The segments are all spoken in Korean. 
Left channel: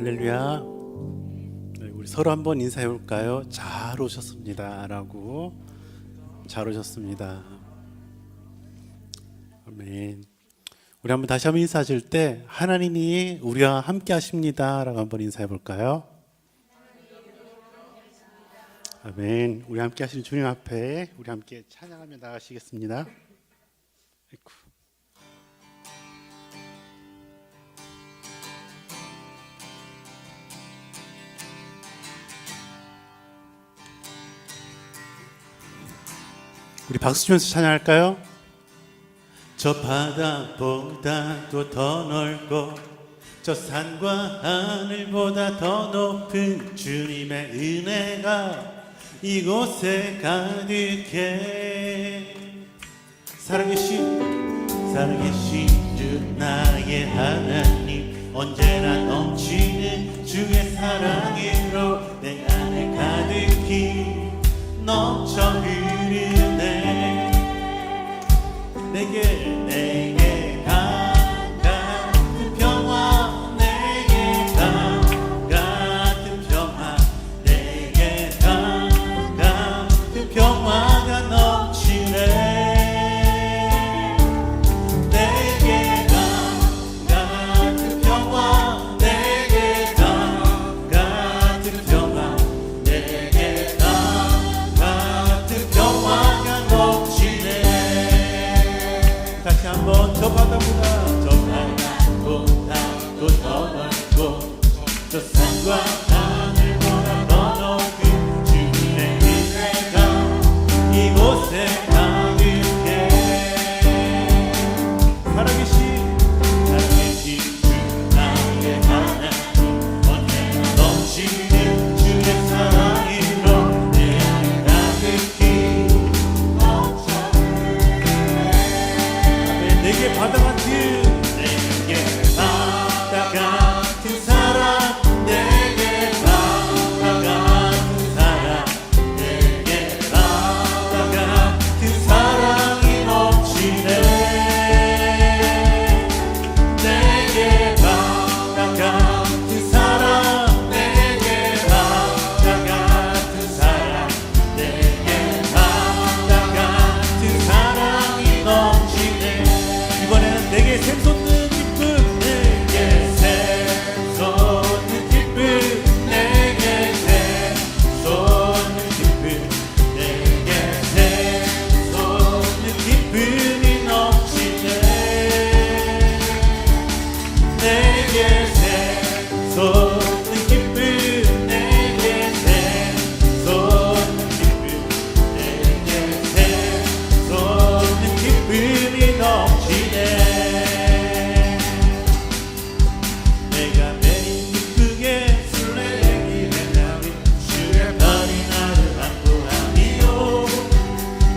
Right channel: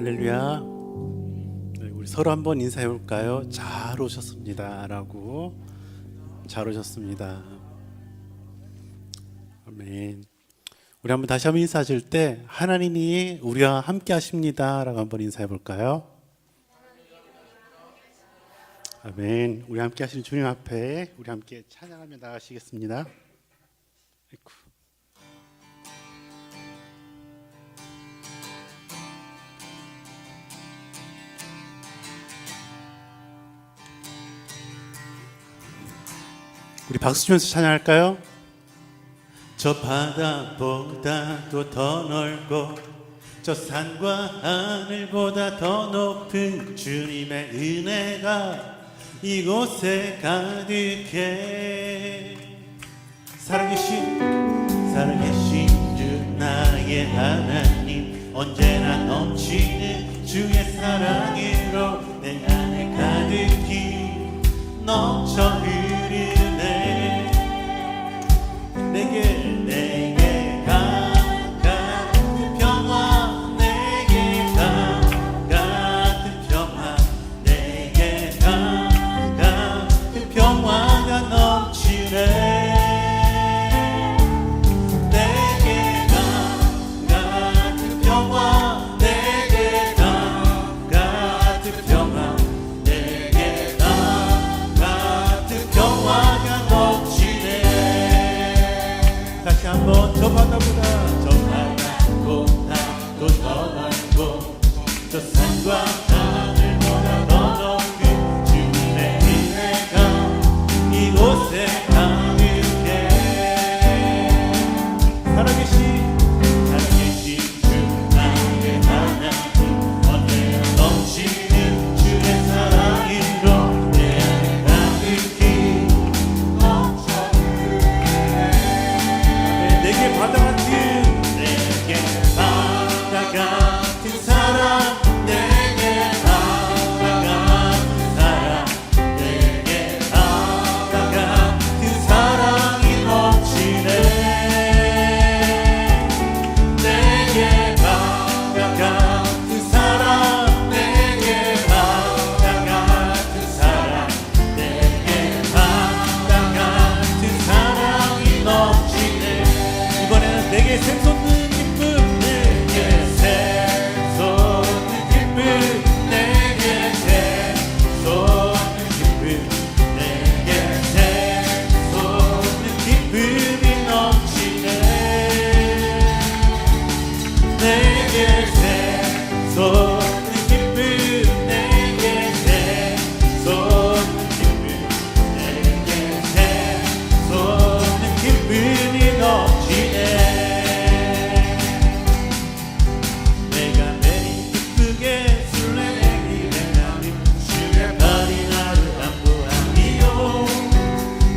할렐루야. 우리 서로 한번 인사해 볼까요? 잘 오셨습니다 라고. 잘 오셨습니다. 아멘. 우리 한번 다시 한번 인사하실 때 하나님이 우리와 함께 하십니다 라고 한번 인사해 볼까요? 아멘. 우리 함께 하시는 주님 앞에 우리 함께 찬양하며 나가시겠습니다. 아이고. 우리 박수 치면서 찬양할까요? 저 바다보다도 더 넓고 저 산과 하늘보다 더 높은 주님의 은혜가 이곳에 가득해. 살아계신 주 나의 하나님, 언제나 넘치는 주의 사랑으로 내 안에 가득히 넘쳐 흐르네. 내게 같은 평화, 내게 같은 평화, 내게 같은 평화가 넘치네. 내게 같은 평화, 내게 같은 평화, 내게 같은 평화가 넘치네. 다시 한번 저 바다보다 더 넓고 저 산과 하늘보다 더 높은 주님의 은혜가 이곳에 가득해. 살아계신 주 나의 하나님, 언제나 넘치는 주의 사랑으로 내 안에 가득히 내게 바다 같은 사랑, 내게 바다 같은 사랑, 내게 바다 같은 사랑이 넘치네. 내게 바다 같은 사랑, 내게 바다 같은 사랑, 내게 바다 같은 사랑이 넘치네. 이번에는 내게 샘솟는 기쁨, 내게 샘솟는 기쁨, 내게 샘솟는 기쁨, 내게 샘솟는 기쁨이 넘치네. 내게 샘솟는 기쁨, 내게 샘솟는 기쁨, 내게 샘솟는 기쁨이 넘치네. 내가 매일 기쁘게 술래기를 하며 주의 팔이 나를 안보하며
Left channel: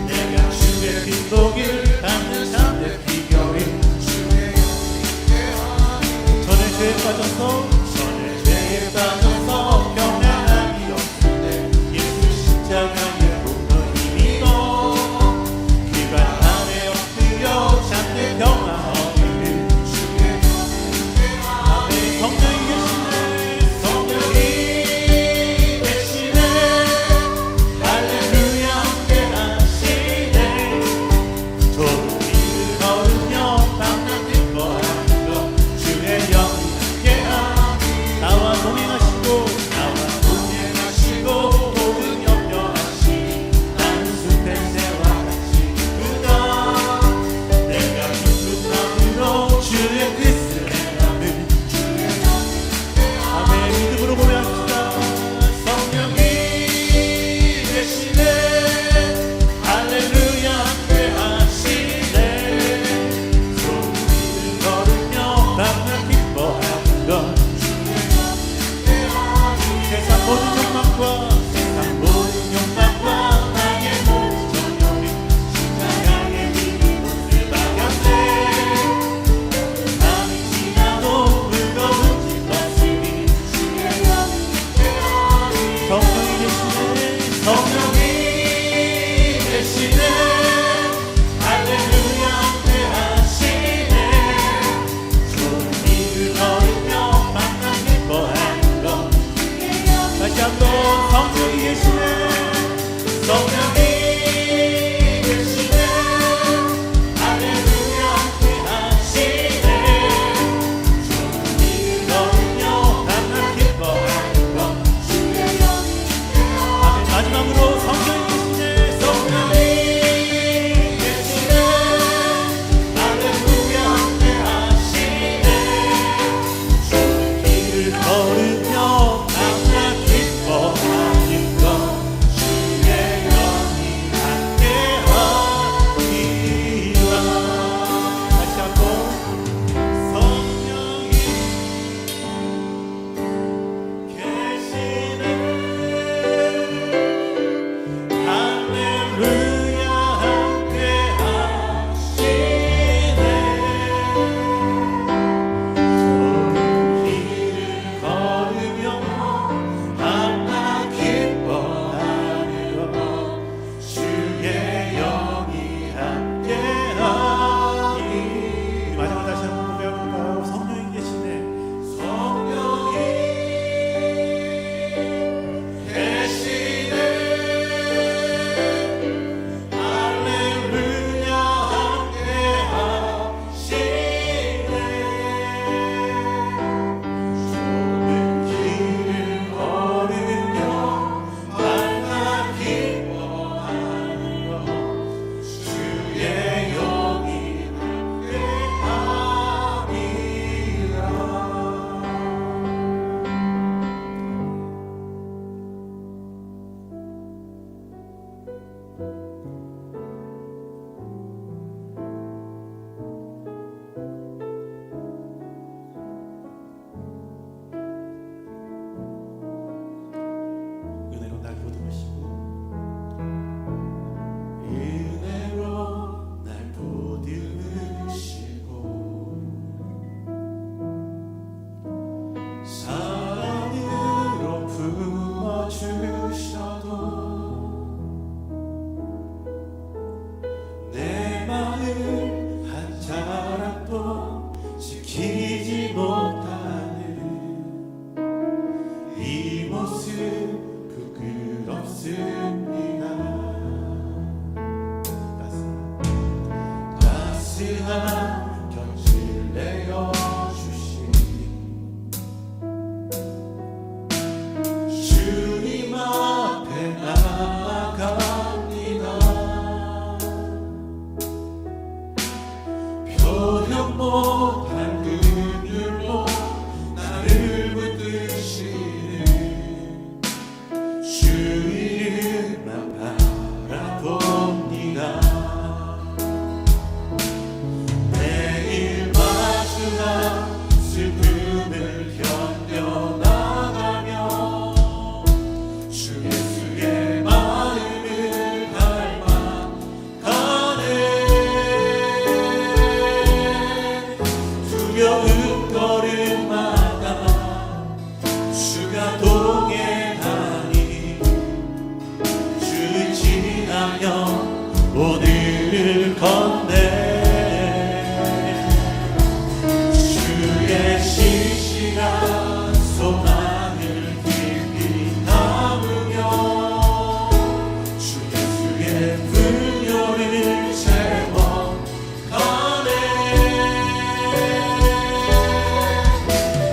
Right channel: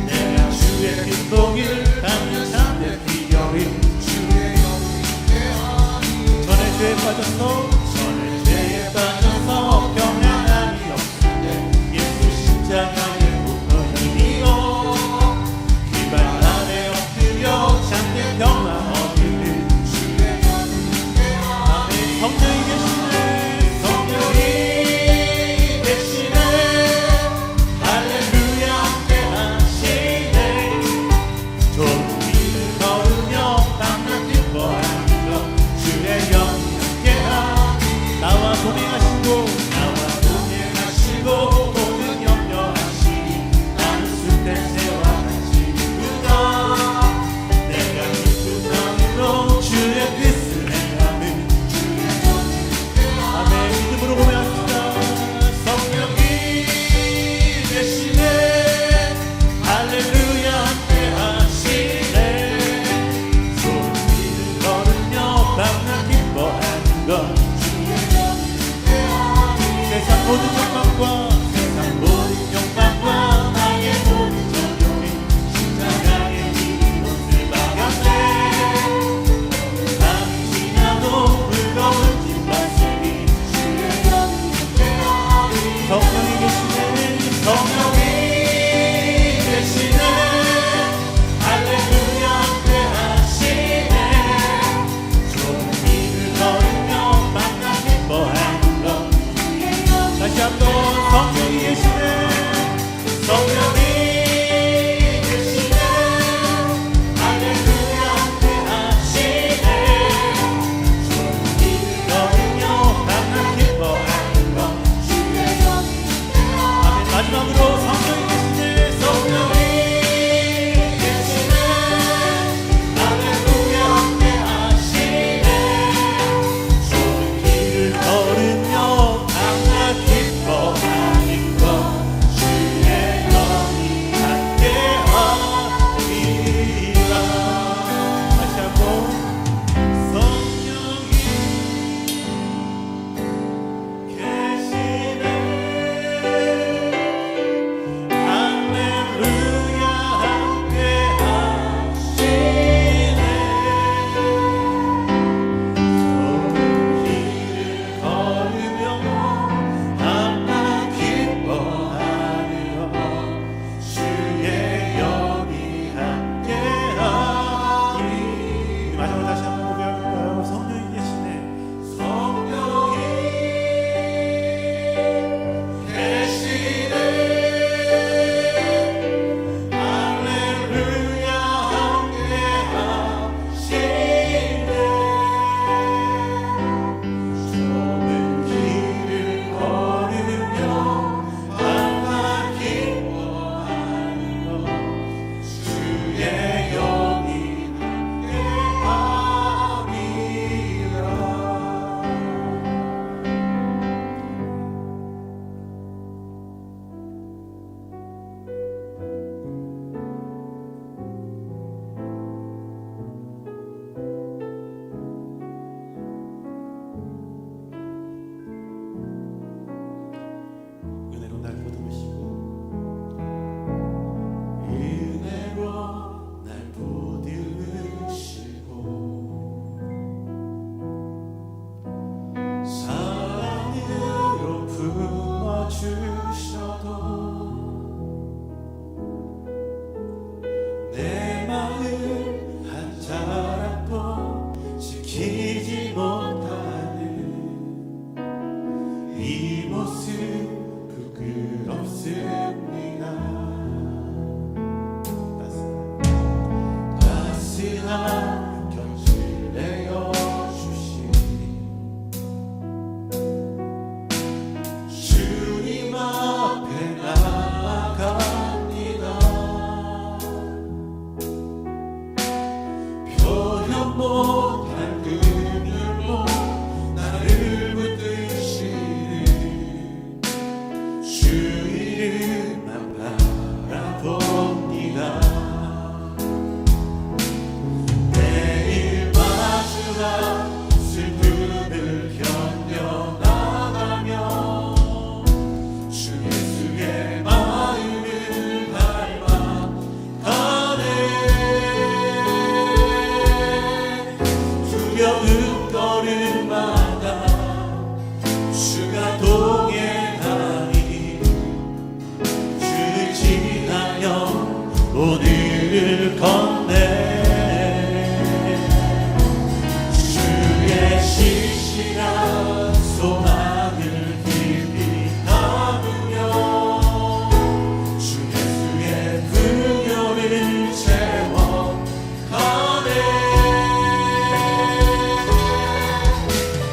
내가 주의 큰 복을 받는 참된 비결이 전에 죄에 빠졌어 평안함이 없을 때 예수 십자가의 공로 힘입어 그 발 아래 엎드려 참된 평화 얻으는 아멘. 성령이 계시네, 성령이 계시네, 할렐루야 함께 하시네. 조금을 걸으며 밤낮 기뻐하는 것 주의 영이 함께하. 나와 동행하시고 모든 염려하시니 나는 숲의 새와 같이 기쁘다. 내가 기쁜 마음으로 주의 뜻을 행함은 아멘. 믿음으로 고백합시다. 성령이 계시네, 할렐루야 함께 하시네. 소리를 걸으며 밤낮 기뻐하는 것 세상 모든 욕망과 나의 모든 정욕이 십자가의 힘이 못을 박았네. 밤이 지나도 무거운 뒷바퀴 성령이 계시네, 성령이 계시네, 할렐루야 함께 하시네. 좁은 길을 걸으며 밤낮 기뻐하네. 지키지 못하는 이 모습 부끄럽습니다. 따스한 곁을 내어주시니 주님 앞에 나아갑니다. 표현 못할 긍휼로 나를 붙드시는 주 이름만 바라봅니다. 매일 마주한 슬픔을 견뎌나가며 주 예수의 마음을 닮아가네. 두려운 걸음마다 주가 동행하니 주를 지나며 오늘을 걷네. 주의 신실한 소망을 깊이 담으며 주 예수의 분열을 채워가네.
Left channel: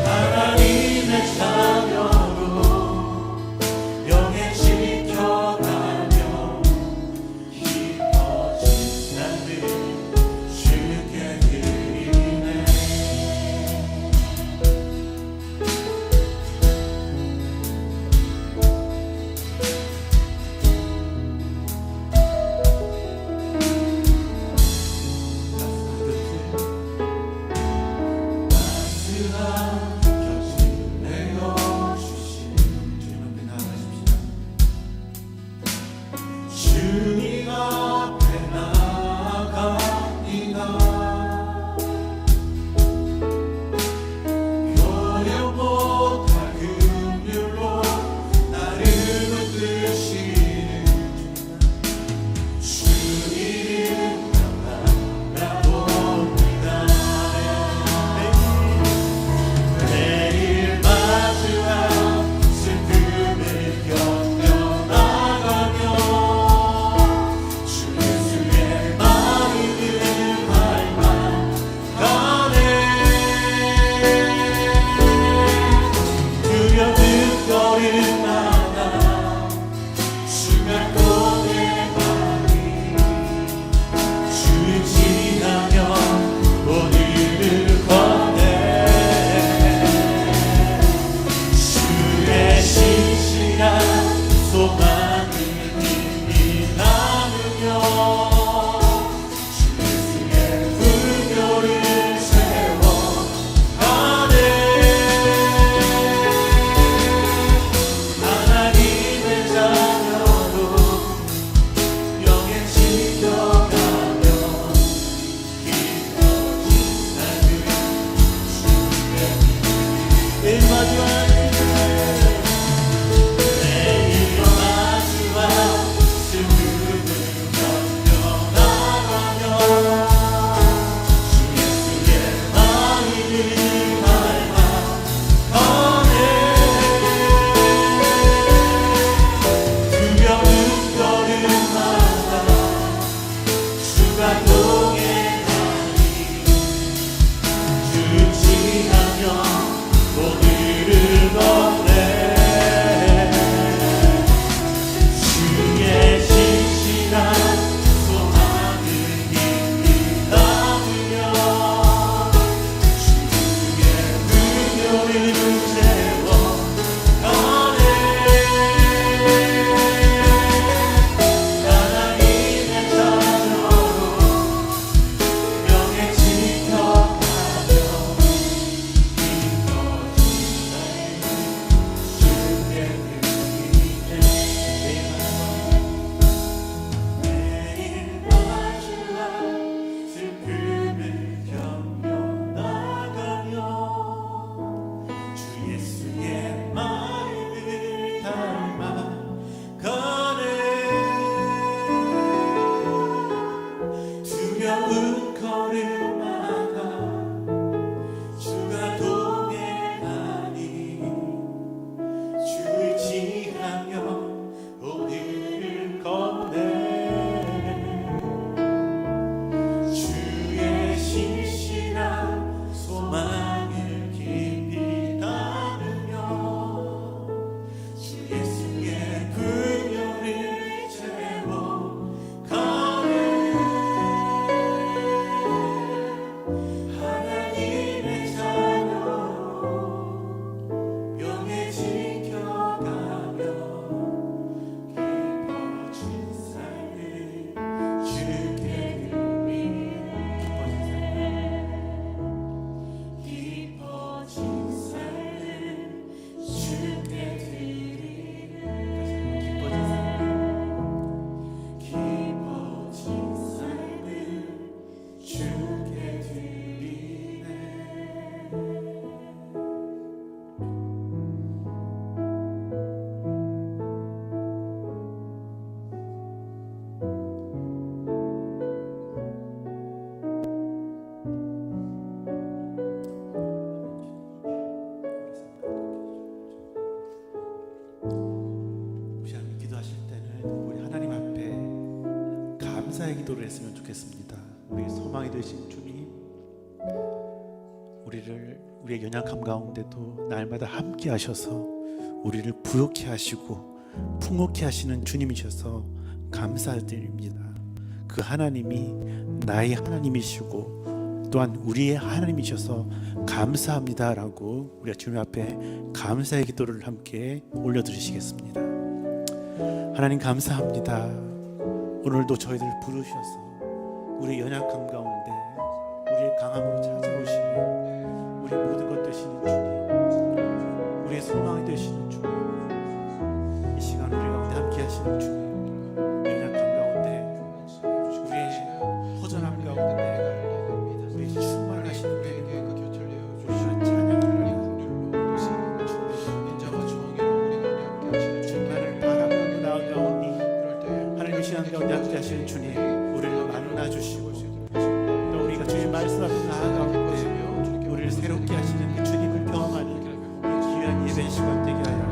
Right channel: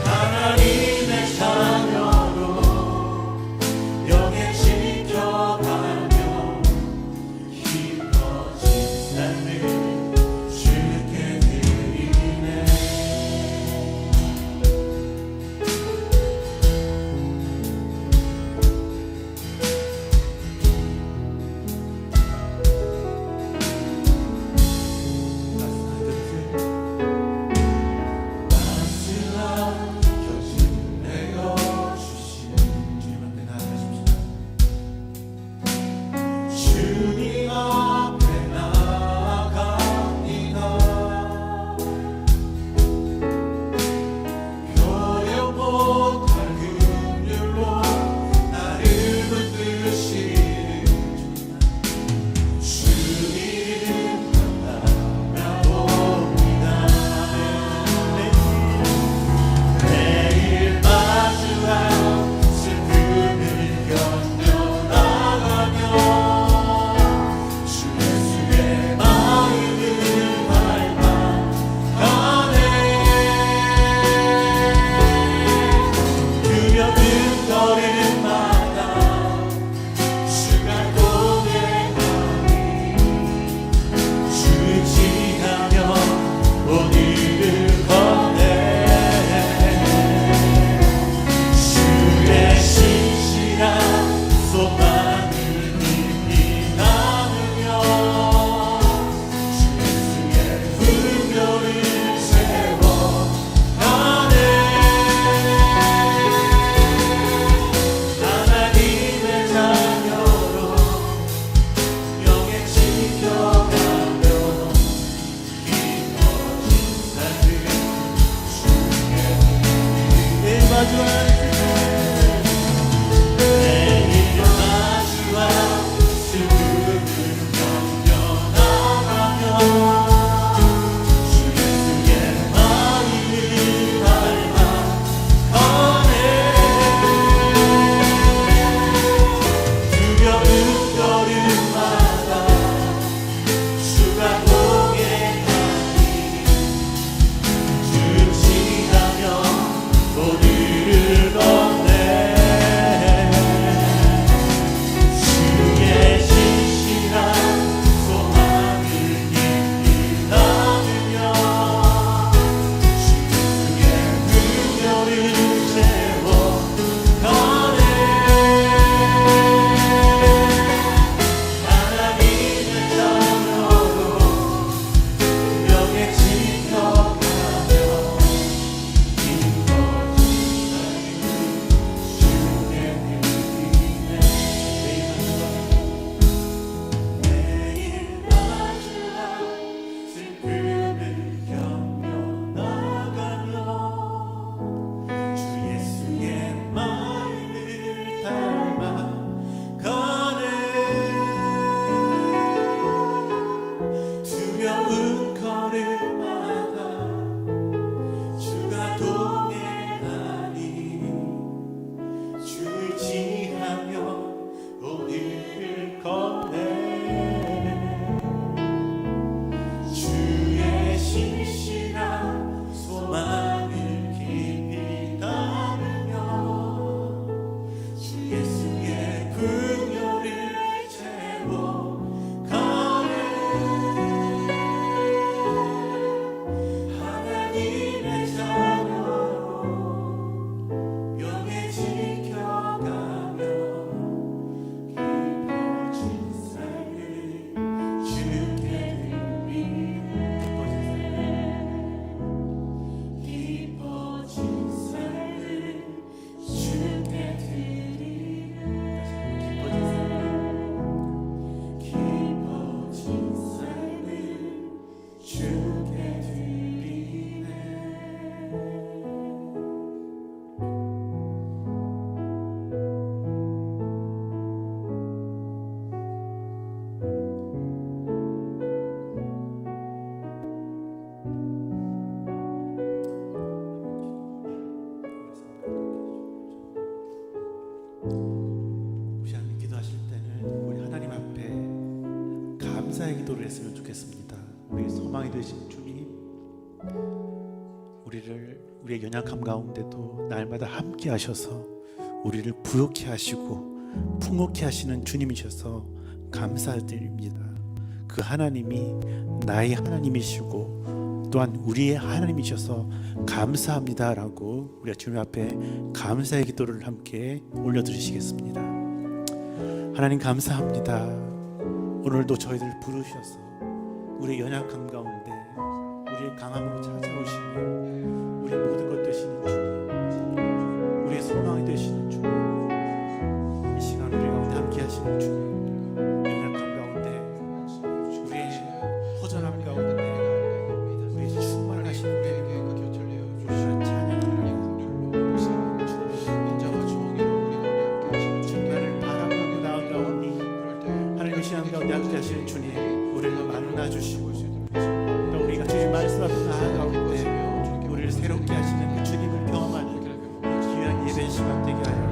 하나님의 자녀로 영에 지켜가며 깊어진 삶을 주께 드리네. 따스한 곁을 내어주신 주님 앞에 나아가십시다. 주님 앞에 나아갑니다. 표현 못할 긍휼로 나를 붙드시는 주 이름만 바라봅니다. 매일 마주한 슬픔을 견뎌나가며 주 예수의 마음을 닮아가네. 두려운 걸음마다 주가 동행하니 주를 지나며 오늘을 걷네. 주의 신실한 소망을 깊이 담으며 주 예수의 분열을 채워가네. 하나님의 자녀로 영에 지켜가며 깊어진 삶을 주께 매일 마주한 매일 마주한 슬픔을 견뎌나가며 주 예수의 마음을 닮아가네. 두려운 걸음마다 주가 동행하니 주를 지나며 오늘을 감사의 기도를 했으면 좋겠습니다. 우리 소망이 되신 주님, 우리의 연약함 가운데도 날마다 함께 하셔서 우리를 부욕케 하시고 풍요케 하시는 주님이셔서 감사드립니다. 그 하나님이 나의 하나님이시고 또한 우리의 하나님이셔서 감사합니다라고 우리가 주님 앞에 감사의 기도를 함께 올려드리시겠습니다. 하나님 감사합니다. 오늘도 저희들 부르셔서 우리의 연약함 가운데 우리의 강함으로 찾아오시며 우리의 모든 것 되시는 주님, 우리의 소망이 되시는 주님, 이 시간 우리 가운데 함께 하시는 주님, 연약함 가운데 우리의 허전함 가운데 우리의 충만하시는 주님, 우리가 찬양합니다. 인자와 정의로 우리 가운데 함께 하시는 주님만을 바라보고 나아가오니 하나님 이 시간 가운데 함께 하시는 주님, 우리를 만나 주시고 또 우리가 주님 말씀 앞에 나아가올 때 우리를 새롭게 하시는 그 주님을 경험하는 이 귀한 예배 시간 되게 하여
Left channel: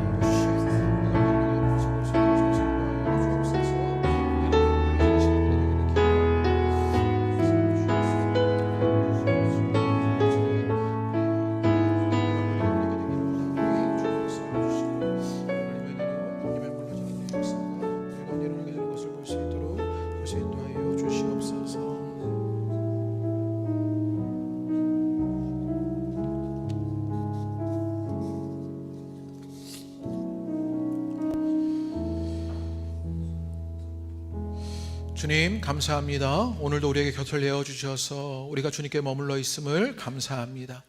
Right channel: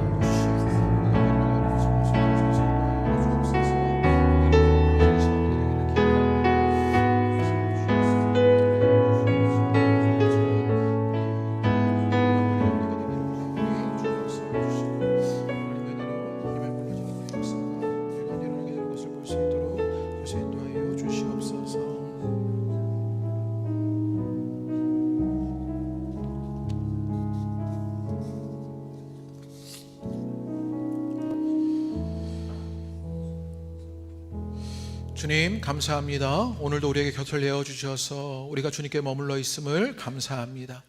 주님 감사합니다. 오늘도 우리에게 곁을 내어주셔서 우리가 주님께 머물러 있음을 감사합니다.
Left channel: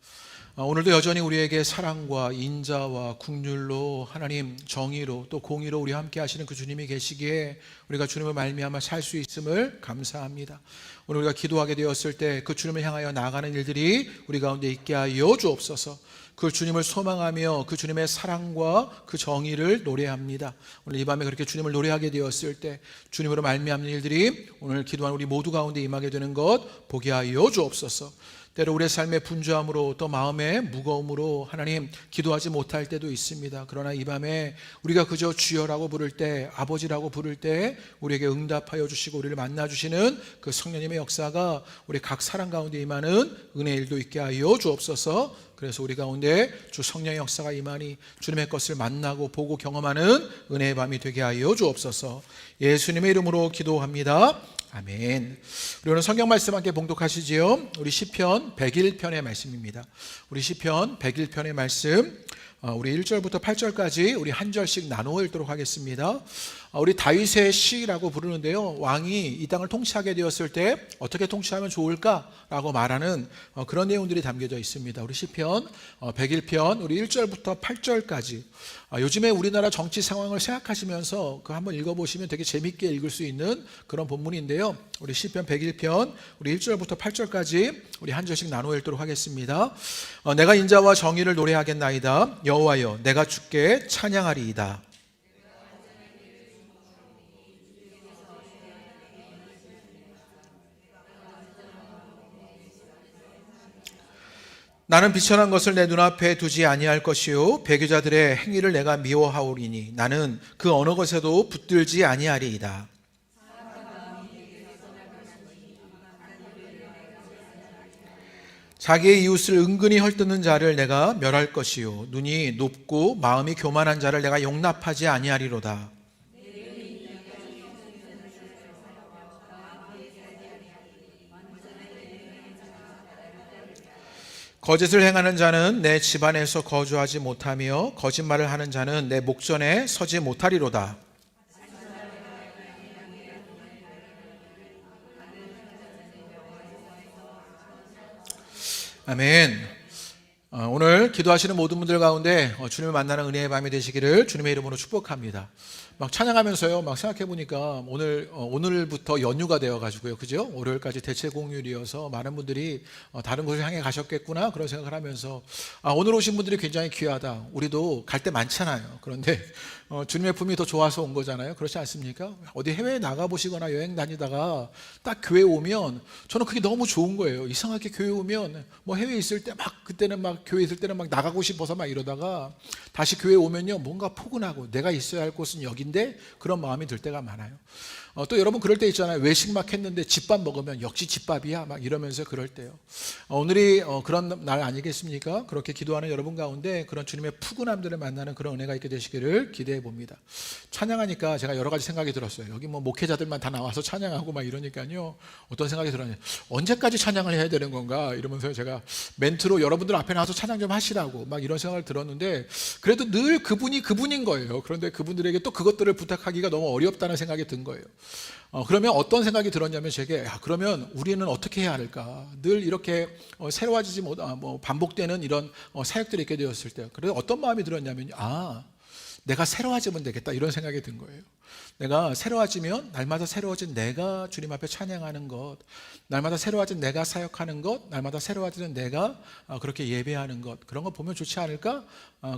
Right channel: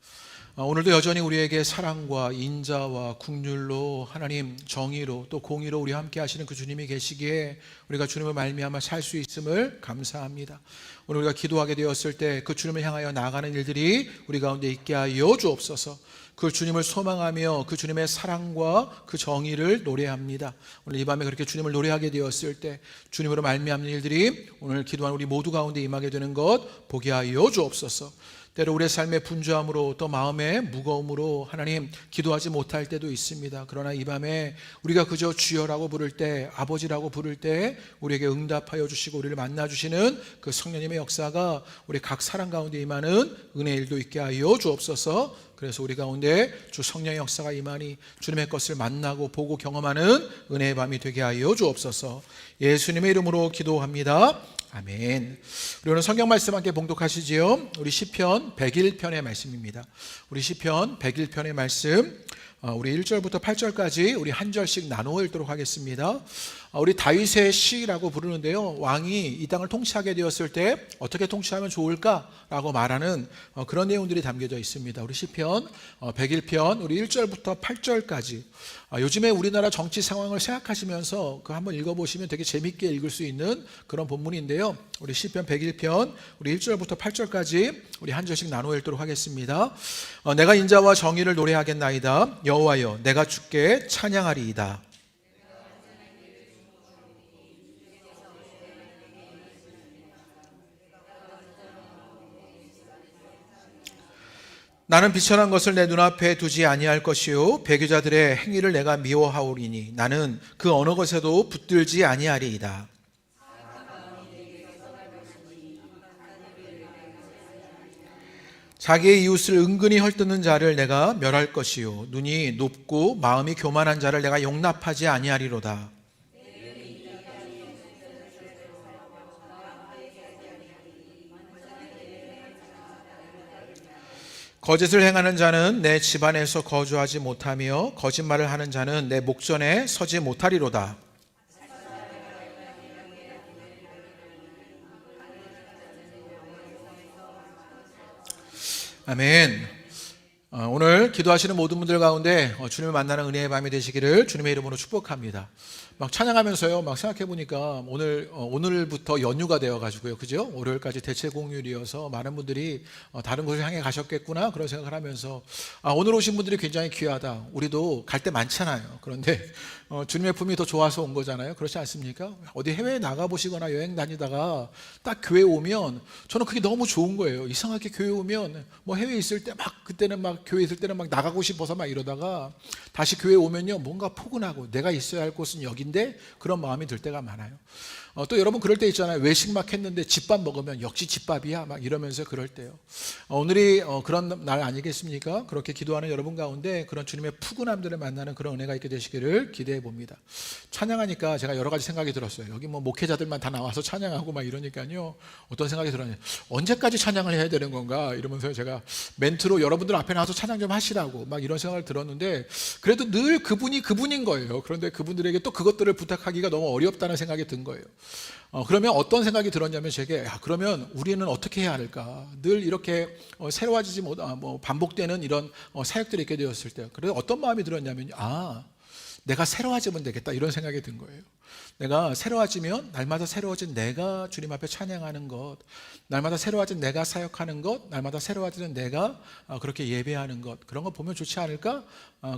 오늘도 여전히 우리에게 사랑과 인자와 긍휼로 하나님 정의로 또 공의로 우리와 함께 하시는 그 주님이 계시기에 우리가 주님을 말미암아 살 수 있음을 감사합니다. 오늘 우리가 기도하게 되었을 때 그 주님을 향하여 나아가는 일들이 우리 가운데 있게 하여 주옵소서. 그 주님을 소망하며 그 주님의 사랑과 그 정의를 노래합니다. 오늘 이 밤에 그렇게 주님을 노래하게 되었을 때 주님으로 말미암는 일들이 오늘 기도한 우리 모두 가운데 임하게 되는 것 보게 하여 주옵소서. 때로 우리의 삶의 분주함으로 또 마음의 무거움으로 하나님 기도하지 못할 때도 있습니다. 그러나 이 밤에 우리가 그저 주여라고 부를 때, 아버지라고 부를 때 우리에게 응답하여 주시고 우리를 만나 주시는 그 성령님의 역사가 우리 각 사람 가운데 임하는 은혜의 일도 있게 하여 주옵소서. 그래서 우리 가운데 주 성령의 역사가 임하니 주님의 것을 만나고 보고 경험하는 은혜의 밤이 되게 하여 주옵소서. 예수님의 이름으로 기도합니다. 아멘. 우리 오늘 성경 말씀 함께 봉독하시지요. 우리 시편 101편의 말씀입니다. 우리 시편 101편의 말씀, 우리 1절부터 8절까지 우리 한 절씩 나누어 읽도록 하겠습니다. 우리 다윗의 시라고 부르는데요, 왕이 이 땅을 통치하게 되었을 때 어떻게 통치하면 좋을까라고 말하는 그런 내용들이 담겨져 있습니다. 우리 시편 101편 우리 1절부터 8절까지 요즘에 우리나라 정치 상황을 생각하시면서 그 한번 읽어보시면 되게 재밌게 읽을 수 있는 그런 본문인데요, 우리 시편 101편 우리 1절부터 8절까지 우리 한 절씩 나누어 읽도록 하겠습니다. 내가 인자와 정의를 노래하겠나이다. 여호와여 내가 주께 찬양하리이다. 나는 비천한 것을 내 눈앞에 두지 아니할 것이요 배교자들의 행위를 내가 미워하오리니 나는 그 어느 것에도 붙들지 아니하리이다. 자기의 이웃을 은근히 헐뜯는 자를 내가 멸할 것이요 눈이 높고 마음이 교만한 자를 내가 용납하지 아니하리로다. 거짓을 행하는 자는 내 집안에서 거주하지 못하며 거짓말을 하는 자는 내 목전에 서지 못하리로다. 아멘. 오늘 기도하시는 모든 분들 가운데 주님을 만나는 은혜의 밤이 되시기를 주님의 이름으로 축복합니다. 막 찬양하면서요, 막 생각해 보니까 오늘부터 연휴가 되어가지고요, 그죠? 월요일까지 대체 공휴일이어서 많은 분들이 다른 곳을 향해 가셨겠구나 그런 생각을 하면서 오늘 오신 분들이 굉장히 귀하다. 우리도 갈 때 많잖아요. 그런데 주님의 품이 더 좋아서 온 거잖아요. 그렇지 않습니까? 어디 해외에 나가 보시거나 여행 다니다가 딱 교회 오면 저는 그게 너무 좋은 거예요. 이상하게 교회 오면 뭐 해외에 있을 때 막 그때는 막 교회 있을 때는 막 나가고 싶어서 막 이러다가 다시 교회 오면요 뭔가 포근하고 내가 있어야 할 곳은 여긴데 그런 마음이 들 때가 많아요. 또 여러분 그럴 때 있잖아요. 외식 막 했는데 집밥 먹으면 역시 집밥이야 막 이러면서 그럴 때요. 오늘이 그런 날 아니겠습니까? 그렇게 기도하는 여러분 가운데 그런 주님의 푸근함들을 만나는 그런 은혜가 있게 되시기를 기대해 봅니다. 찬양하니까 제가 여러 가지 생각이 들었어요. 여기 뭐 목회자들만 다 나와서 찬양하고 막 이러니까요. 어떤 생각이 들었냐. 언제까지 찬양을 해야 되는 건가 이러면서 제가 멘트로 여러분들 앞에 나와서 찬양 좀 하시라고 막 이런 생각을 들었는데 그래도 늘 그분이 그분인 거예요. 그런데 그분들에게 또 그것들을 부탁하기가 너무 어렵다는 생각이 든 거예요. 그러면 어떤 생각이 들었냐면 제게 그러면 우리는 어떻게 해야 할까? 늘 이렇게 새로워지지 못 반복되는 이런 사역들이 있게 되었을 때 그래서 어떤 마음이 들었냐면 내가 새로워지면 되겠다 이런 생각이 든 거예요. 내가 새로워지면 날마다 새로워진 내가 주님 앞에 찬양하는 것, 날마다 새로워진 내가 사역하는 것, 날마다 새로워지는 내가 그렇게 예배하는 것, 그런 거 보면 좋지 않을까?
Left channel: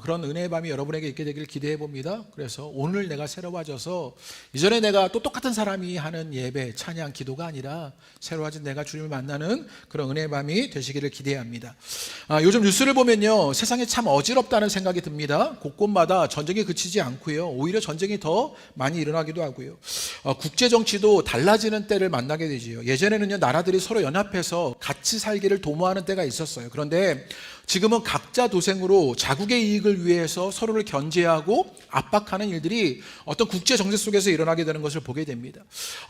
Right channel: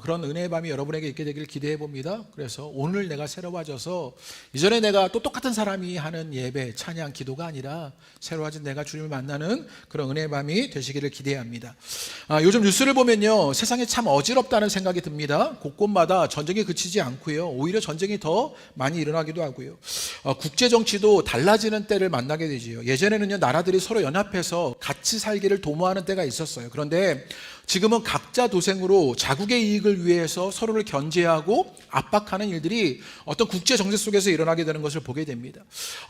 그런 은혜의 밤이 여러분에게 있게 되기를 기대해 봅니다. 그래서 오늘 내가 새로워져서 이전에 내가 또 똑같은 사람이 하는 예배, 찬양, 기도가 아니라 새로워진 내가 주님을 만나는 그런 은혜의 밤이 되시기를 기대합니다. 요즘 뉴스를 보면요, 세상이 참 어지럽다는 생각이 듭니다. 곳곳마다 전쟁이 그치지 않고요, 오히려 전쟁이 더 많이 일어나기도 하고요. 국제 정치도 달라지는 때를 만나게 되지요. 예전에는요, 나라들이 서로 연합해서 같이 살기를 도모하는 때가 있었어요. 그런데 지금은 각자 도생으로 자국의 이익을 위해서 서로를 견제하고 압박하는 일들이 어떤 국제 정세 속에서 일어나게 되는 것을 보게 됩니다.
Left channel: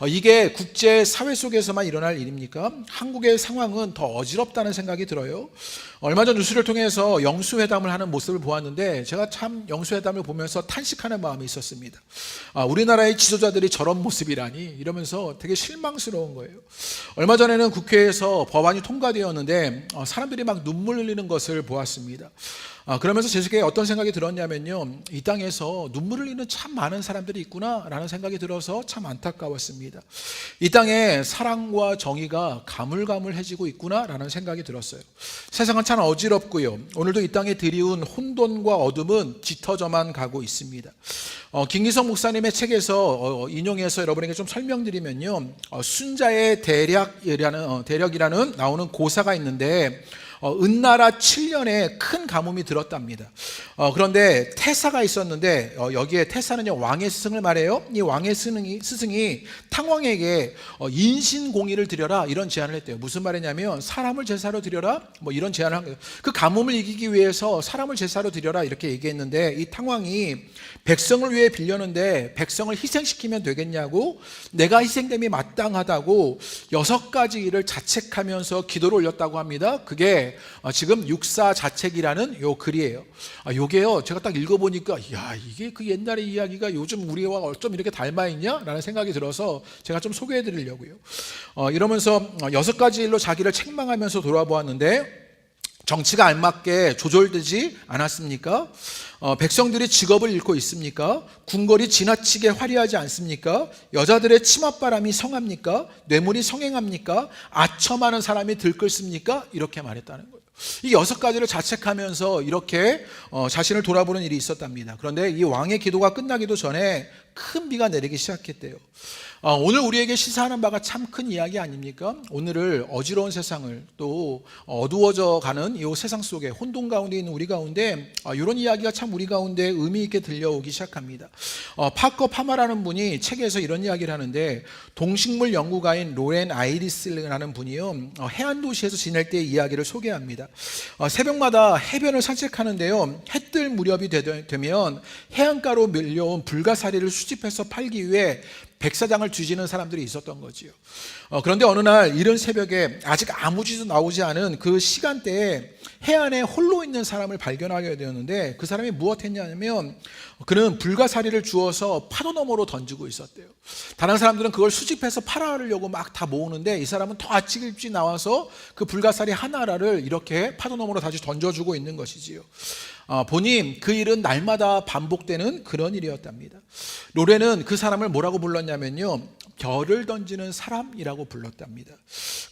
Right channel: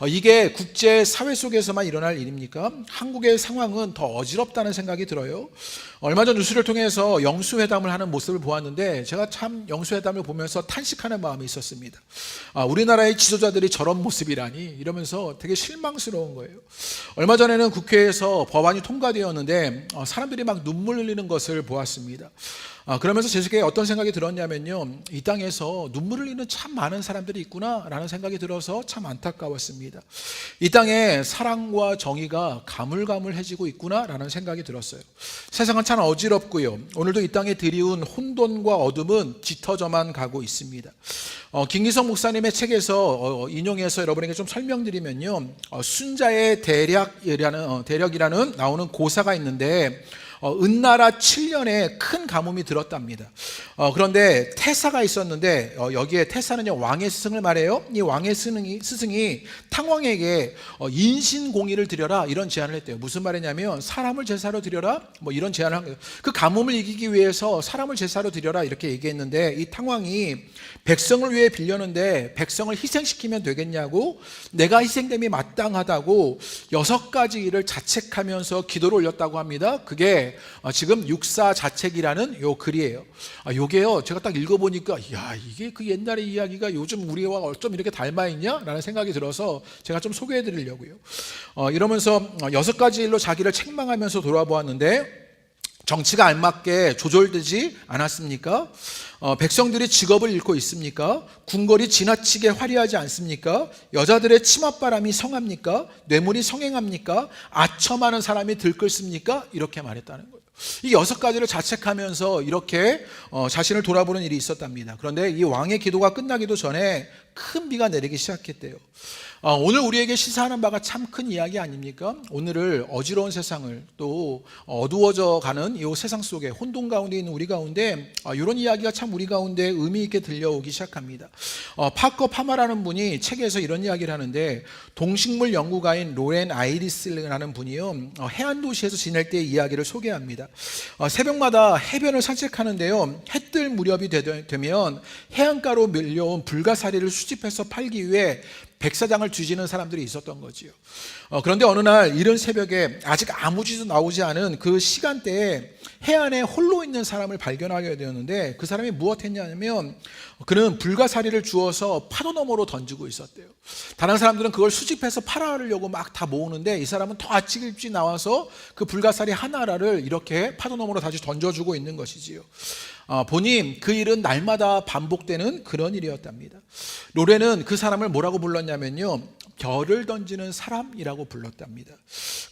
이게 국제 사회 속에서만 일어날 일입니까? 한국의 상황은 더 어지럽다는 생각이 들어요. 얼마 전 뉴스를 통해서 영수회담을 하는 모습을 보았는데 제가 참 영수회담을 보면서 탄식하는 마음이 있었습니다. 우리나라의 지도자들이 저런 모습이라니 이러면서 되게 실망스러운 거예요. 얼마 전에는 국회에서 법안이 통과되었는데 사람들이 막 눈물 흘리는 것을 보았습니다. 그러면서 제 속에 어떤 생각이 들었냐면요, 이 땅에서 눈물 흘리는 참 많은 사람들이 있구나라는 생각이 들어서 참 안타까웠습니다. 이 땅에 사랑과 정의가 가물가물해지고 있구나라는 생각이 들었어요. 세상은 참 어지럽고요, 오늘도 이 땅에 드리운 혼돈과 어둠은 짙어져만 가고 있습니다. 김기성 목사님의 책에서 인용해서 여러분에게 좀 설명드리면요, 순자의 대력이라는 나오는 고사가 있는데 은나라 7년에 큰 가뭄이 들었답니다. 그런데 태사가 있었는데 여기에 태사는요, 왕의 스승을 말해요. 이 왕의 스승이 탕왕에게 인신공의를 드려라 이런 제안을 했대요. 무슨 말이냐면 사람을 제사로 드려라 뭐 이런 제안을 한 거예요. 그 가뭄을 이기기 위해서 사람을 제사로 드려라 이렇게 얘기했는데 이 탕왕이 백성을 위해 빌렸는데 백성을 희생시키면 되겠냐고, 내가 희생됨이 마땅하다고 6가지 일을 자책하면서 기도를 올렸다고 합니다. 그게 지금 육사자책이라는 요 글이에요. 요게요, 제가 딱 읽어보니까 이게 그 옛날의 이야기가 요즘 우리와 어쩜 이렇게 닮아 있냐? 라는 생각이 들어서 제가 좀 소개해 드리려고요. 이러면서 6가지 일로 자기를 책망하면서 돌아보았는데 정치가 알맞게 조절되지 않았습니까? 백성들이 직업을 잃고 있습니까? 궁궐이 지나치게 화려하지 않습니까? 여자들의 치맛바람이 성합니까? 뇌물이 성행합니까? 아첨하는 사람이 들끓습니까? 이렇게 말했다는 거예요. 이 6가지를 자책하면서 이렇게 자신을 돌아보는 일이 있었답니다. 그런데 이 왕의 기도가 끝나기도 전에 큰 비가 내리기 시작했대요. 오늘 우리에게 시사하는 바가 참 큰 이야기 아닙니까? 오늘을 어지러운 세상을 또 어두워져 가는 이 세상 속에 혼돈 가운데 있는 우리 가운데 이런 이야기가 참 우리 가운데 의미 있게 들려오기 시작합니다. 파커 파마라는 분이 책에서 이런 이야기를 하는데, 동식물 연구가인 로렌 아이리스라는 분이요, 해안 도시에서 지낼 때의 이야기를 소개합니다. 새벽마다 해변을 산책하는데요, 해 뜰 무렵이 되면 해안가로 밀려온 불가사리를 수집해서 팔기 위해 백사장을 뒤지는 사람들이 있었던 거지요. 그런데 어느 날 이른 새벽에 아직 아무 짓도 나오지 않은 그 시간대에 해안에 홀로 있는 사람을 발견하게 되었는데, 그 사람이 무엇했냐면 그는 불가사리를 주워서 파도 너머로 던지고 있었대요. 다른 사람들은 그걸 수집해서 팔아려고 막 다 모으는데 이 사람은 더 아침 일찍 나와서 그 불가사리 하나를 이렇게 파도 너머로 다시 던져주고 있는 것이지요. 보니 그 일은 날마다 반복되는 그런 일이었답니다. 로렌은 그 사람을 뭐라고 불렀냐면요, 별을 던지는 사람이라고 불렀답니다.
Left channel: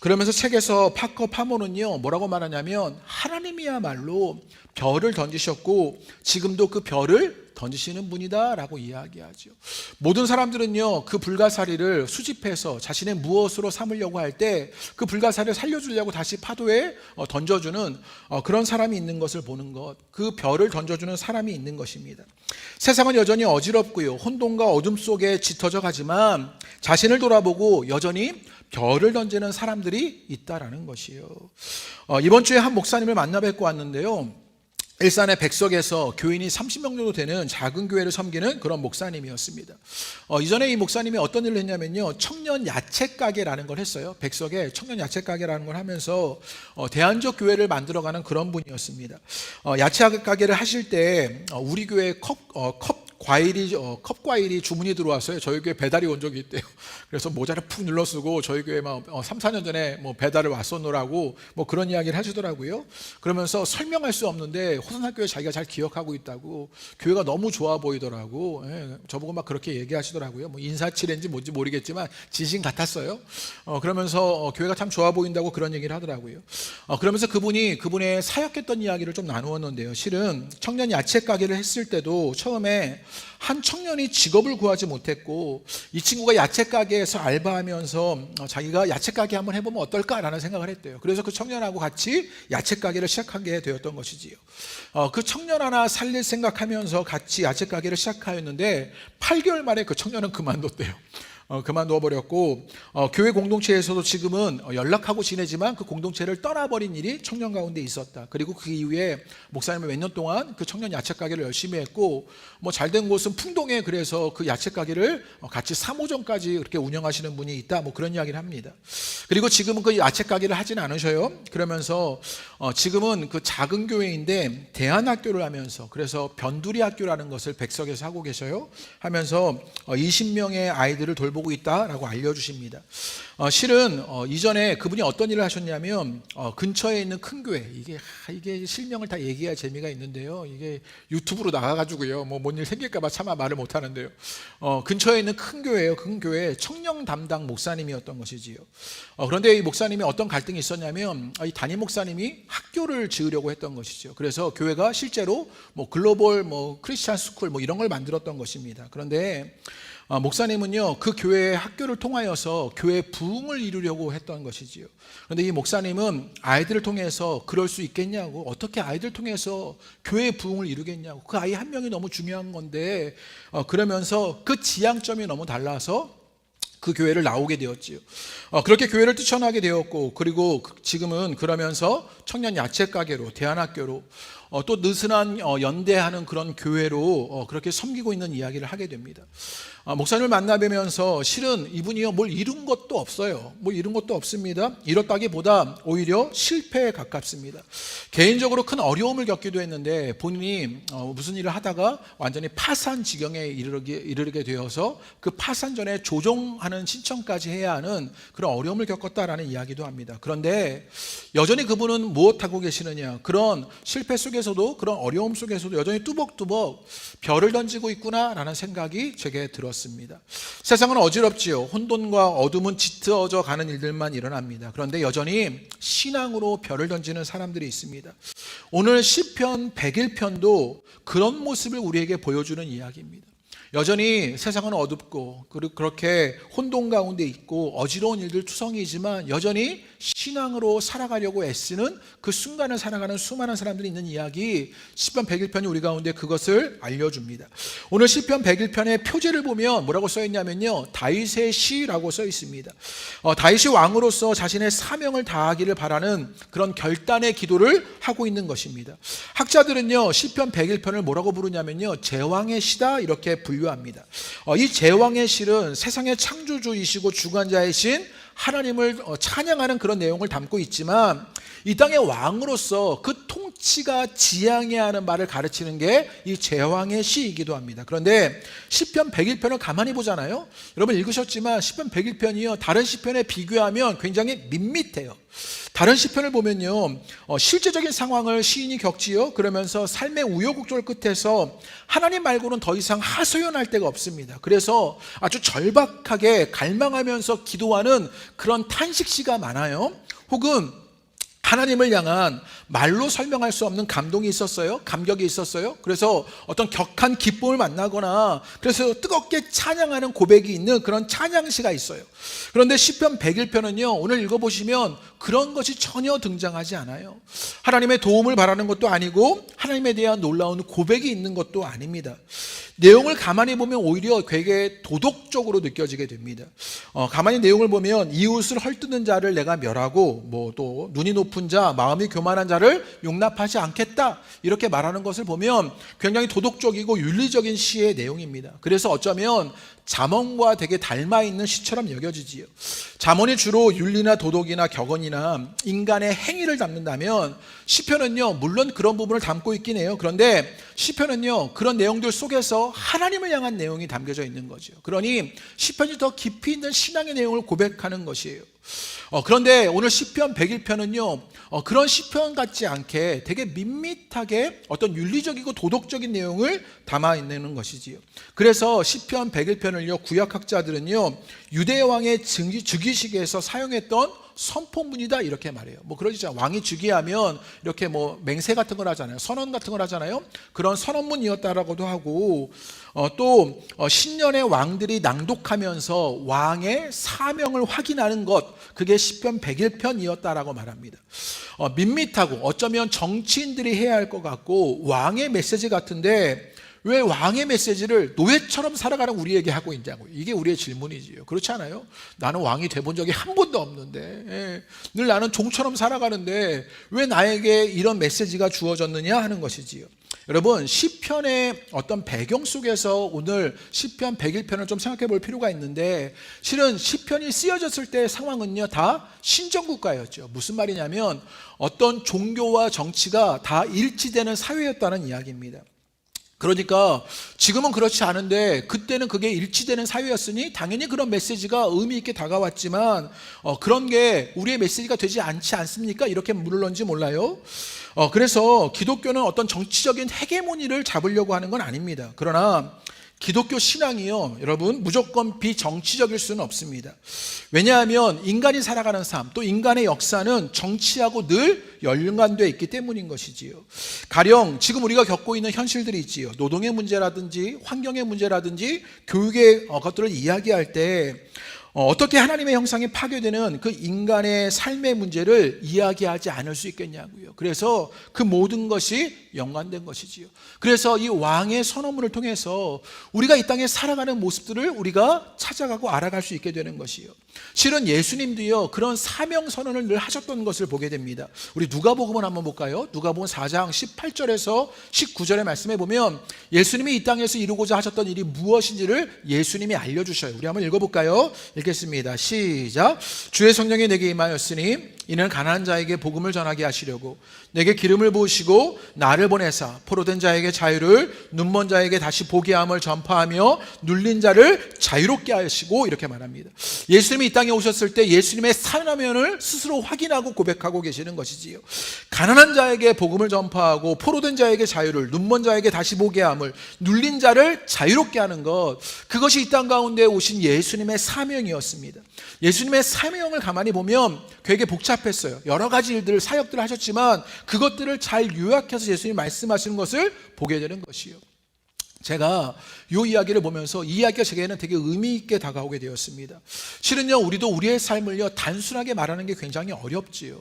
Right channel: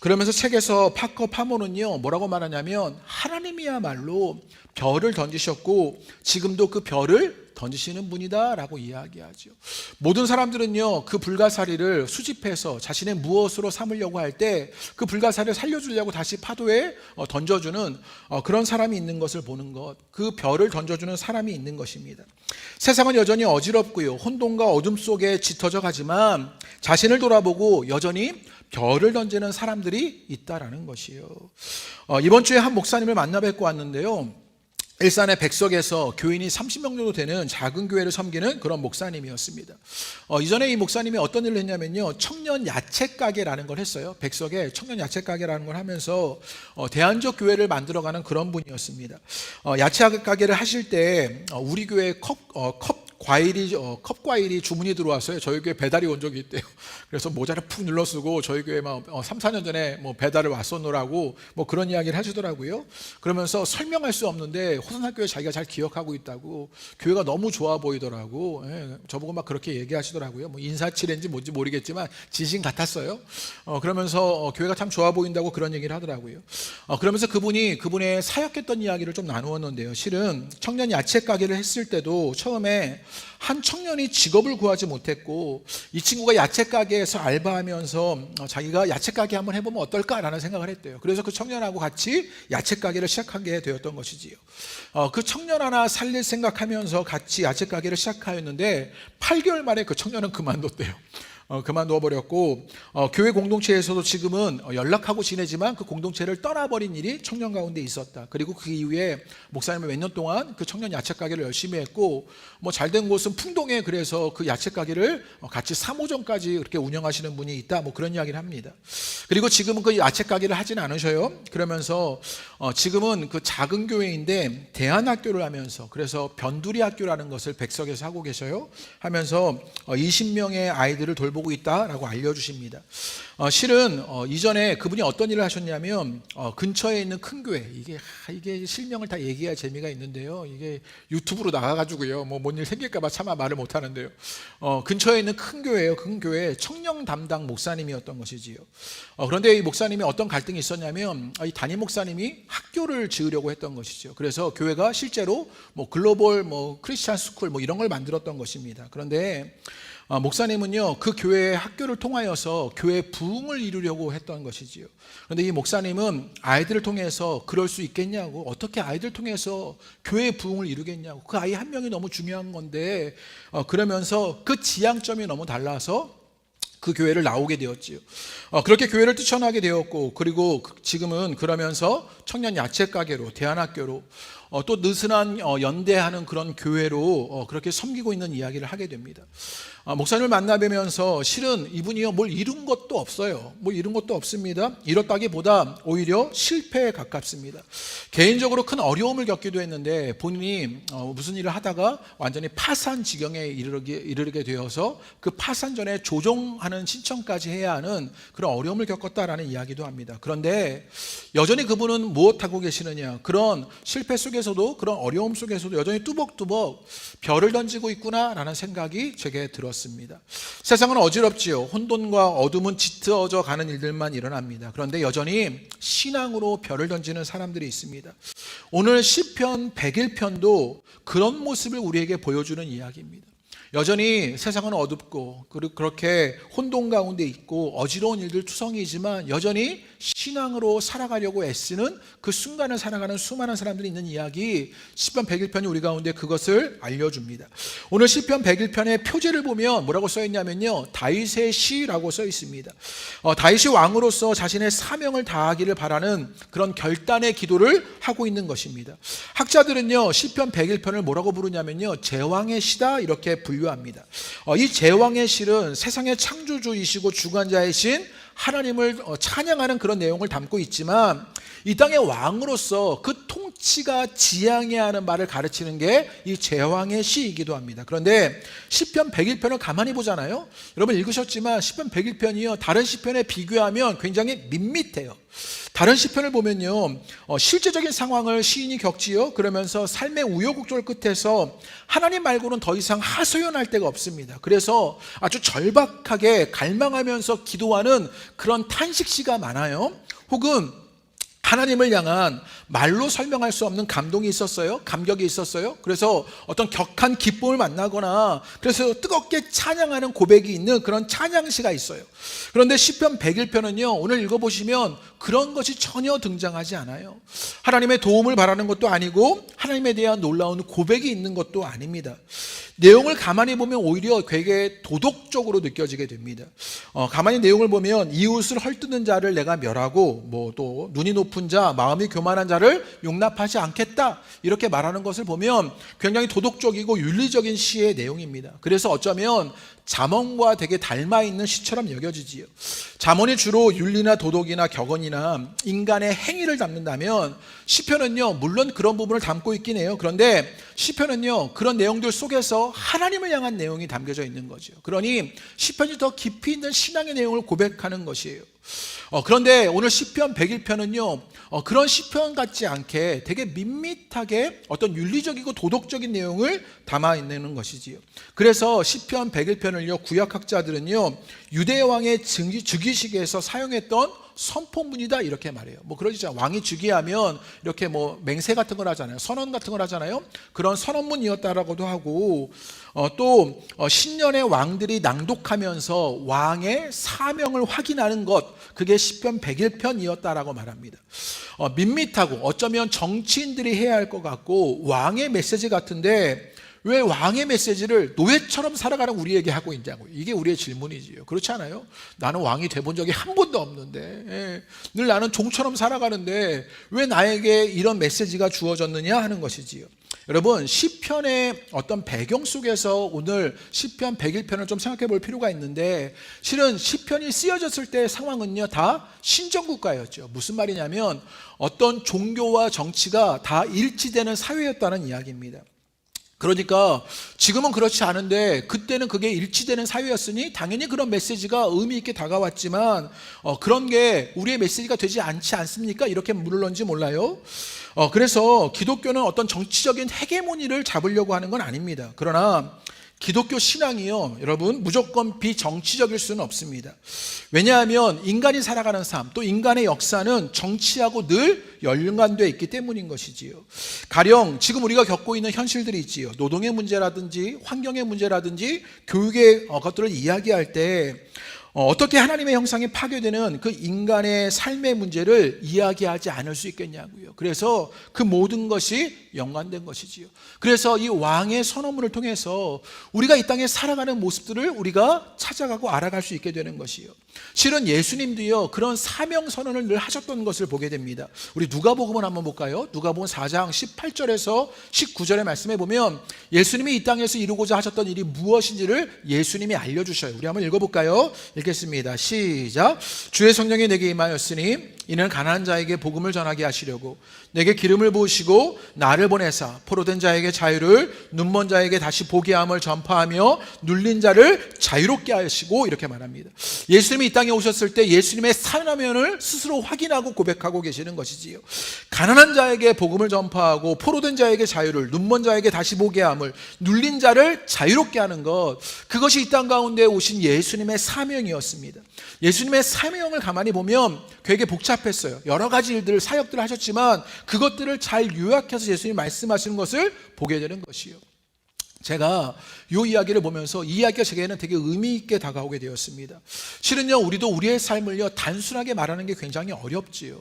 그러면서 책에서 파커 파모는요, 뭐라고 말하냐면 하나님이야말로 별을 던지셨고 지금도 그 별을 던지시는 분이다라고 이야기하죠. 모든 사람들은요, 그 불가사리를 수집해서 자신의 무엇으로 삼으려고 할 때 그 불가사리를 살려주려고 다시 파도에 던져주는 그런 사람이 있는 것을 보는 것, 그 별을 던져주는 사람이 있는 것입니다. 세상은 여전히 어지럽고요, 혼돈과 어둠 속에 짙어져 가지만 자신을 돌아보고 여전히 별을 던지는 사람들이 있다라는 것이에요. 이번 주에 한 목사님을 만나 뵙고 왔는데요, 일산의 백석에서 교인이 30명 정도 되는 작은 교회를 섬기는 그런 목사님이었습니다. 이전에 이 목사님이 어떤 일을 했냐면요, 청년 야채 가게라는 걸 했어요. 백석에 청년 야채 가게라는 걸 하면서 대안적 교회를 만들어가는 그런 분이었습니다. 야채 가게를 하실 때 우리 교회 컵 과일이 주문이 들어왔어요. 저희 교회 배달이 온 적이 있대요. 그래서 모자를 푹 눌러 쓰고 저희 교회 막 3, 4년 전에 뭐 배달을 왔었노라고 뭐 그런 이야기를 하시더라고요. 그러면서 설명할 수 없는데 호선학교에 자기가 잘 기억하고 있다고, 교회가 너무 좋아 보이더라고. 예, 저보고 막 그렇게 얘기하시더라고요. 뭐 인사치레인지 뭔지 모르겠지만 진심 같았어요. 그러면서 교회가 참 좋아 보인다고 그런 얘기를 하더라고요. 그러면서 그분의 사역했던 이야기를 좀 나누었는데요. 실은 청년 야채 가게를 했을 때도 처음에 한 청년이 직업을 구하지 못했고, 이 친구가 야채 가게에서 알바하면서 자기가 야채 가게 한번 해보면 어떨까라는 생각을 했대요. 그래서 그 청년하고 같이 야채 가게를 시작하게 되었던 것이지요. 그 청년 하나 살릴 생각하면서 같이 야채 가게를 시작하였는데 8개월 만에 그 청년은 그만뒀대요. 그만둬 버렸고, 교회 공동체에서도 지금은 연락하고 지내지만 그 공동체를 떠나버린 일이 청년 가운데 있었다. 그리고 그 이후에 목사님은 몇 년 동안 그 청년 야채 가게를 열심히 했고, 뭐 잘된 곳은 풍동에 그래서 그 야채 가게를 같이 3호점까지 그렇게 운영하시는 분이 있다, 뭐 그런 이야기를 합니다. 그리고 지금은 그 야채 가게를 하지는 않으셔요. 그러면서 지금은 그 작은 교회인데 대안학교를 하면서, 그래서 변두리 학교라는 것을 백석에서 하고 계셔요. 하면서 20명의 아이들을 돌보고 있다라고 알려주십니다. 실은 이전에 그분이 어떤 일을 하셨냐면, 근처에 있는 큰 교회, 이게 실명을 다 얘기해야 재미가 있는데요, 이게 유튜브로 나가가지고요, 뭐 뭔 일 생길까봐 차마 말을 못하는데요, 근처에 있는 큰 교회예요. 큰 교회 청년 담당 목사님이었던 것이지요. 그런데 이 목사님이 어떤 갈등이 있었냐면, 이 담임 목사님이 학교를 지으려고 했던 것이죠. 그래서 교회가 실제로 뭐 글로벌 크리스찬 스쿨 이런 걸 만들었던 것입니다. 그런데 목사님은요, 그 교회의 학교를 통하여서 교회 부흥을 이루려고 했던 것이지요. 그런데 이 목사님은 아이들을 통해서 그럴 수 있겠냐고, 어떻게 아이들을 통해서 교회 부흥을 이루겠냐고, 그 아이 한 명이 너무 중요한 건데, 그러면서 그 지향점이 너무 달라서 그 교회를 나오게 되었지요. 그렇게 교회를 뛰쳐나게 되었고, 그리고 지금은 그러면서 청년 야채 가게로, 대안학교로, 또 느슨한 연대하는 그런 교회로 그렇게 섬기고 있는 이야기를 하게 됩니다. 목사님을 만나뵈면서 실은 이분이요, 뭘 이룬 것도 없어요. 뭐 이룬 것도 없습니다. 이뤘다기보다 오히려 실패에 가깝습니다. 개인적으로 큰 어려움을 겪기도 했는데 본인이 무슨 일을 하다가 완전히 파산 지경에 이르게 되어서 그 파산 전에 조정하는 신청까지 해야 하는 그런 어려움을 겪었다라는 이야기도 합니다. 그런데 여전히 그분은 무엇하고 계시느냐, 그런 실패 속에서도, 그런 어려움 속에서도 여전히 뚜벅뚜벅 별을 던지고 있구나라는 생각이 제게 들었습니다. 세상은 어지럽지요. 혼돈과 어둠은 짙어져 가는 일들만 일어납니다. 그런데 여전히 신앙으로 별을 던지는 사람들이 있습니다. 오늘 시편 101편도 그런 모습을 우리에게 보여주는 이야기입니다. 여전히 세상은 어둡고 그렇게 혼돈 가운데 있고 어지러운 일들 투성이지만 여전히 신앙으로 살아가려고 애쓰는 그 순간을 살아가는 수많은 사람들이 있는 이야기, 시편 101편이 우리 가운데 그것을 알려줍니다. 오늘 시편 101편의 표제를 보면 뭐라고 써있냐면요, 다윗의 시라고 써 있습니다. 다윗이 왕으로서 자신의 사명을 다하기를 바라는 그런 결단의 기도를 하고 있는 것입니다. 학자들은요, 시편 101편을 뭐라고 부르냐면요, 제왕의 시다 이렇게 분류합니다. 이 제왕의 시는 세상의 창조주이시고 주관자이신 하나님을 찬양하는 그런 내용을 담고 있지만, 이 땅의 왕으로서 그 통치가 지향해야 하는 바를 가르치는 게 이 제왕의 시이기도 합니다. 그런데 시편 101편을 가만히 보잖아요. 여러분 읽으셨지만 시편 101편이요, 다른 시편에 비교하면 굉장히 밋밋해요. 다른 시편을 보면요, 실제적인 상황을 시인이 겪지요. 그러면서 삶의 우여곡절 끝에서 하나님 말고는 더 이상 하소연할 데가 없습니다. 그래서 아주 절박하게 갈망하면서 기도하는 그런 탄식시가 많아요. 혹은 하나님을 향한 말로 설명할 수 없는 감동이 있었어요. 감격이 있었어요. 그래서 어떤 격한 기쁨을 만나거나 그래서 뜨겁게 찬양하는 고백이 있는 그런 찬양시가 있어요. 그런데 시편 101편은요 오늘 읽어보시면 그런 것이 전혀 등장하지 않아요. 하나님의 도움을 바라는 것도 아니고 하나님에 대한 놀라운 고백이 있는 것도 아닙니다. 내용을 가만히 보면 오히려 되게 도덕적으로 느껴지게 됩니다. 가만히 내용을 보면 이웃을 헐뜯는 자를 내가 멸하고 뭐 또 눈이 높은 자 마음이 교만한 자를 용납하지 않겠다 이렇게 말하는 것을 보면 굉장히 도덕적이고 윤리적인 시의 내용입니다. 그래서 어쩌면 잠언과 되게 닮아 있는 시처럼 여겨지지요. 잠언이 주로 윤리나 도덕이나 격언이나 인간의 행위를 담는다면 시편은요 물론 그런 부분을 담고 있긴 해요. 그런데 시편은요 그런 내용들 속에서 하나님을 향한 내용이 담겨져 있는 거죠. 그러니 시편이 더 깊이 있는 신앙의 내용을 고백하는 것이에요. 그런데 오늘 시편 101편은요 그런 시편 같지 않게 되게 밋밋하게 어떤 윤리적이고 도덕적인 내용을 담아 있는 것이지요. 그래서 시편 101편을요 구약학자들은요 유대 왕의 즉위식에서 사용했던 선포문이다 이렇게 말해요. 뭐 그러죠. 왕이 즉위하면 이렇게 뭐 맹세 같은 걸 하잖아요. 선언 같은 걸 하잖아요. 그런 선언문이었다라고도 하고 또 신년의 왕들이 낭독하면서 왕의 사명을 확인하는 것 그게 시편 101편이었다라고 말합니다. 밋밋하고 어쩌면 정치인들이 해야 할 것 같고 왕의 메시지 같은데 왜 왕의 메시지를 노예처럼 살아가는 우리에게 하고 있냐고요. 이게 우리의 질문이지요. 그렇지 않아요? 나는 왕이 돼본 적이 한 번도 없는데 늘 나는 종처럼 살아가는데 왜 나에게 이런 메시지가 주어졌느냐 하는 것이지요. 여러분 시편의 어떤 배경 속에서 오늘 시편 101편을 좀 생각해 볼 필요가 있는데 실은 시편이 쓰여졌을 때 상황은요 다 신정국가였죠. 무슨 말이냐면 어떤 종교와 정치가 다 일치되는 사회였다는 이야기입니다. 그러니까 지금은 그렇지 않은데 그때는 그게 일치되는 사회였으니 당연히 그런 메시지가 의미 있게 다가왔지만 그런 게 우리의 메시지가 되지 않지 않습니까? 이렇게 물을런지 몰라요. 그래서 기독교는 어떤 정치적인 헤게모니를 잡으려고 하는 건 아닙니다. 그러나 기독교 신앙이요 여러분 무조건 비정치적일 수는 없습니다. 왜냐하면 인간이 살아가는 삶 또 인간의 역사는 정치하고 늘 연관되어 있기 때문인 것이지요. 가령 지금 우리가 겪고 있는 현실들이 있지요. 노동의 문제라든지 환경의 문제라든지 교육의 것들을 이야기할 때 어떻게 하나님의 형상이 파괴되는 그 인간의 삶의 문제를 이야기하지 않을 수 있겠냐고요. 그래서 그 모든 것이 연관된 것이지요. 그래서 이 왕의 선언문을 통해서 우리가 이 땅에 살아가는 모습들을 우리가 찾아가고 알아갈 수 있게 되는 것이요. 실은 예수님도요 그런 사명 선언을 늘 하셨던 것을 보게 됩니다. 우리 누가복음을 한번 볼까요? 누가복음 4장 18절에서 19절의 말씀에 보면 예수님이 이 땅에서 이루고자 하셨던 일이 무엇인지를 예수님이 알려주셔요. 우리 한번 읽어볼까요? 읽겠습니다. 시작. 주의 성령이 내게 임하였으니 이는 가난한 자에게 복음을 전하게 하시려고 내게 기름을 부으시고 나를 보내사 포로된 자에게 자유를 눈먼 자에게 다시 보게 함을 전파하며 눌린 자를 자유롭게 하시고 이렇게 말합니다. 예수님이 이 땅에 오셨을 때 예수님의 사명을 스스로 확인하고 고백하고 계시는 것이지요. 가난한 자에게 복음을 전파하고 포로된 자에게 자유를 눈먼 자에게 다시 보게 함을 눌린 자를 자유롭게 하는 것 그것이 이 땅 가운데 오신 예수님의 사명이었습니다. 예수님의 사명을 가만히 보면 되게 복잡했어요. 여러 가지 일들을 사역들을 하셨지만 그것들을 잘 요약해서 예수님이 말씀하시는 것을 보게 되는 것이요. 제가 이 이야기를 보면서 이 이야기가 제게는 되게 의미 있게 다가오게 되었습니다. 실은요 우리도 우리의 삶을요 단순하게 말하는 게 굉장히 어렵지요.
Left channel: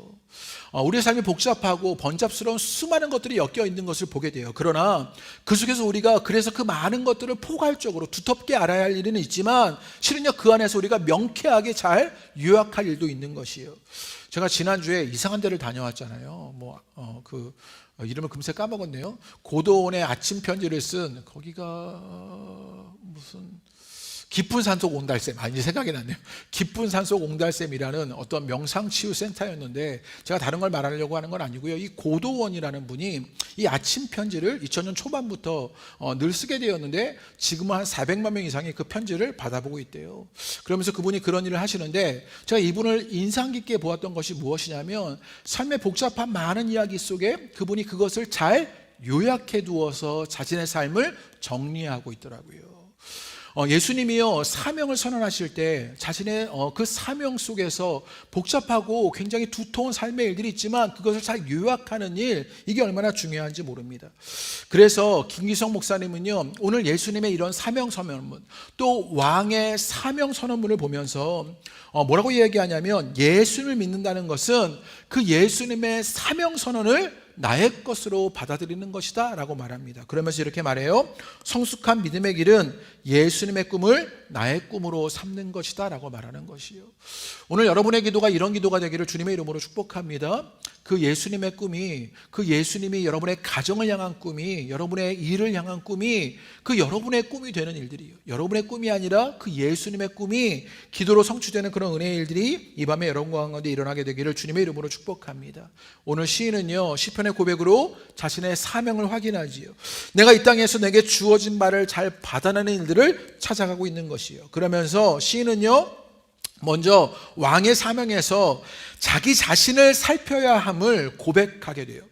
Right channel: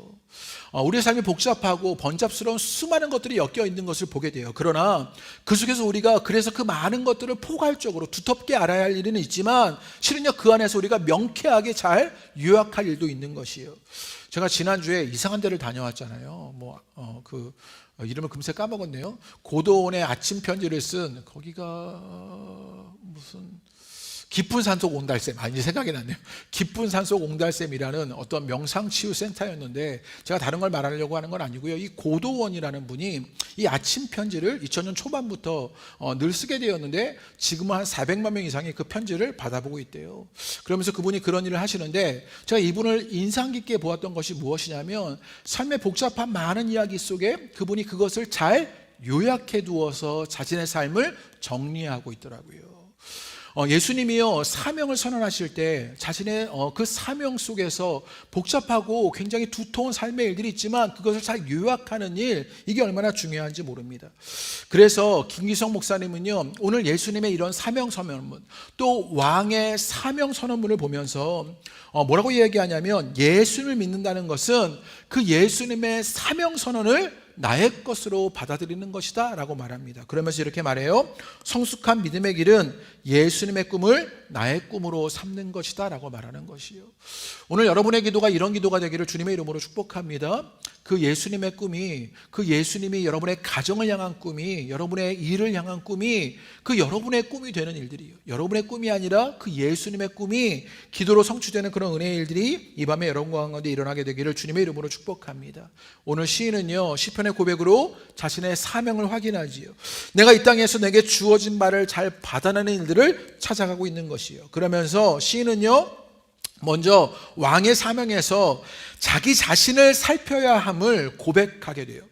우리의 삶이 복잡하고 번잡스러운 수많은 것들이 엮여 있는 것을 보게 돼요. 그러나 그 속에서 우리가 그래서 그 많은 것들을 포괄적으로 두텁게 알아야 할 일은 있지만 실은요 그 안에서 우리가 명쾌하게 잘 요약할 일도 있는 것이에요. 제가 지난주에 이상한 데를 다녀왔잖아요. 이름을 금세 까먹었네요. 고도원의 아침 편지를 쓴 거기가 무슨 깊은 산속 옹달샘 이제 생각이 났네요. 깊은 산속 옹달샘이라는 어떤 명상치유센터였는데 제가 다른 걸 말하려고 하는 건 아니고요. 이 고도원이라는 분이 이 아침 편지를 2000년 초반부터 늘 쓰게 되었는데 지금은 한 400만 명 이상이 그 편지를 받아보고 있대요. 그러면서 그분이 그런 일을 하시는데 제가 이분을 인상 깊게 보았던 것이 무엇이냐면 삶의 복잡한 많은 이야기 속에 그분이 그것을 잘 요약해 두어서 자신의 삶을 정리하고 있더라고요. 예수님이요 사명을 선언하실 때 자신의 그 사명 속에서 복잡하고 굉장히 두터운 삶의 일들이 있지만 그것을 잘 요약하는 일, 이게 얼마나 중요한지 모릅니다. 그래서 김기성 목사님은요 오늘 예수님의 이런 사명 선언문, 또 왕의 사명 선언문을 보면서 뭐라고 이야기하냐면, 예수님을 믿는다는 것은 그 예수님의 사명 선언을 나의 것으로 받아들이는 것이다 라고 말합니다. 그러면서 이렇게 말해요. 성숙한 믿음의 길은 예수님의 꿈을 나의 꿈으로 삼는 것이다 라고 말하는 것이요. 오늘 여러분의 기도가 이런 기도가 되기를 주님의 이름으로 축복합니다. 그 예수님의 꿈이, 그 예수님이 여러분의 가정을 향한 꿈이, 여러분의 일을 향한 꿈이 그 여러분의 꿈이 되는 일들이요, 여러분의 꿈이 아니라 그 예수님의 꿈이 기도로 성취되는 그런 은혜의 일들이 이 밤에 여러분 가운데 일어나게 되기를 주님의 이름으로 축복합니다. 오늘 시인은요 시편의 고백으로 자신의 사명을 확인하지요. 내가 이 땅에서 내게 주어진 바를 잘 받아내는 일들을 찾아가고 있는 것이요. 그러면서 시인은요 먼저 왕의 사명에서 자기 자신을 살펴야 함을 고백하게 돼요.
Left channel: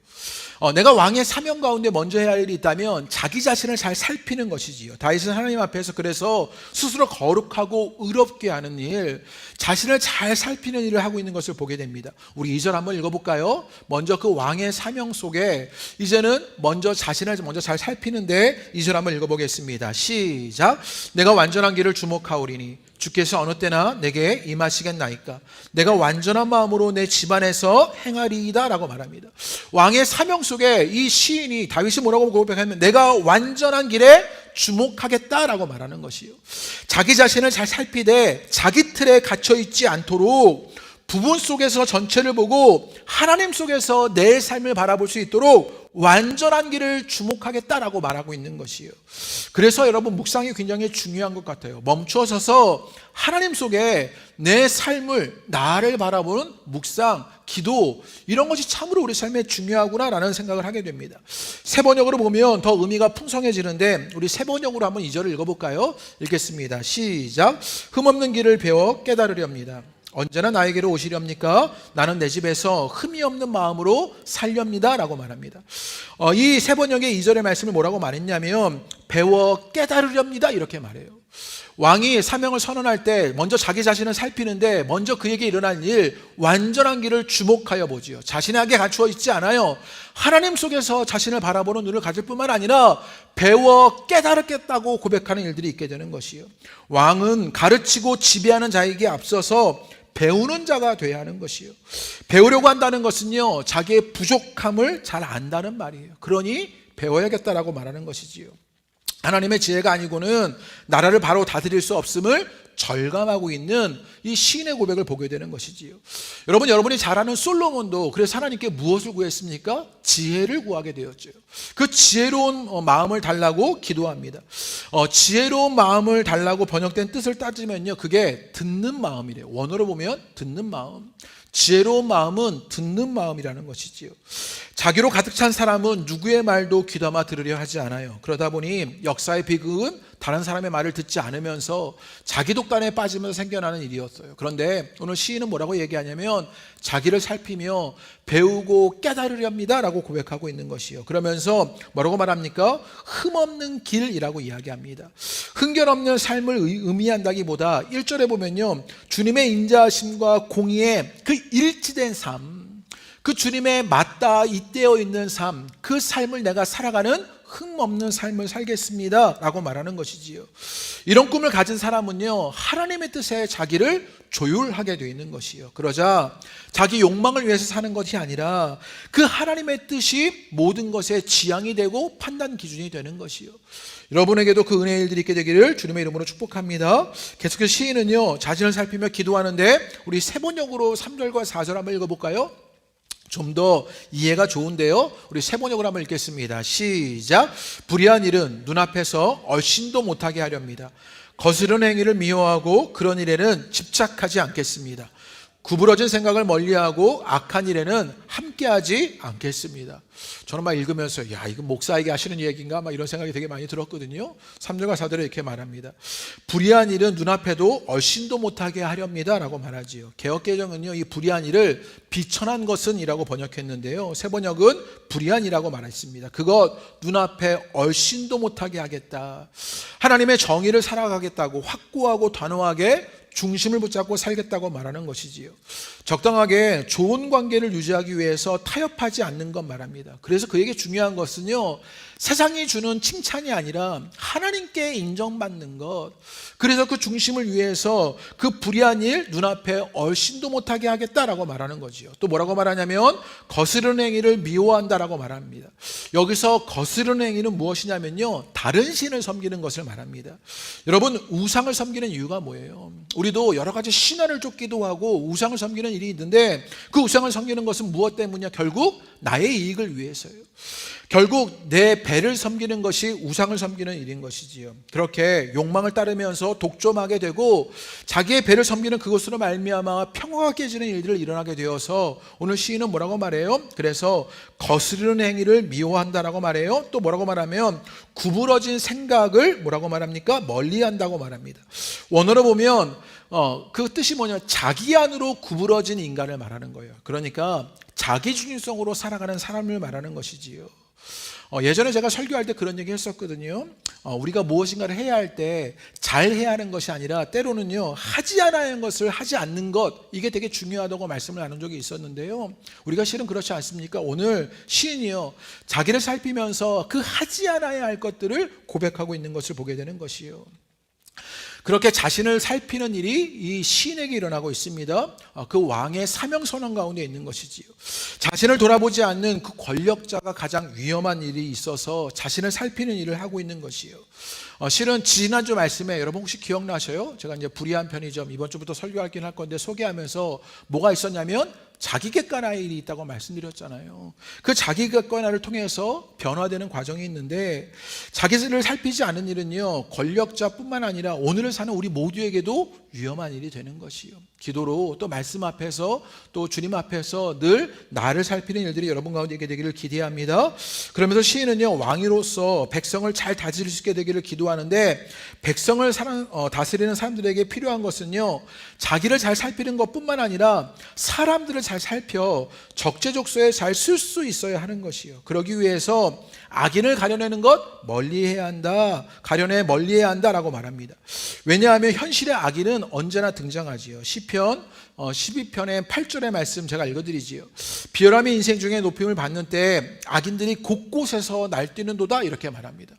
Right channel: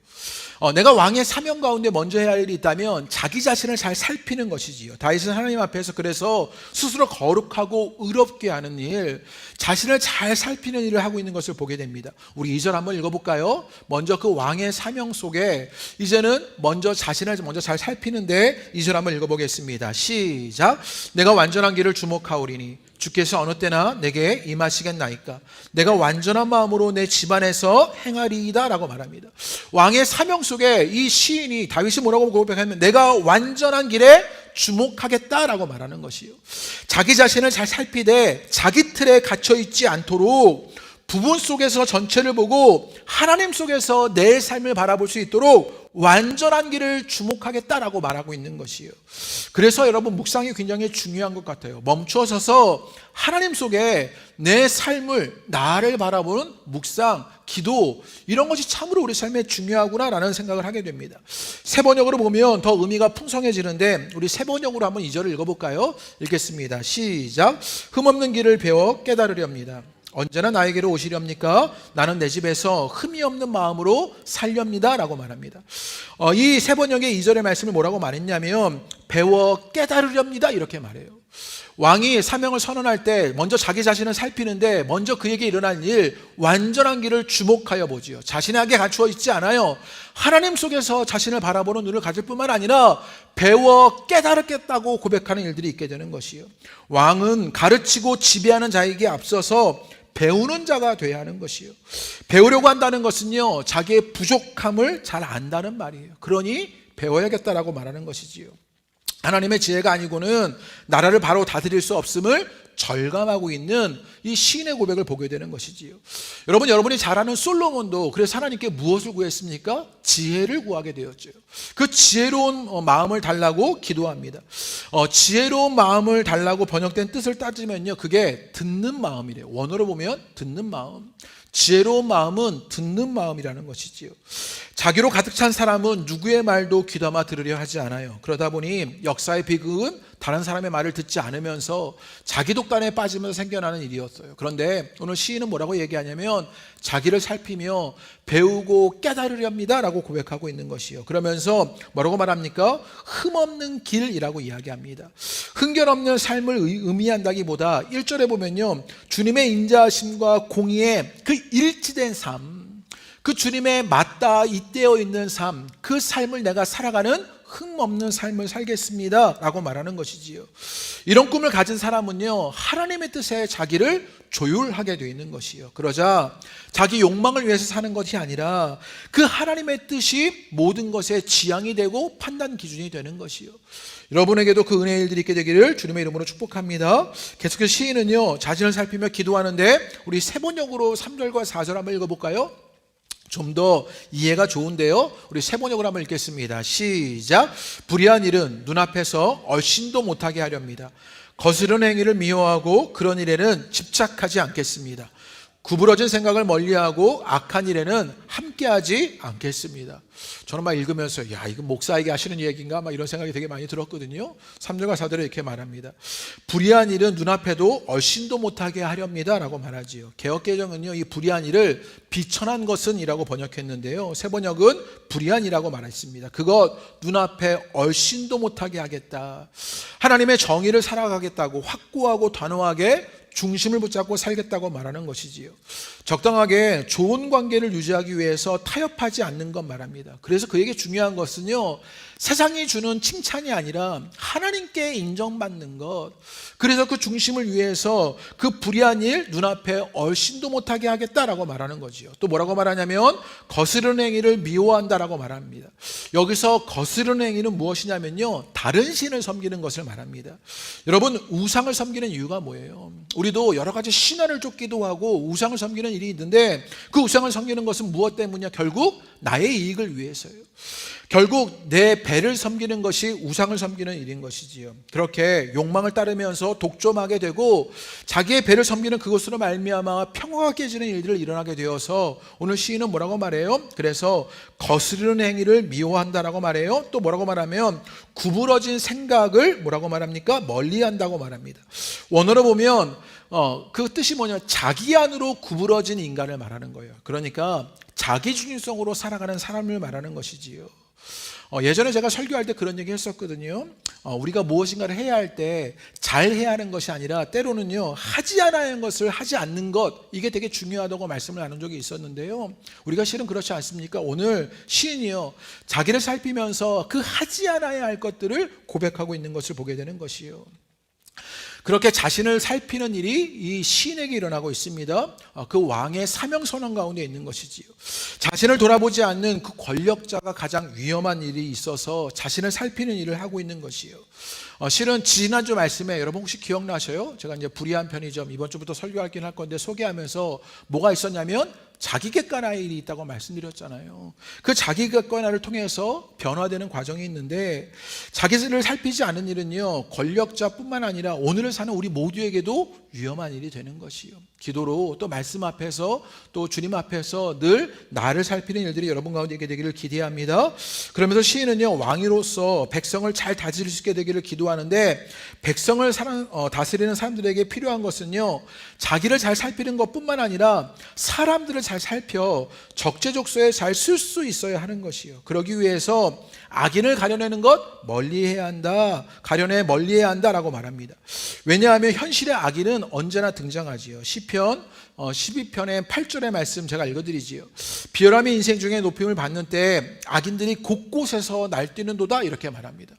내가 왕의 사명 가운데 먼저 해야 할 일이 있다면 자기 자신을 잘 살피는 것이지요. 다윗은 하나님 앞에서 그래서 스스로 거룩하고 의롭게 하는 일, 자신을 잘 살피는 일을 하고 있는 것을 보게 됩니다. 우리 2절 한번 읽어볼까요? 먼저 그 왕의 사명 속에 이제는 먼저 자신을 먼저 잘 살피는데 2절 한번 읽어보겠습니다. 시작. 내가 완전한 길을 주목하오리니 주께서 어느 때나 내게 임하시겠나이까. 내가 완전한 마음으로 내 집안에서 행하리이다 라고 말합니다. 왕의 사명 속에 이 시인이, 다윗이 뭐라고 고백하면 내가 완전한 길에 주목하겠다라고 말하는 것이요. 자기 자신을 잘 살피되 자기 틀에 갇혀 있지 않도록 부분 속에서 전체를 보고 하나님 속에서 내 삶을 바라볼 수 있도록 완전한 길을 주목하겠다라고 말하고 있는 것이에요. 그래서 여러분 묵상이 굉장히 중요한 것 같아요. 멈춰서서 하나님 속에 내 삶을, 나를 바라보는 묵상, 기도, 이런 것이 참으로 우리 삶에 중요하구나라는 생각을 하게 됩니다. 세 번역으로 보면 더 의미가 풍성해지는데 우리 세 번역으로 한번 2절을 읽어볼까요? 읽겠습니다. 시작. 흠없는 길을 배워 깨달으렵니다. 언제나 나에게로 오시렵니까? 나는 내 집에서 흠이 없는 마음으로 살렵니다 라고 말합니다. 이 세 번역의 2절의 말씀을 뭐라고 말했냐면 배워 깨달으렵니다 이렇게 말해요. 왕이 사명을 선언할 때 먼저 자기 자신을 살피는데 먼저 그에게 일어난 일, 완전한 길을 주목하여 보지요. 자신에게 갖추어 있지 않아요. 하나님 속에서 자신을 바라보는 눈을 가질 뿐만 아니라 배워 깨달았겠다고 고백하는 일들이 있게 되는 것이요. 왕은 가르치고 지배하는 자에게 앞서서 배우는 자가 되어야 하는 것이요. 배우려고 한다는 것은요 자기의 부족함을 잘 안다는 말이에요. 그러니 배워야겠다라고 말하는 것이지요. 하나님의 지혜가 아니고는 나라를 바로 다스릴 수 없음을 절감하고 있는 이 시인의 고백을 보게 되는 것이지요. 여러분이 잘 아는 솔로몬도 그래서 하나님께 무엇을 구했습니까? 지혜를 구하게 되었죠. 그 지혜로운 마음을 달라고 기도합니다. 지혜로운 마음을 달라고 번역된 뜻을 따지면요 그게 듣는 마음이래요. 원어로 보면 듣는 마음. 지혜로운 마음은 듣는 마음이라는 것이지요. 자기로 가득 찬 사람은 누구의 말도 귀담아 들으려 하지 않아요. 그러다 보니 역사의 비극은 다른 사람의 말을 듣지 않으면서 자기 독단에 빠지면서 생겨나는 일이었어요. 그런데 오늘 시인은 뭐라고 얘기하냐면 자기를 살피며 배우고 깨달으렵니다 라고 고백하고 있는 것이요. 그러면서 뭐라고 말합니까? 흠없는 길이라고 이야기합니다. 흥결없는 삶을 의미한다기보다 1절에 보면요 주님의 인자하심과 공의에 그 일치된 삶, 그 주님의 맞닿아 잇대어 있는 삶, 그 삶을 내가 살아가는 흠없는 삶을 살겠습니다 라고 말하는 것이지요. 이런 꿈을 가진 사람은요 하나님의 뜻에 자기를 조율하게 되어 있는 것이요. 그러자 자기 욕망을 위해서 사는 것이 아니라 그 하나님의 뜻이 모든 것의 지향이 되고 판단 기준이 되는 것이요. 여러분에게도 그 은혜의 일들이 있게 되기를 주님의 이름으로 축복합니다. 계속해서 시인은요 자신을 살피며 기도하는데 우리 세 번역으로 3절과 4절 한번 읽어볼까요? 좀 더 이해가 좋은데요. 우리 세 번역을 한번 읽겠습니다. 시작. 불의한 일은 눈앞에서 얼씬도 못하게 하렵니다. 거스른 행위를 미워하고 그런 일에는 집착하지 않겠습니다. 구부러진 생각을 멀리하고 악한 일에는 함께하지 않겠습니다. 저는 막 읽으면서 야, 이거 목사에게 하시는 얘기인가 막 이런 생각이 되게 많이 들었거든요. 3절과 4절에 이렇게 말합니다. 불의한 일은 눈앞에도 얼씬도 못하게 하렵니다 라고 말하지요. 개역개정은요, 이 불의한 일을 비천한 것은 이라고 번역했는데요, 새 번역은 불의한 이라고 말했습니다. 그것 눈앞에 얼씬도 못하게 하겠다. 하나님의 정의를 살아가겠다고 확고하고 단호하게 중심을 붙잡고 살겠다고 말하는 것이지요. 적당하게 좋은 관계를 유지하기 위해서 타협하지 않는 것 말합니다. 그래서 그에게 중요한 것은요, 세상이 주는 칭찬이 아니라 하나님께 인정받는 것. 그래서 그 중심을 위해서 그 불의한 일 눈앞에 얼씬도 못하게 하겠다라고 말하는 거지요. 또 뭐라고 말하냐면 거스르는 행위를 미워한다라고 말합니다. 여기서 거스르는 행위는 무엇이냐면요, 다른 신을 섬기는 것을 말합니다. 여러분, 우상을 섬기는 이유가 뭐예요? 우리도 여러 가지 신화를 쫓기도 하고 우상을 섬기는 일이 있는데, 그 우상을 섬기는 것은 무엇 때문이냐? 결국 나의 이익을 위해서요. 결국 내 배를 섬기는 것이 우상을 섬기는 일인 것이지요. 그렇게 욕망을 따르면서 독점하게 되고 자기의 배를 섬기는 그것으로 말미암아 평화가 깨지는 일들을 일어나게 되어서 오늘 시인은 뭐라고 말해요? 그래서 거스르는 행위를 미워한다라고 말해요. 또 뭐라고 말하면 구부러진 생각을 뭐라고 말합니까? 멀리한다고 말합니다. 원어로 보면 그 뜻이 뭐냐? 자기 안으로 구부러진 인간을 말하는 거예요. 그러니까 자기 중심성으로 살아가는 사람을 말하는 것이지요. 예전에 제가 설교할 때 그런 얘기 했었거든요. 우리가 무엇인가를 해야 할 때 잘 해야 하는 것이 아니라 때로는요, 하지 않아야 하는 것을 하지 않는 것, 이게 되게 중요하다고 말씀을 나눈 적이 있었는데요, 우리가 실은 그렇지 않습니까? 오늘 시인이요, 자기를 살피면서 그 하지 않아야 할 것들을 고백하고 있는 것을 보게 되는 것이요. 그렇게 자신을 살피는 일이 이 시인에게 일어나고 있습니다. 그 왕의 사명선언 가운데 있는 것이지요. 자신을 돌아보지 않는 그 권력자가 가장 위험한 일이 있어서 자신을 살피는 일을 하고 있는 것이요. 실은 지난주 말씀에 여러분 혹시 기억나셔요? 제가 이제 불의한 편의점 이번 주부터 설교하긴 할 건데 소개하면서 뭐가 있었냐면 자기 객관화의 일이 있다고 말씀드렸잖아요. 그 자기 객관화를 통해서 변화되는 과정이 있는데, 자기를 살피지 않는 일은요, 권력자뿐만 아니라 오늘을 사는 우리 모두에게도 위험한 일이 되는 것이요. 기도로 또 말씀 앞에서 또 주님 앞에서 늘 나를 살피는 일들이 여러분 가운데 있게 되기를 기대합니다. 그러면서 시인은요, 왕으로서 백성을 잘 다스릴 수 있게 되기를 기도하는데, 백성을 다스리는 사람들에게 필요한 것은요, 자기를 잘 살피는 것뿐만 아니라 사람들을 잘 살펴 적재적소에 잘 쓸 수 있어야 하는 것이요. 그러기 위해서 악인을 가려내는 것 멀리해야 한다. 가려내 멀리해야 한다라고 말합니다. 왜냐하면 현실의 악인은 언제나 등장하지요. 시편 12편의 8절의 말씀 제가 읽어드리지요. 비열함이 인생 중에 높임을 받는 때 악인들이 곳곳에서 날뛰는도다, 이렇게 말합니다.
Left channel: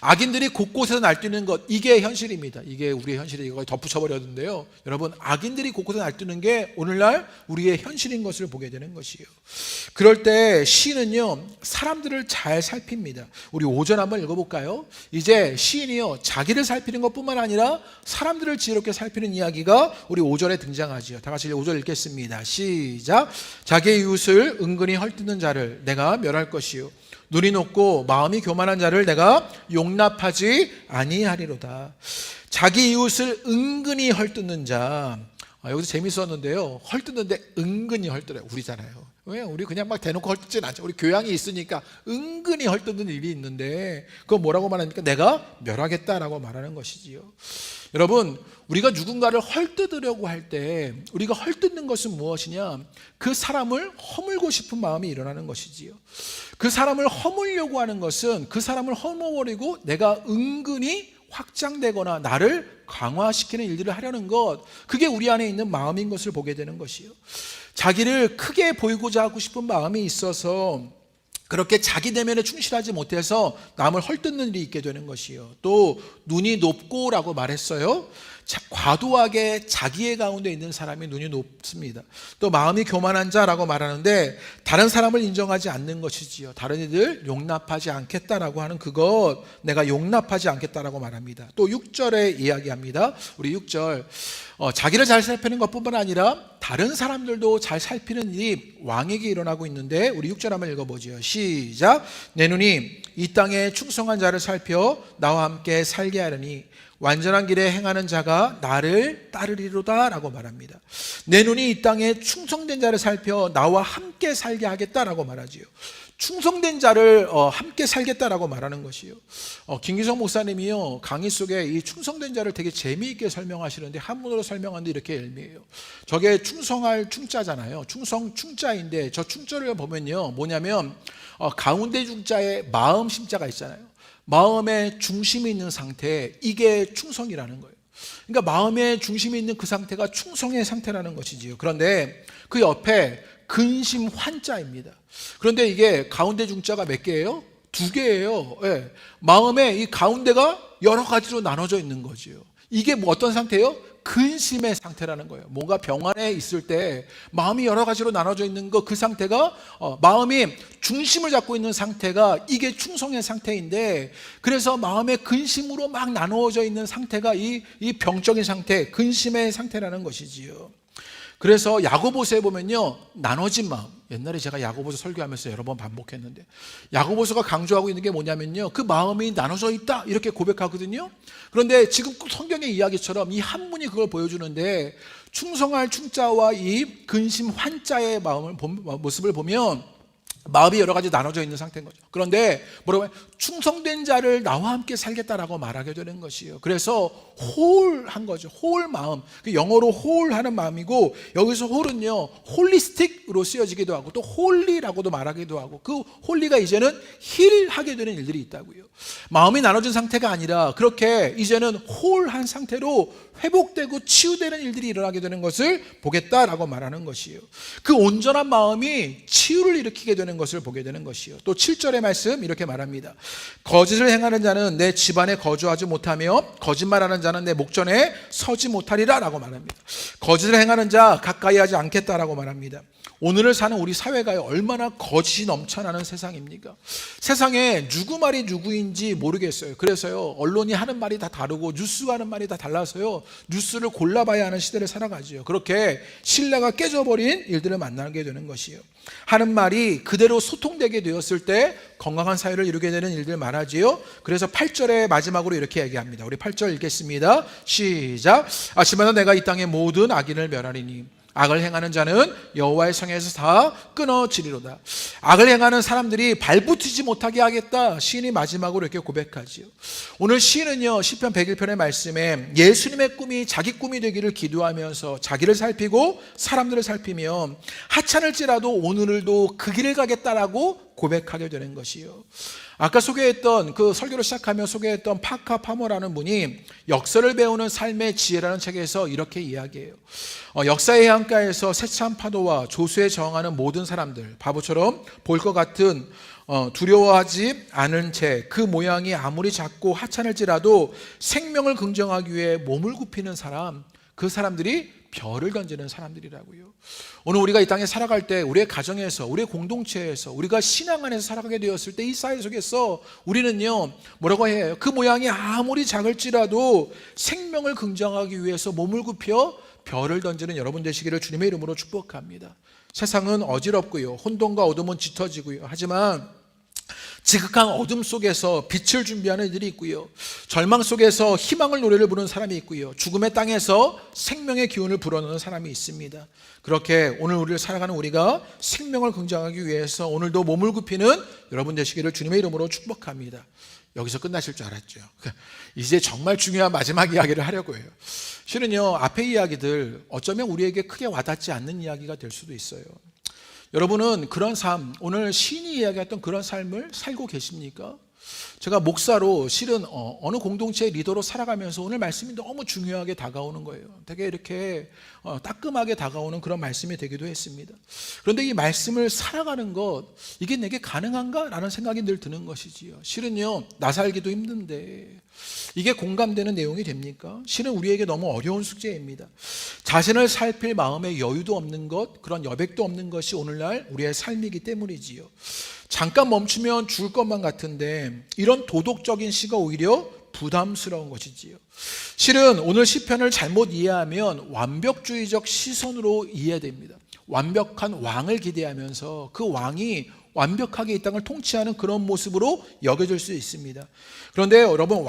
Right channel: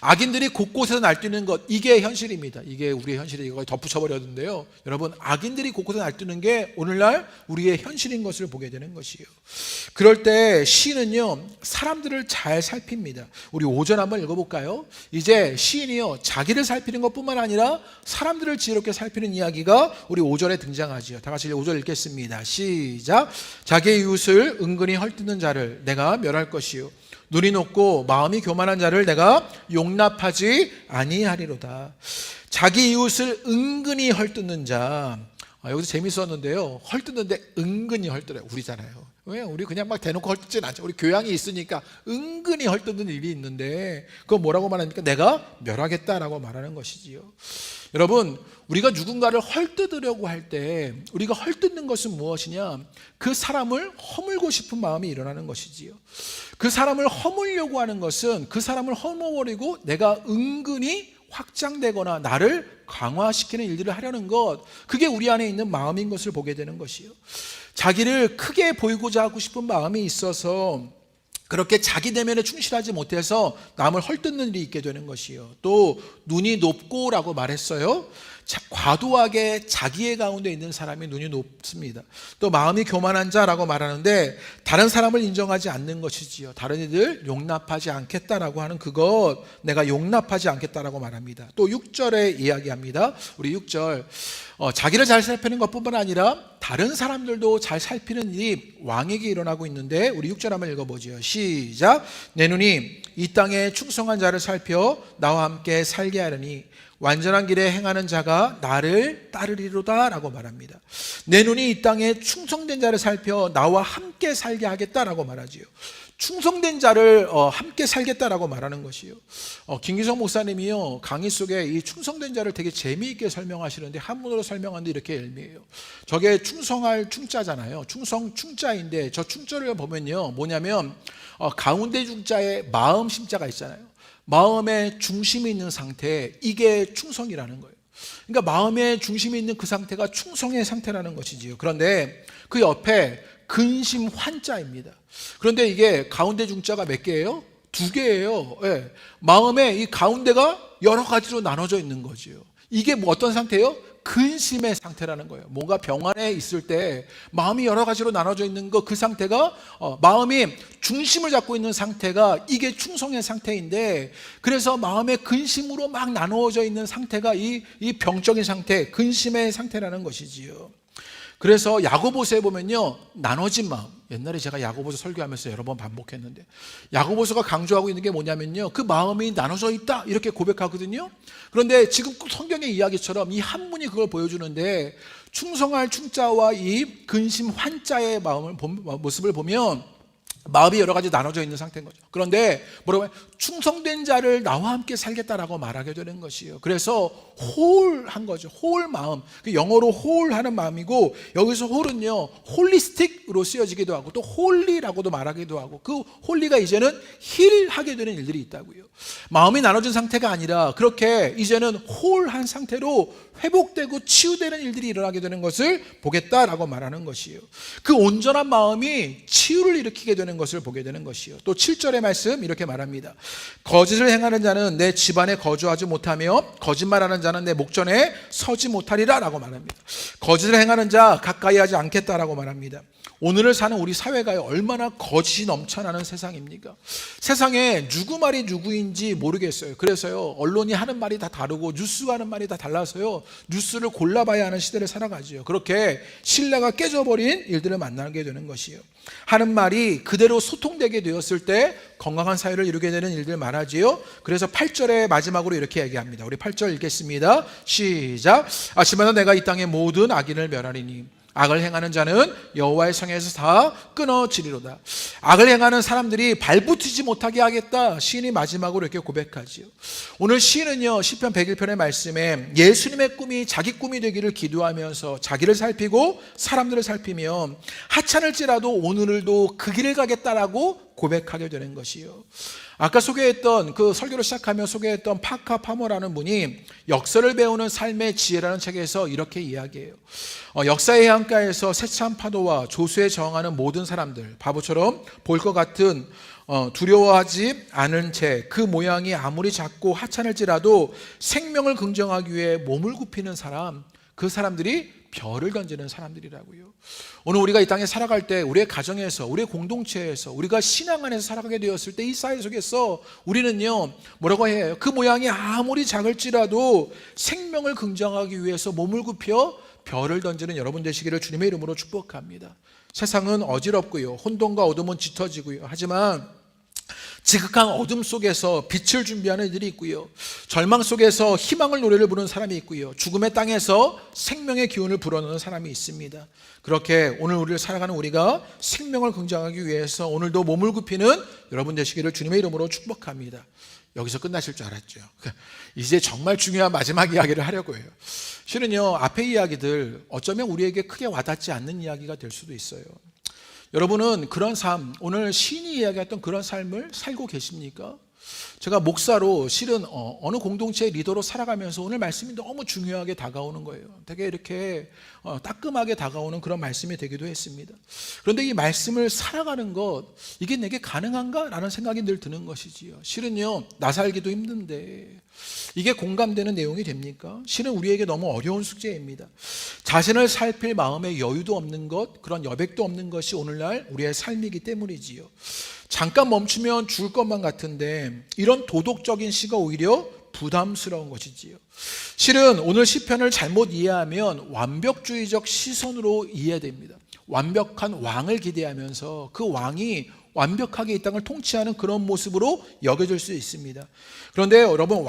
악인들이 곳곳에서 날뛰는 것, 이게 현실입니다. 이게 우리의 현실이 이걸 덧붙여버렸는데요, 여러분, 악인들이 곳곳에서 날뛰는 게 오늘날 우리의 현실인 것을 보게 되는 것이에요. 그럴 때 시인은요, 사람들을 잘 살핍니다. 우리 5절 한번 읽어볼까요? 이제 시인이요, 자기를 살피는 것뿐만 아니라 사람들을 지혜롭게 살피는 이야기가 우리 5절에 등장하지요. 다 같이 5절 읽겠습니다. 시작. 자기의 이웃을 은근히 헐뜯는 자를 내가 멸할 것이요, 눈이 높고 마음이 교만한 자를 내가 용납하지 아니하리로다. 자기 이웃을 은근히 헐뜯는 자. 여기서 재밌었는데요, 헐뜯는데 은근히 헐뜯어요. 우리잖아요. 왜? 우리 그냥 막 대놓고 헐뜯진 않죠. 우리 교양이 있으니까 은근히 헐뜯는 일이 있는데, 그거 뭐라고 말합니까? 내가 멸하겠다라고 말하는 것이지요. 여러분, 우리가 누군가를 헐뜯으려고 할 때 우리가 헐뜯는 것은 무엇이냐? 그 사람을 허물고 싶은 마음이 일어나는 것이지요. 그 사람을 허물려고 하는 것은 그 사람을 허물버리고 내가 은근히 확장되거나 나를 강화시키는 일들을 하려는 것, 그게 우리 안에 있는 마음인 것을 보게 되는 것이요. 자기를 크게 보이고자 하고 싶은 마음이 있어서 그렇게 자기 내면에 충실하지 못해서 남을 헐뜯는 일이 있게 되는 것이요. 또 눈이 높고라고 말했어요. 과도하게 자기의 가운데 있는 사람이 눈이 높습니다. 또 마음이 교만한 자라고 말하는데 다른 사람을 인정하지 않는 것이지요. 다른 이들 용납하지 않겠다라고 하는 그것, 내가 용납하지 않겠다라고 말합니다. 또 6절에 이야기합니다. 우리 6절, 자기를 잘 살피는 것뿐만 아니라 다른 사람들도 잘 살피는 일이 왕에게 일어나고 있는데 우리 6절 한번 읽어보죠. 시작. 내 눈이 이 땅에 충성한 자를 살펴 나와 함께 살게 하려니 완전한 길에 행하는 자가 나를 따르리로다 라고 말합니다. 내 눈이 이 땅에 충성된 자를 살펴 나와 함께 살게 하겠다라고 말하지요. 충성된 자를 함께 살겠다라고 말하는 것이요. 김기성 목사님이요 강의 속에 이 충성된 자를 되게 재미있게 설명하시는데 한문으로 설명하는데 이렇게 얄미해요. 저게 충성할 충자잖아요. 충성 충자인데 저 충자를 보면요 뭐냐면 가운데 중자에 마음 심자가 있잖아요. 마음에 중심이 있는 상태, 이게 충성이라는 거예요. 그러니까 마음에 중심이 있는 그 상태가 충성의 상태라는 것이지요. 그런데 그 옆에 근심 환자입니다. 그런데 이게 가운데 중자가 몇 개예요? 2개예요. 예. 마음에 이 가운데가 여러 가지로 나눠져 있는 거지요. 이게 뭐 어떤 상태예요? 근심의 상태라는 거예요. 뭔가 병 안에 있을 때 마음이 여러 가지로 나눠져 있는 그 상태가 마음이 중심을 잡고 있는 상태가 이게 충성의 상태인데, 그래서 마음의 근심으로 막 나누어져 있는 상태가 이 병적인 상태, 근심의 상태라는 것이지요. 그래서 야고보서에 보면요 나눠진 마음, 옛날에 제가 야고보서 설교하면서 여러 번 반복했는데 야고보서가 강조하고 있는 게 뭐냐면요 그 마음이 나눠져 있다 이렇게 고백하거든요. 그런데 지금 성경의 이야기처럼 이 한문이 그걸 보여주는데 충성할 충자와 이 근심 환자의 모습을 보면 마음이 여러 가지 나눠져 있는 상태인 거죠. 그런데 뭐라고 해요? 충성된 자를 나와 함께 살겠다라고 말하게 되는 것이에요. 그래서 홀한 거죠. 홀 마음. 영어로 홀하는 마음이고 여기서 홀은요 홀리스틱으로 쓰여지기도 하고 또 홀리라고도 말하기도 하고 그 홀리가 이제는 힐하게 되는 일들이 있다고요. 마음이 나눠진 상태가 아니라 그렇게 이제는 홀한 상태로 회복되고 치유되는 일들이 일어나게 되는 것을 보겠다라고 말하는 것이에요. 그 온전한 마음이 치유를 일으키게 되는 것을 보게 되는 것이에요. 또 7절의 말씀 이렇게 말합니다. 거짓을 행하는 자는 내 집안에 거주하지 못하며 거짓말하는 자는 내 목전에 서지 못하리라 라고 말합니다. 거짓을 행하는 자 가까이 하지 않겠다라고 말합니다. 오늘을 사는 우리 사회가 얼마나 거짓이 넘쳐나는 세상입니까? 세상에 누구 말이 누구인지 모르겠어요. 그래서요 언론이 하는 말이 다 다르고 뉴스가 하는 말이 다 달라서요 뉴스를 골라봐야 하는 시대를 살아가지요. 그렇게 신뢰가 깨져버린 일들을 만나게 되는 것이에요. 하는 말이 그대로 소통되게 되었을 때 건강한 사회를 이루게 되는 일들 말하지요. 그래서 8절의 마지막으로 이렇게 얘기합니다. 우리 8절 읽겠습니다. 시작. 아침마다 내가 이 땅의 모든 악인을 멸하리니 악을 행하는 자는 여호와의 성에서 다 끊어지리로다. 악을 행하는 사람들이 발붙이지 못하게 하겠다. 시인이 마지막으로 이렇게 고백하지요. 오늘 시인은요 시편 101편의 말씀에 예수님의 꿈이 자기 꿈이 되기를 기도하면서 자기를 살피고 사람들을 살피며 하찮을지라도 오늘도 그 길을 가겠다라고 고백하게 되는 것이요. 아까 소개했던 그 설교를 시작하며 소개했던 파카 파머라는 분이 역사를 배우는 삶의 지혜라는 책에서 이렇게 이야기해요. 역사의 해안가에서 세찬 파도와 조수에 저항하는 모든 사람들, 바보처럼 볼 것 같은 두려워하지 않은 채 그 모양이 아무리 작고 하찮을지라도 생명을 긍정하기 위해 몸을 굽히는 사람, 그 사람들이 별을 던지는 사람들이라고요. 오늘 우리가 이 땅에 살아갈 때 우리의 가정에서 우리의 공동체에서 우리가 신앙 안에서 살아가게 되었을 때 이 사회 속에서 우리는요 뭐라고 해요? 그 모양이 아무리 작을지라도 생명을 긍정하기 위해서 몸을 굽혀 별을 던지는 여러분 되시기를 주님의 이름으로 축복합니다. 세상은 어지럽고요 혼돈과 어둠은 짙어지고요 하지만 지극한 어둠 속에서 빛을 준비하는 이들이 있고요 절망 속에서 희망을 노래를 부르는 사람이 있고요 죽음의 땅에서 생명의 기운을 불어넣는 사람이 있습니다. 그렇게 오늘 우리를 살아가는 우리가 생명을 긍정하기 위해서 오늘도 몸을 굽히는 여러분 되시기를 주님의 이름으로 축복합니다. 여기서 끝나실 줄 알았죠. 이제 정말 중요한 마지막 이야기를 하려고 해요. 실은요 앞에 이야기들 어쩌면 우리에게 크게 와닿지 않는 이야기가 될 수도 있어요. 여러분은 그런 삶, 오늘 시인이 이야기했던 그런 삶을 살고 계십니까? 제가 목사로 실은 어느 공동체의 리더로 살아가면서 오늘 말씀이 너무 중요하게 다가오는 거예요. 되게 이렇게 따끔하게 다가오는 그런 말씀이 되기도 했습니다. 그런데 이 말씀을 살아가는 것, 이게 내게 가능한가? 라는 생각이 늘 드는 것이지요. 실은요 나 살기도 힘든데 이게 공감되는 내용이 됩니까? 실은 우리에게 너무 어려운 숙제입니다. 자신을 살필 마음의 여유도 없는 것, 그런 여백도 없는 것이 오늘날 우리의 삶이기 때문이지요. 잠깐 멈추면 죽을 것만 같은데 이런 도덕적인 시가 오히려 부담스러운 것이지요. 실은 오늘 시편을 잘못 이해하면 완벽주의적 시선으로 이해됩니다. 완벽한 왕을 기대하면서 그 왕이 완벽하게 이 땅을 통치하는 그런 모습으로 여겨질 수 있습니다. 그런데 여러분,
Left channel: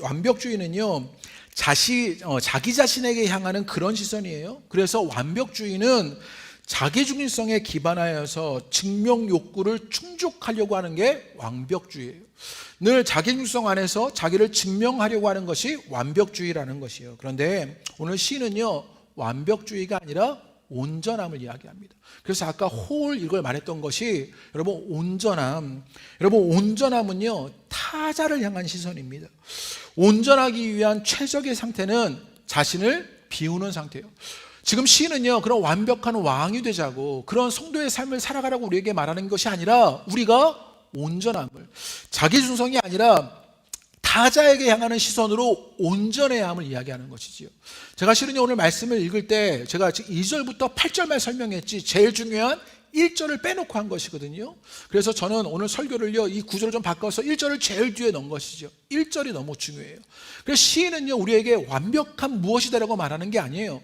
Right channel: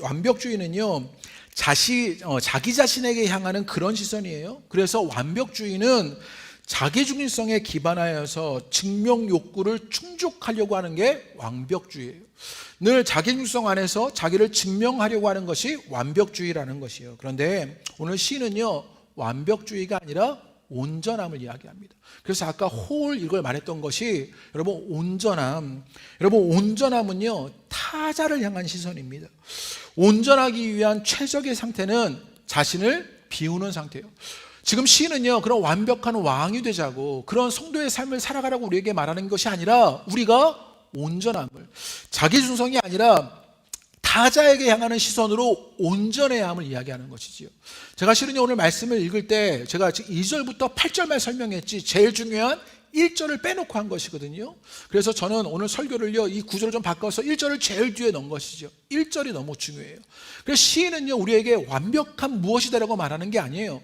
완벽주의는요, 자기 자신에게 향하는 그런 시선이에요. 그래서 완벽주의는 자기 중심성에 기반하여서 증명 욕구를 충족하려고 하는 게 완벽주의예요. 늘 자기 중심성 안에서 자기를 증명하려고 하는 것이 완벽주의라는 것이에요. 그런데 오늘 시는요, 완벽주의가 아니라 온전함을 이야기합니다. 그래서 아까 홀 이걸 말했던 것이 여러분 온전함은요, 타자를 향한 시선입니다. 온전하기 위한 최적의 상태는 자신을 비우는 상태예요. 지금 시는요, 그런 완벽한 왕이 되자고, 그런 성도의 삶을 살아가라고 우리에게 말하는 것이 아니라, 우리가 온전함을, 자기 중성이 아니라 타자에게 향하는 시선으로 온전해야 함을 이야기하는 것이지요. 제가 실은요, 오늘 말씀을 읽을 때 제가 2절부터 8절만 설명했지 제일 중요한 1절을 빼놓고 한 것이거든요. 그래서 저는 오늘 설교를요, 이 구절을 좀 바꿔서 1절을 제일 뒤에 넣은 것이죠. 1절이 너무 중요해요. 그래서 시인은요, 우리에게 완벽한 무엇이다라고 말하는 게 아니에요.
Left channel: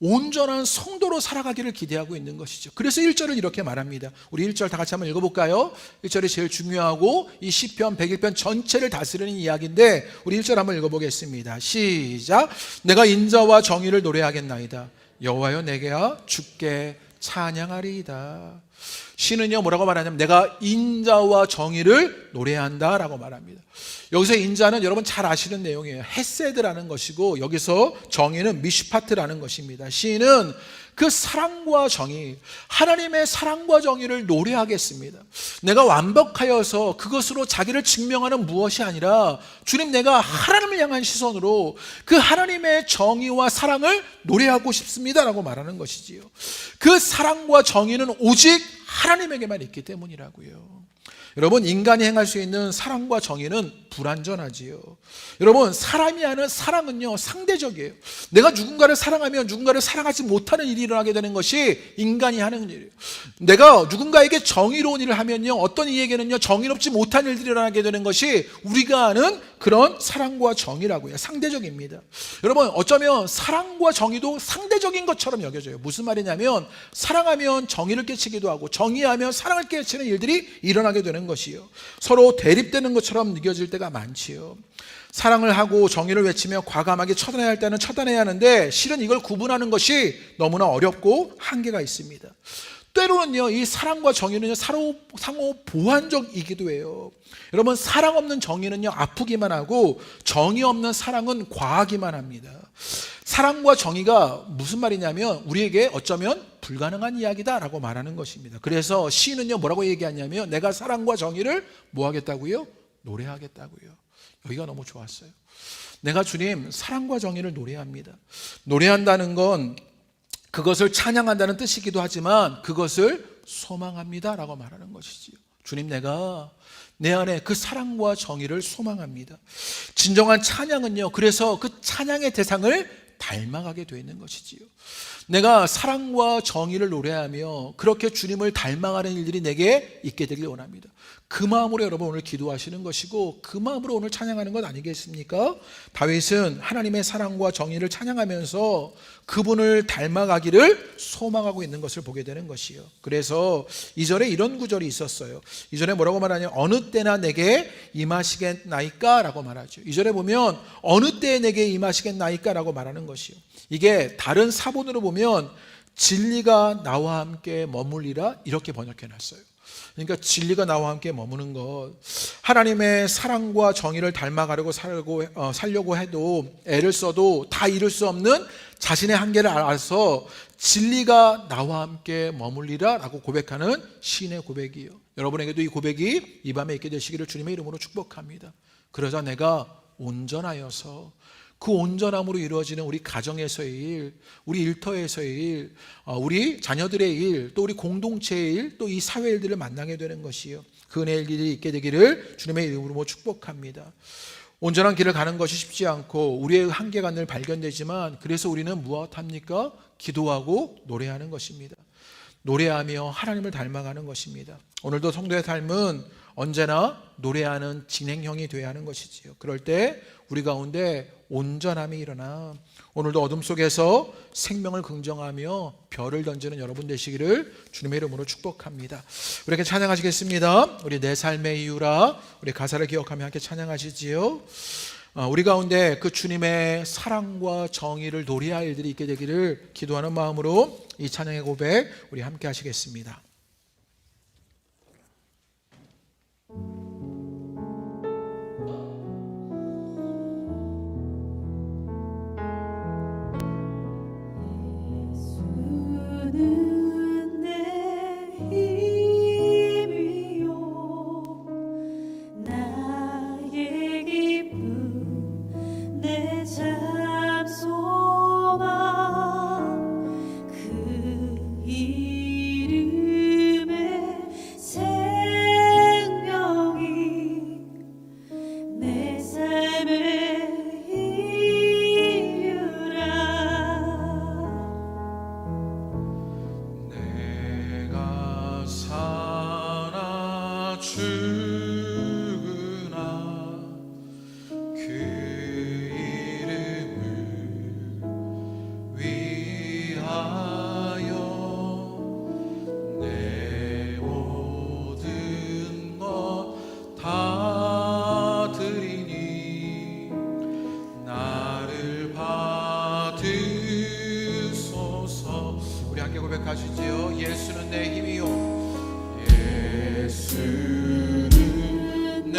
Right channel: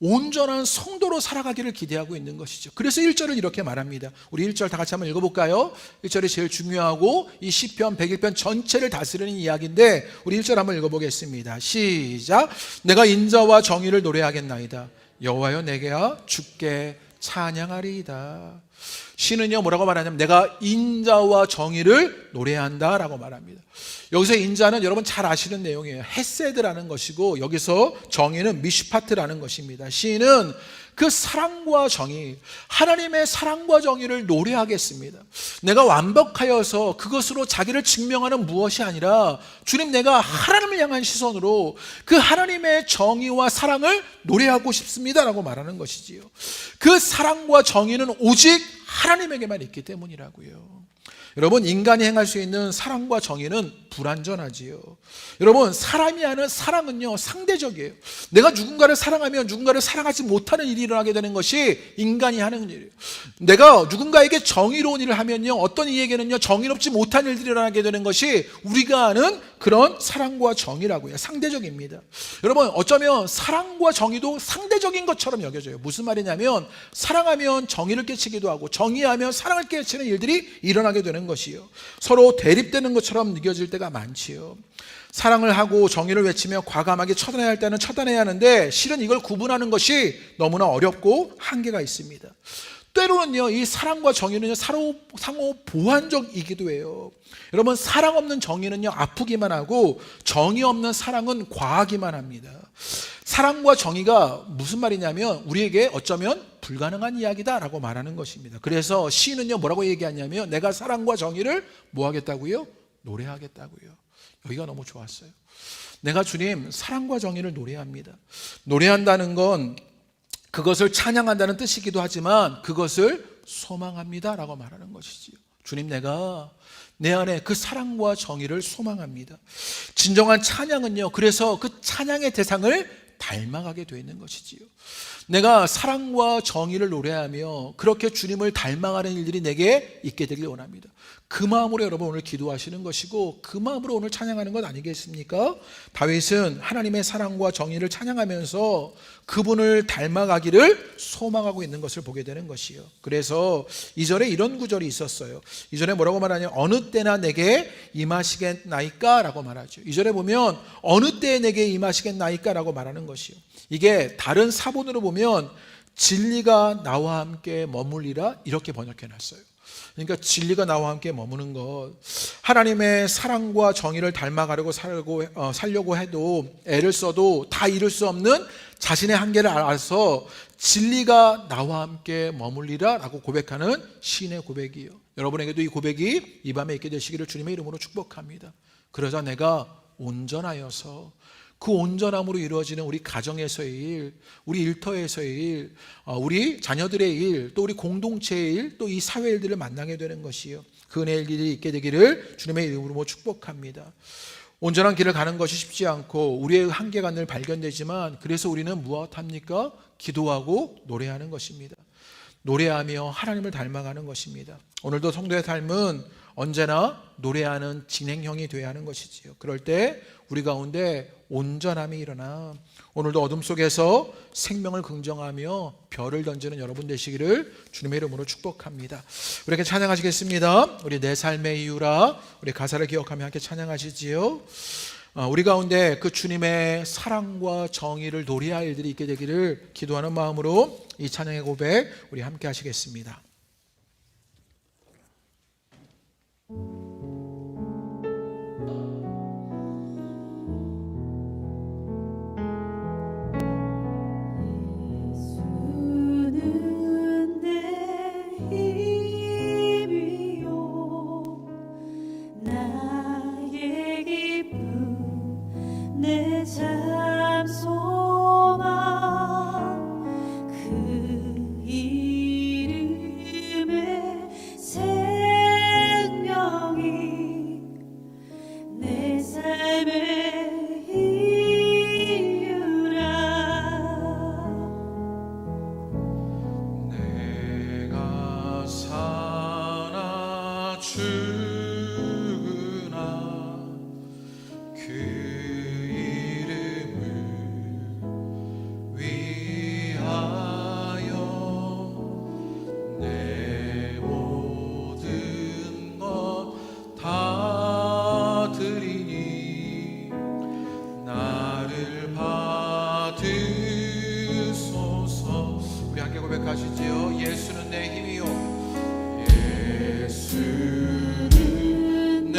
온전한 성도로 살아가기를 기대하고 있는 것이죠. 그래서 1절을 이렇게 말합니다. 우리 1절 다 같이 한번 읽어볼까요? 1절이 제일 중요하고 이 시편 101편 전체를 다스리는 이야기인데, 우리 1절 한번 읽어보겠습니다. 시작. 내가 인자와 정의를 노래하겠나이다. 여호와여, 내게야 주께 찬양하리이다. 시는요, 뭐라고 말하냐면 내가 인자와 정의를 노래한다 라고 말합니다. 여기서 인자는 여러분 잘 아시는 내용이에요. 헤세드라는 것이고, 여기서 정의는 미슈파트라는 것입니다. 시인은 그 사랑과 정의, 하나님의 사랑과 정의를 노래하겠습니다. 내가 완벽하여서 그것으로 자기를 증명하는 무엇이 아니라, 주님, 내가 하나님을 향한 시선으로 그 하나님의 정의와 사랑을 노래하고 싶습니다 라고 말하는 것이지요. 그 사랑과 정의는 오직 하나님에게만 있기 때문이라고요. 여러분, 인간이 행할 수 있는 사랑과 정의는 불완전하지요. 여러분, 사람이 하는 사랑은요, 상대적이에요. 내가 누군가를 사랑하면 누군가를 사랑하지 못하는 일이 일어나게 되는 것이 인간이 하는 일이에요. 내가 누군가에게 정의로운 일을 하면요, 어떤 이에게는요, 정의롭지 못한 일들이 일어나게 되는 것이 우리가 아는 그런 사랑과 정의라고요. 상대적입니다. 여러분, 어쩌면 사랑과 정의도 상대적인 것처럼 여겨져요. 무슨 말이냐면, 사랑하면 정의를 깨치기도 하고, 정의하면 사랑을 깨치는 일들이 일어나게 되는 것이요. 서로 대립되는 것처럼 느껴질 때가 많지요. 사랑을 하고 정의를 외치며 과감하게 처단해야 할 때는 처단해야 하는데, 실은 이걸 구분하는 것이 너무나 어렵고 한계가 있습니다. 때로는요, 이 사랑과 정의는 상호 보완적이기도 해요. 여러분, 사랑 없는 정의는요, 아프기만 하고, 정의 없는 사랑은 과하기만 합니다. 사랑과 정의가 무슨 말이냐면, 우리에게 어쩌면 불가능한 이야기다라고 말하는 것입니다. 그래서 시인은요, 뭐라고 얘기하냐면, 내가 사랑과 정의를 뭐 하겠다고요? 노래하겠다고요. 여기가 너무 좋았어요. 내가 주님 사랑과 정의를 노래합니다. 노래한다는 건 그것을 찬양한다는 뜻이기도 하지만, 그것을 소망합니다 라고 말하는 것이지요. 주님, 내가 내 안에 그 사랑과 정의를 소망합니다. 진정한 찬양은요, 그래서 그 찬양의 대상을 닮아가게 되어 있는 것이지요. 내가 사랑과 정의를 노래하며 그렇게 주님을 닮아가는 일들이 내게 있게 되길 원합니다. 그 마음으로 여러분 오늘 기도하시는 것이고, 그 마음으로 오늘 찬양하는 것 아니겠습니까? 다윗은 하나님의 사랑과 정의를 찬양하면서 그분을 닮아가기를 소망하고 있는 것을 보게 되는 것이요. 그래서 2절에 이런 구절이 있었어요. 2절에 뭐라고 말하냐면, 어느 때나 내게 임하시겠나이까 라고 말하죠. 2절에 보면 어느 때에 내게 임하시겠나이까 라고 말하는 것이요. 이게 다른 사본으로 보면 진리가 나와 함께 머물리라 이렇게 번역해 놨어요. 그러니까 진리가 나와 함께 머무는 것, 하나님의 사랑과 정의를 닮아가려고 살려고 해도 애를 써도 다 이룰 수 없는 자신의 한계를 알아서 진리가 나와 함께 머물리라 라고 고백하는 시인의 고백이에요. 여러분에게도 이 고백이 이 밤에 있게 되시기를 주님의 이름으로 축복합니다. 그러자 내가 온전하여서 그 온전함으로 이루어지는 우리 가정에서의 일, 우리 일터에서의 일, 우리 자녀들의 일, 또 우리 공동체의 일, 또 이 사회 일들을 만나게 되는 것이요. 그 은혜의 일이 있게 되기를 주님의 이름으로 축복합니다. 온전한 길을 가는 것이 쉽지 않고 우리의 한계가 늘 발견되지만, 그래서 우리는 무엇합니까? 기도하고 노래하는 것입니다. 노래하며 하나님을 닮아가는 것입니다. 오늘도 성도의 삶은 언제나 노래하는 진행형이 되어야 하는 것이지요. 그럴 때 우리 가운데 온전함이 일어나 오늘도 어둠 속에서 생명을 긍정하며 별을 던지는 여러분 되시기를 주님의 이름으로 축복합니다. 우리에게 찬양하시겠습니다. 우리 내 삶의 이유라, 우리 가사를 기억하며 함께 찬양하시지요. 우리 가운데 그 주님의 사랑과 정의를 노래할 일들이 있게 되기를 기도하는 마음으로 이 찬양의 고백 우리 함께 하시겠습니다. 고백하시지요. 예수는 내 힘이요, 예수는 내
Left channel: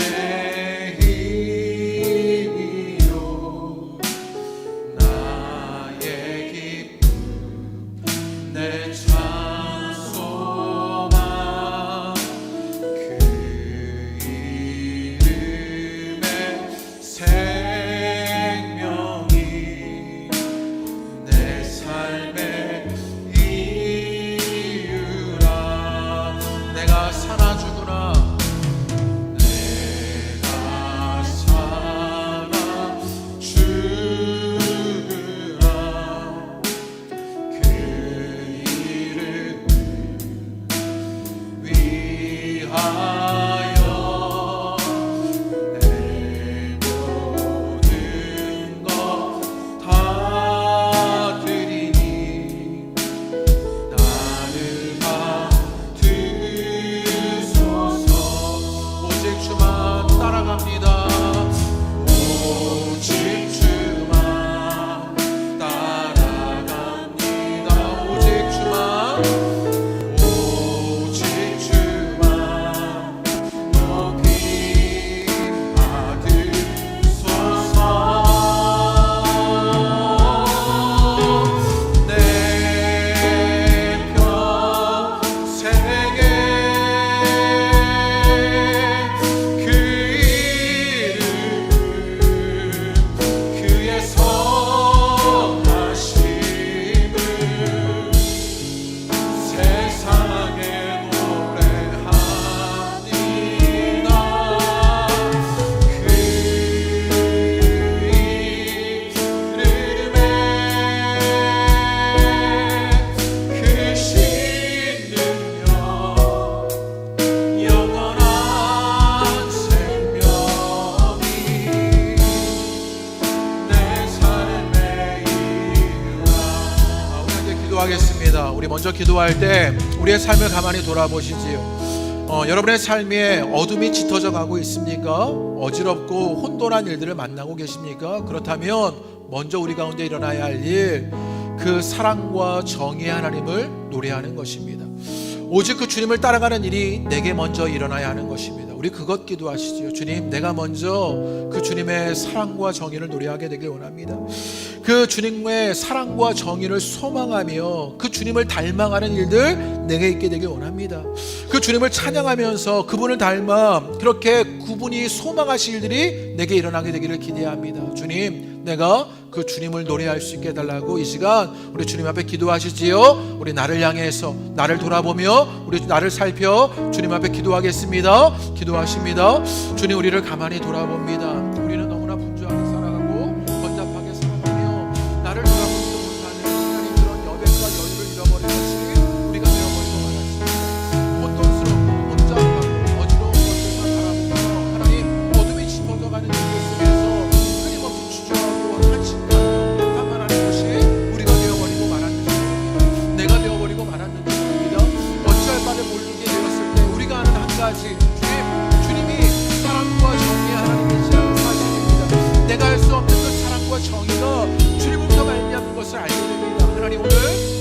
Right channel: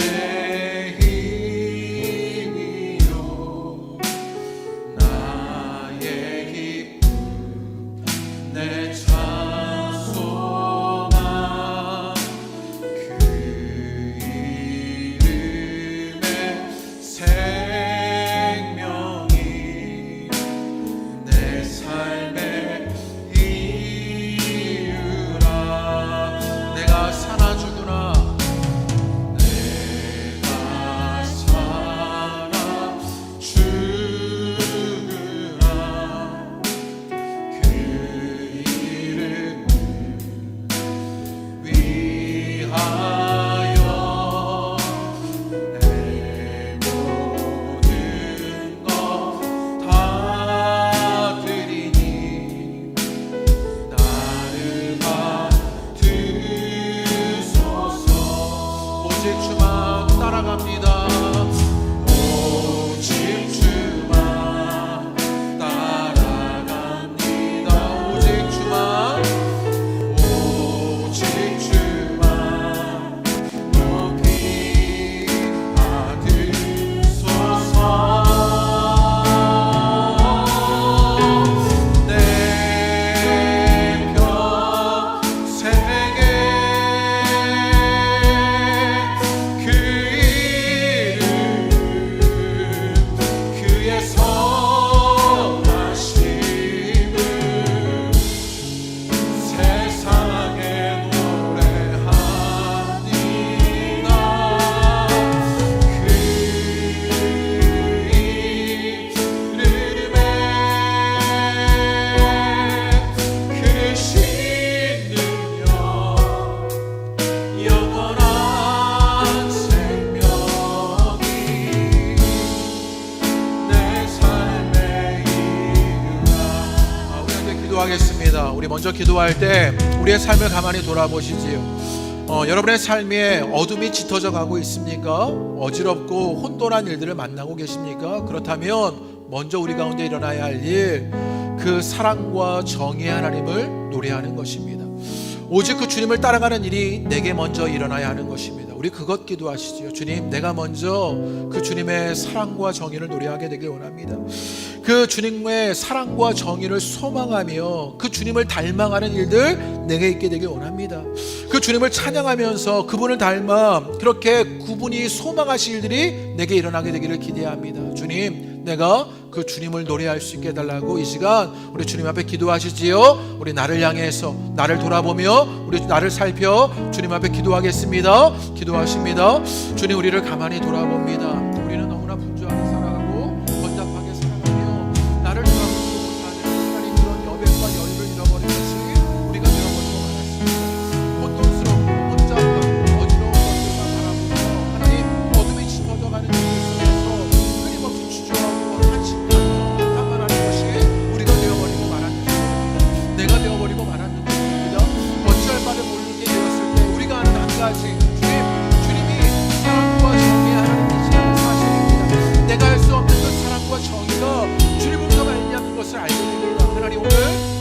힘이요, 나의 기쁨, 내 참 소망, 그 이름의 생명이 내 삶의 내가 사나 죽으나 내가 사나 죽으나 그 이름을 위하여 내 모든 것 다 드리니 나를 오직 주만 따라갑니다. 오직 주만 따라갑니다. 오직 주만, 오직 주만 높이 받으소서. 내 평생에 선하심을 세상에 노래합니다. 그 이름에 크신 능력, 영원한 생명이 내 삶의 이유라. 우리 함께 기도하겠습니다. 우리 먼저 기도할 때 우리의 삶을 가만히 돌아보시지요. 여러분의 삶에 어둠이 짙어져 가고 있습니까? 어지럽고 혼돈한 일들을 만나고 계십니까? 그렇다면 먼저 우리 가운데 일어나야 할 일, 그 사랑과 정의의 하나님을 노래하는 것입니다. 오직 그 주님을 따라가는 일이 내게 먼저 일어나야 하는 것입니다. 우리 그것 기도하시지요. 주님, 내가 먼저 그 주님의 사랑과 정의를 노래하게 되길 원합니다. 그 주님의 사랑과 정의를 소망하며 그 주님을 닮아가는 일들 내게 있게 되길 원합니다. 그 주님을 찬양하면서 그분을 닮아 그렇게 그분이 소망하실 일들이 내게 일어나게 되기를 기대합니다. 주님, 내가 그 주님을 노래할 수 있게 해달라고 이 시간 우리 주님 앞에 기도하시지요. 우리 나를 향해서 나를 돌아보며 우리 나를 살펴 주님 앞에 기도하겠습니다. 기도하십니다. 주님, 우리를 가만히 돌아봅니다. 우리는 너무나 분주하게 살아가고 번잡하게 살아가며 나를 돌아보지도 못하는 하나님, 그런 여백과 여유를 잃어버린 것이 우리가 되어버리고 말았습니다. 혼돈스럽고 혼잡하고 어지러운 것들만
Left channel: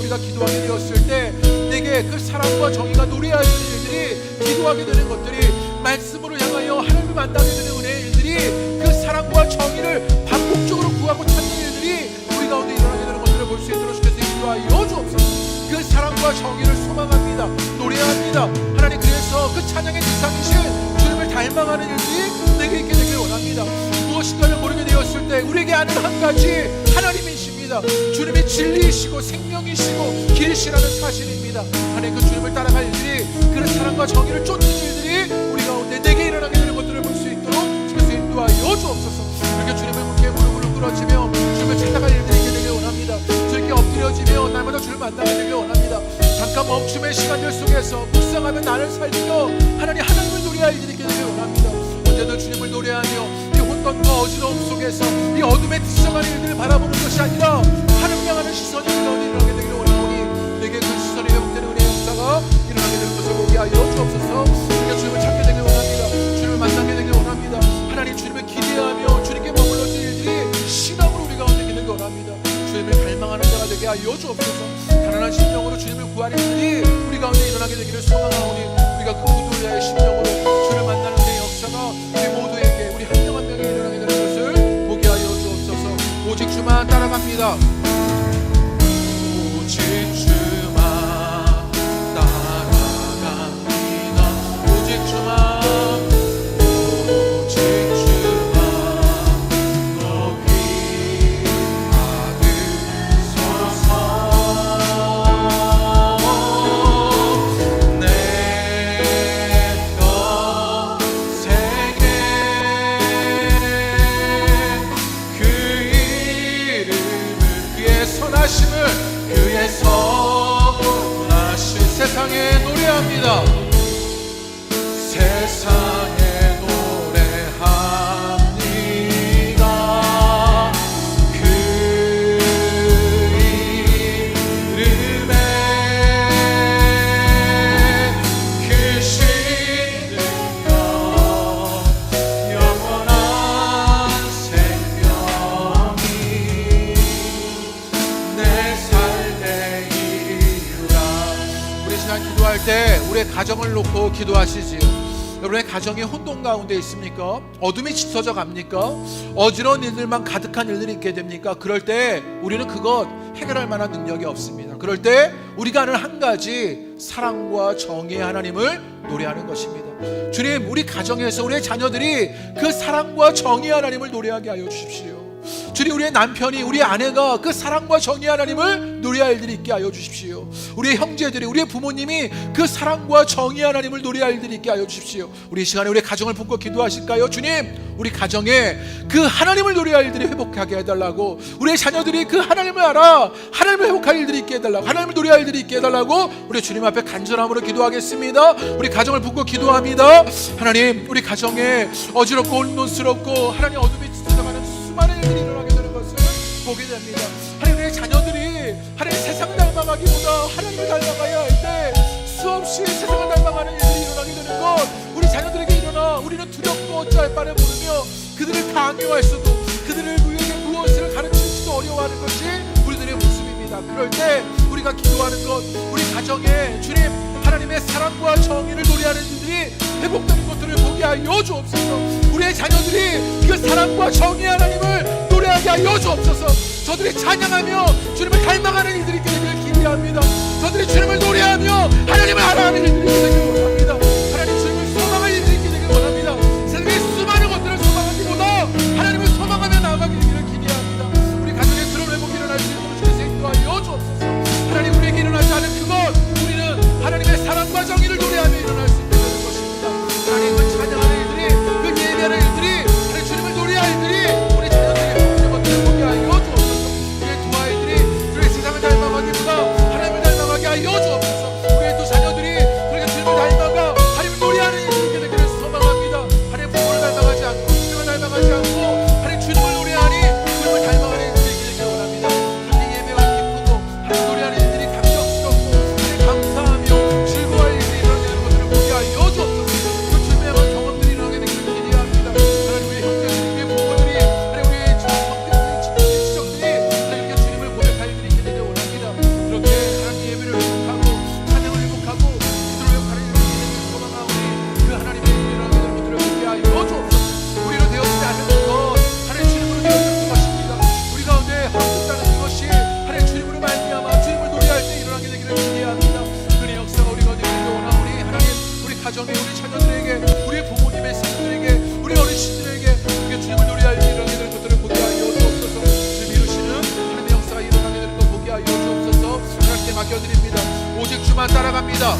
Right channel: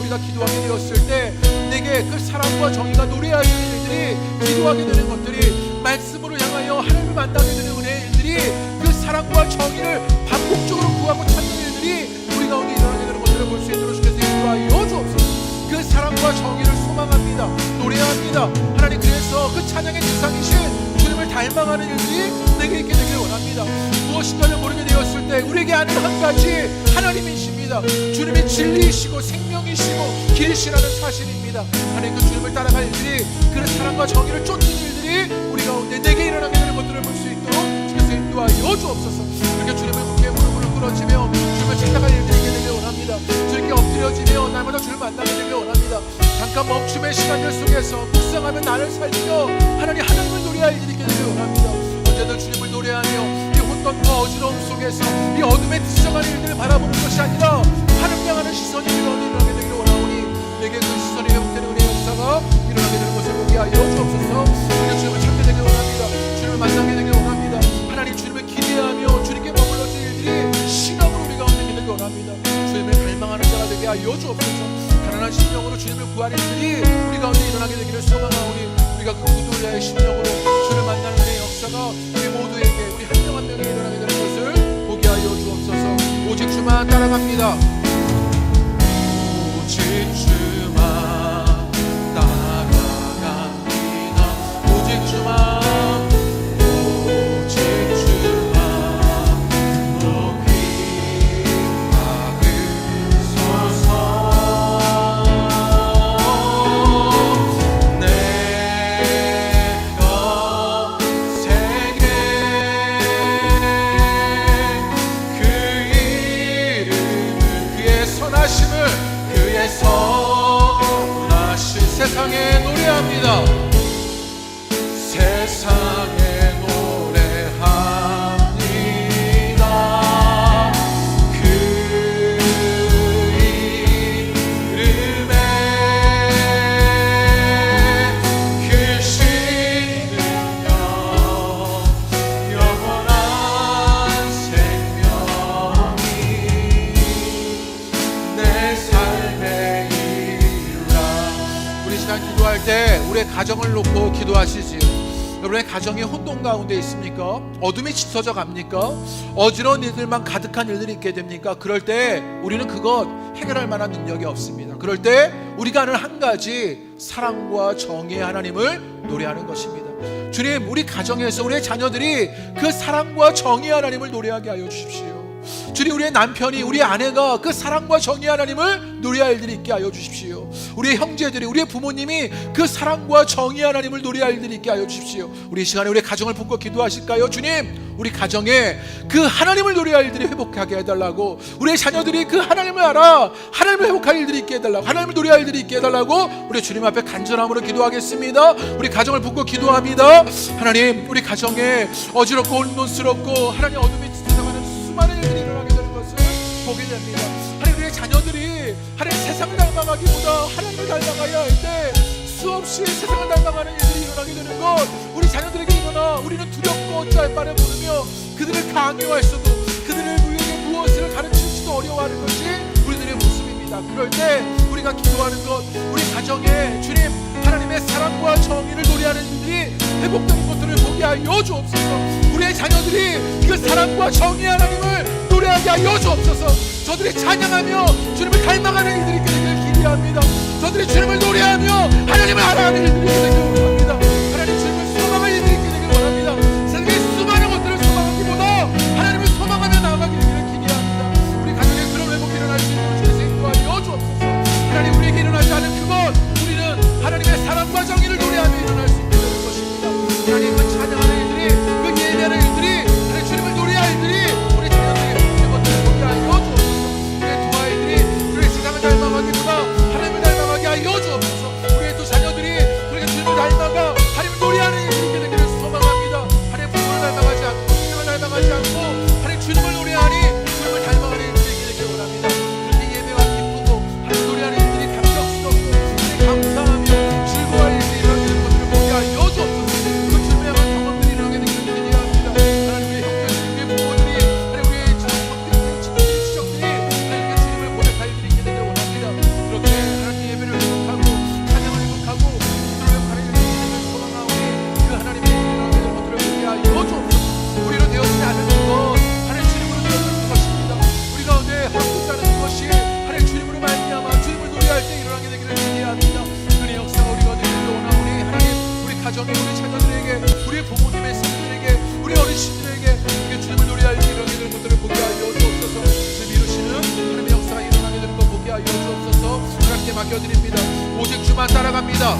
우리가 기도하게 되었을 때 내게 그 사랑과 정의가 노래할 일들이, 기도하게 되는 것들이, 말씀으로 향하여 하나님을 만나게 되는 은혜의 일들이, 그 사랑과 정의를 반복적으로 구하고 찾는 일들이 우리 가운데 일어나게 되는 것들을 볼 수 있도록 주께서 인도하여 주옵소서. 그 사랑과 정의를 소망합니다. 노래합니다. 하나님, 그래서 그 찬양의 대상이신 주님을 닮아가는 일들이 내게 있게 되기를 원합니다. 무엇인가를 모르게 되었을 때 우리에게 아는 한 가지, 하나님이십니다. 주님이 진리이시고 생명이시고 길이시라는 사실입니다. 하나님, 그 주님을 따라갈 일들이, 그 사랑과 정의를 쫓는 일들이 우리 가운데 내게 일어나게 되는 것들을 볼 수 있도록 주께서 인도하여 주옵소서. 이렇게 주님을 묵게 무릎을 꿇어지며 주님을 찾아갈 일들이 있게 되길 원합니다. 주님께 엎드려지며 날마다 주를 만나게 되길 원합니다. 잠깐 멈춤의 시간들 속에서 묵상하며 나를 살리며 하나님을 노래할 일들이 있게 되길 원합니다. 언제든 주님을 노래하며 이 혼돈과 어지러움 속에서 이 어둠에 뒤져가는 일들을 바라보는 것이 아니라 하나님 향하는 시선이 우리 가운데 일어나게 되기를 원하오니, 내게 그 시선이 회복되는 은혜의 역사가 일어나게 되는 것을 보게 하여 주옵소서. 우리가 주님을 찾게 되길 원합니다. 주님을 만나게 되길 원합니다. 하나님, 주님을 기대하며 주님께 머물러질 일들이 신앙으로 우리 가운데 있게 되길 원합니다. 주님을 갈망하는 자가 되게 하여 주옵소서. 가난한 심령으로 주님을 구하는 일들이 우리 가운데 일어나게 되기를 소망하오니, 우리가 그 구두리아의 심령으로 주를 만나는 은혜의 역사가 우리 모두에게, 우리 한 명 한 명이 일어나게 되는 것을 보게 하여 주옵소서. 오직 주만 따라갑니다. 오직 주만 따라갑니다. 오직 주만, 오직 주만 높이 받으소서. 그의 선하신 세상에 노래합니다. 세상에 노래합니다. 그 이름에 크신 능력, 영원한 생명이 내 삶의 이유라. 우리 시간 기도할 때 우리의 가정을 놓고 기도하시지요. 여러분의 가정이 혼돈 가운데 있습니까? 어둠이 짙어져 갑니까? 어지러운 일들만 가득한 일들이 있게 됩니까? 그럴 때 우리는 그것 해결할 만한 능력이 없습니다. 그럴 때 우리가 하는 한 가지, 사랑과 정의의 하나님을 노래하는 것입니다. 주님, 우리 가정에서 우리의 자녀들이 그 사랑과 정의의 하나님을 노래하게 하여 주십시오. 주님, 우리의 남편이, 우리의 아내가 그 사랑과 정의 하나님을 노래할 일들이 있게 하여 주십시오. 우리의 형제들이, 우리의 부모님이 그 사랑과 정의 하나님을 노래할 일들이 있게 하여 주십시오. 우리 이 시간에 우리의 가정을 품고 기도하실까요? 주님, 우리 가정에 그 하나님을 노래할 일들이 회복하게 해달라고, 우리의 자녀들이 그 하나님을 알아 하나님을 회복할 일들이 있게 해달라고, 하나님을 노래할 일들이 있게 해달라고 우리 주님 앞에 간절함으로 기도하겠습니다. 우리 가정을 품고 기도합니다. 하나님, 우리 가정에 어지럽고 혼돈스럽고 하나님 어둠이 짙어져가는 수많은 일들이 일어나게 되는 것을 보게 됩니다. 하나님, 우리의 자녀들이 하나님 세상을 닮아가기보다 하나님을 닮아가야 할 때 수없이 세상을 닮아가는 일들이 일어나게 되는 것, 우리 자녀들에게 일어나 우리는 두렵고 어찌할 바를 모르며 그들을 강요할 수도, 그들을 우리에게 무엇을 가르칠지도 어려워하는 것이 우리들의 모습입니다. 그럴 때 우리가 기도하는 것, 우리 가정에 주님 하나님의 사랑과 정의를 노래하는 일들이 회복되는 것들을 보게 하여 주옵소서. 우리의 자녀들이 그 사랑과 정의 하나님을 노래하게 하여 주옵소서. 저들이 찬양하며 주님을 닮아가는 일들이 있게 되기를 기대합니다. 저들이 주님을 노래하며 하나님을 알아가는 일들이 있게 되기를 원합니다. 하나님, 주님을 소망할 일들이 있게 되기를 원합니다. 세상의 수많은 것들을 소망하기보다 하나님을 소망하며 나아가게 되기를 기대합니다. 우리 가정에 그런 회복이 일어날 수 있도록 주께서 인도하여 주옵소서. 하나님, 우리에게 일어나지 않은 그것, 우리는 하나님의 사랑과 정의를 노래하며 일어날 수 있게 되는 것입니다. 하나님, 그 찬양하는 일들이, 그 예배하는 일들이, 하나님 주님을 노래할 일들이 우리 자녀들에게 보이는 것들을 보게 하여 주옵소서. 우리의 두 아이들이 우리의 세상을 닮아가기보다 하나님을 닮아가게 하여 주옵소서. 우리의 두 자녀들이 그렇게 주님을 닮아가 하나님을 노래하는 일들이 있게 되기를 소망합니다. 하나님, 부모를 닮아가지 않고 세상을 닮아가지 않고 하나님 주님을 노래하니 주님을 닮아가는 일들이 있게 되기를 원합니다. 그렇게 예배가 기쁘고 하나님 노래하는 일들이 감격스럽고 하나님 감사하며 즐거워할 일들이 일어나게 되는 것들을 보게 하여 주옵소서. 그 주님의 경험들이 일어나게 되기를 기대합니다. 하나님, 우리의 형제들이, 우리의 부모들이, 하나님 우리의 성격들이, 친구들이, 지적들이 하나님 이렇게 주님을 고백할 일들이 있게 되기를 원합니다. 그렇게 가정에, 우리 자녀들에게, 우리 부모님의 세대들에게, 우리 어르신들에게 우리가 주님을 노래할 때 일어나게 되는 것들을 보게 하여 주옵소서. 주님 이루시는 하나님의 역사가 일어나게 되는 것 보게 하여 주옵소서. 하나님께 맡겨드립니다. 오직 주만 따라갑니다.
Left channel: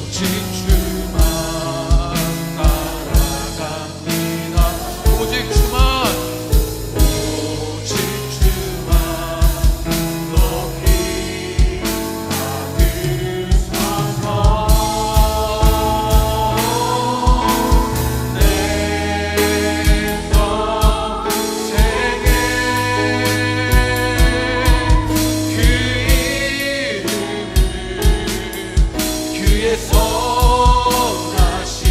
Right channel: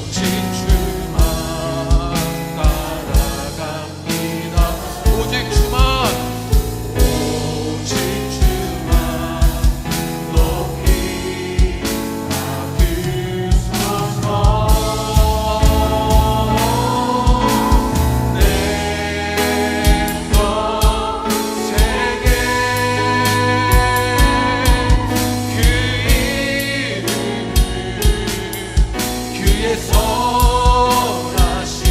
오직 주만 따라갑니다. 오직 주만, 오직 주만 높이 받으소서. 내 평생에 그 이름을, 그의 선하심을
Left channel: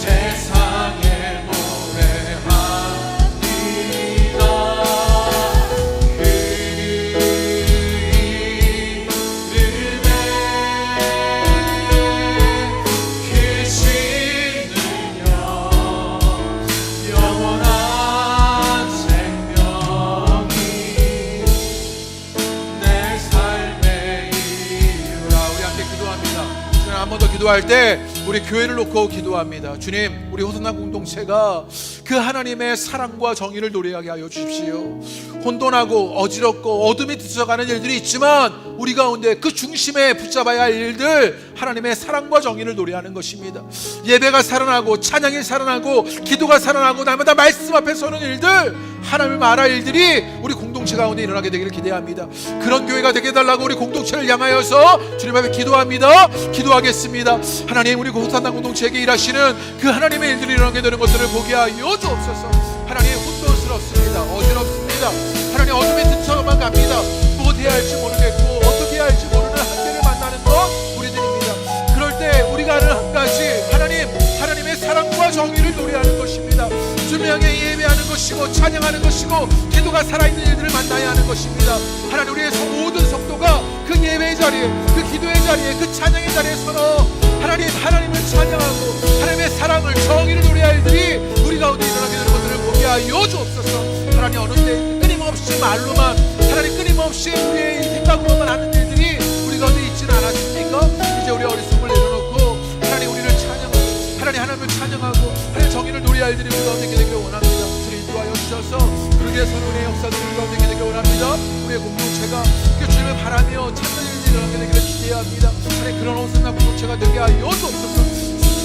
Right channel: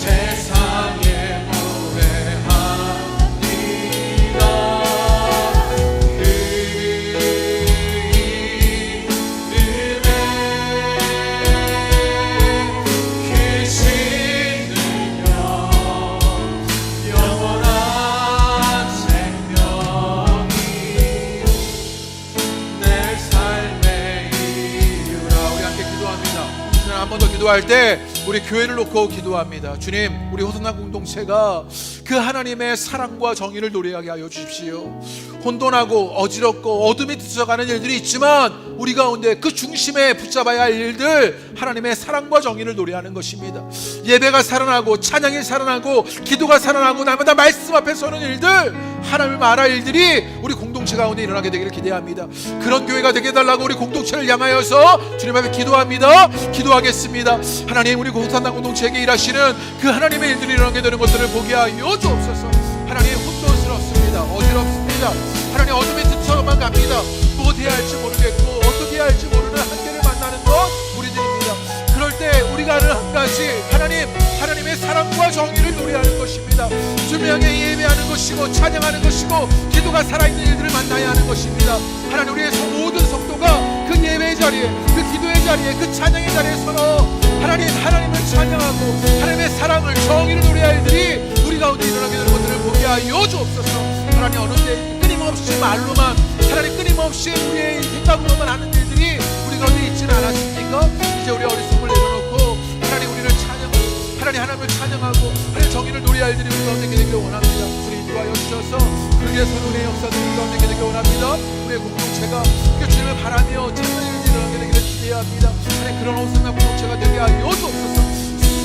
세상에 노래합니다. 그 이름에 크신 능력, 영원한 생명이 내 삶의 이유라. 우리 함께 기도합니다. 한 번 더 기도할 때 우리 교회를 놓고 기도합니다. 주님, 우리 호선나 공동체가 그 하나님의 사랑과 정의를 노래하게 하여 주십시오. 혼돈하고 어지럽고 어둠이 뒤쳐가는 일들이 있지만 우리 가운데 그 중심에 붙잡아야 할 일들, 하나님의 사랑과 정의를 노래하는 것입니다. 예배가 살아나고 찬양이 살아나고 기도가 살아나고 날마다 말씀 앞에 서는 일들, 하나님을 말할 일들이 우리 공동체 가운데 일어나게 되기를 기대합니다. 그런 교회가 되게 해달라고 우리 공동체를 향하여서 주님 앞에 기도합니다. 기도하겠습니다. 하나님, 우리 호산당 공동체에게 일하시는 그 하나님의 일들이 일어나게 되는 것들을 보게 하여 주옵소서. 하나님, 혼돈스럽습니다. 어지럽습니다. 하나님, 어둠에 뒤쳐만 갑니다. 무엇 해야 할지 모르겠고 어떻게 해야 할지 모르는 한계를 만나는 것 우리들입니다. 그럴 때 우리가 하는 한 가지, 하나님의 사랑과 정의를 노래하는 것입니다. 주님을 향해 예배하는 것이고 찬양하는 것이고 기도가 살아있는 일들을 만나야 하는 것입니다. 하나님, 우리의 모든 성도가 그 예배의 자리에, 그 기도의 자리에, 그 찬양의 자리에 서서 하나님을 찬양하고 하나님의 사랑을, 정의를 노래할 일들이 우리 가운데 일어나게 되는 것들을 보게 하여 주옵소서. 하나님, 어느 때 끊임없이 말로만, 하나님 끊임없이 우리의 생각으로만 하는 일들이 우리 가운데 있지는 않았습니까? 이제 우리 어리석음을 내려놓고 하나님 우리를 찬양하고 하나님을 찬양하고 하나님 정의를 노래할 일들이 우리 가운데 있게 되기를 원합니다. 주님 인도하여 주셔서 그렇게 해서 은혜의 역사들이 우리 가운데 있게 되기를 원합니다. 우리의 공동체가 그 주님을 바라며 찾는 일들이 일어나게 되기를 기대합니다. 하나님, 그런 호산나 공동체가 되게 하여 주옵소서.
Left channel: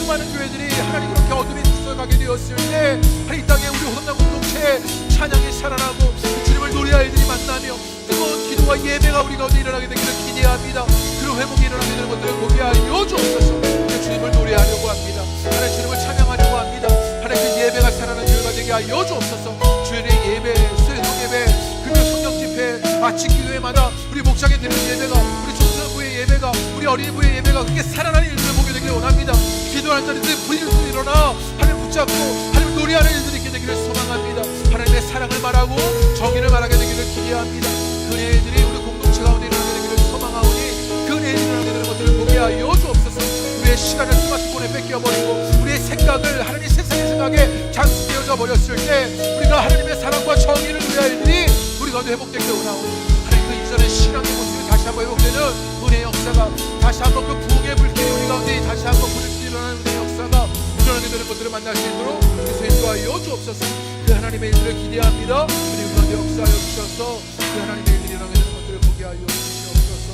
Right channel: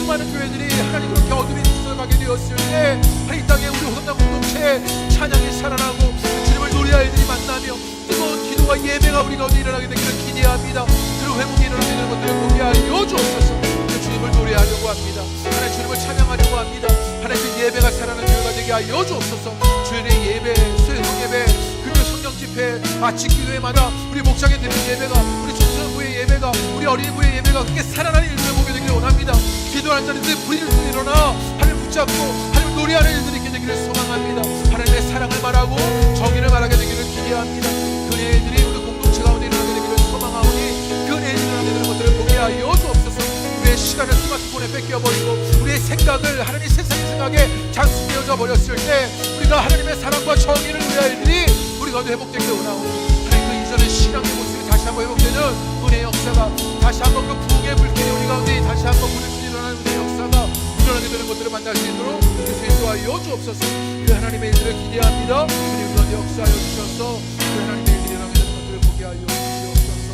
수많은 교회들이 하나님 그렇게 어둠이 뒤쳐가게 되었을 때 하나님 이 땅에 우리 호산나 공동체의 찬양이 살아나고 주님을 노래할 일들이 만나며 뜨거운 기도와 예배가 우리 가운데 일어나게 되기를 기대합니다. 그런 회복이 일어나게 되는 것들을 보게 하여 주옵소서. 주님을 노래하려고 합니다. 하나님, 주님을 찬양하려고 합니다. 하나님, 그 예배가 살아나는 교회가 되게 하여 주옵소서. 주일의 예배, 수요일 성예배, 금요 성령 집회, 아침 기도회마다 우리 목장에 드리는 예배가, 우리 청소년부의 예배가, 우리 어린이부의 예배가 그렇게 살아나는 일들을 보게 되기를 원합니다. 기도하는 자리들 부리를 일어나 하나님 붙잡고 하나님 노래하는 일들이 있게 되기를 소망합니다. 하나님의 사랑을 말하고 정의를 말하게 되기를 기대합니다. 그 은혜들이 우리 공동체 가운데 일어나게 되기를 소망하오니 그 은혜들이 일어나게 되는 것들을 보게 하여 주옵소서. 우리의 시간을 스마트폰에 뺏겨버리고 우리의 생각을 하나님 세상의 생각에 장수되어져 버렸을 때 우리가 하나님의 사랑과 정의를 노래할 일들이 우리 가운데 회복되기를 원하오니 하나님, 그 이전의 신앙의 모습이 다시 한번 회복되는 은혜의 역사가, 다시 한번 그 부흥의 불길이 우리 가운데 다시 한번 불을 일어나는 은혜의 역사가 일어나게 되는 것들을 만날 수 있도록 그래서 인도하여 주옵소서. 그 하나님의 일들을 기대합니다. 우리 가운데 역사하여 주셔서 그 하나님의 일들이 일어나게 되는 것들을 보게 하여 주시옵소서.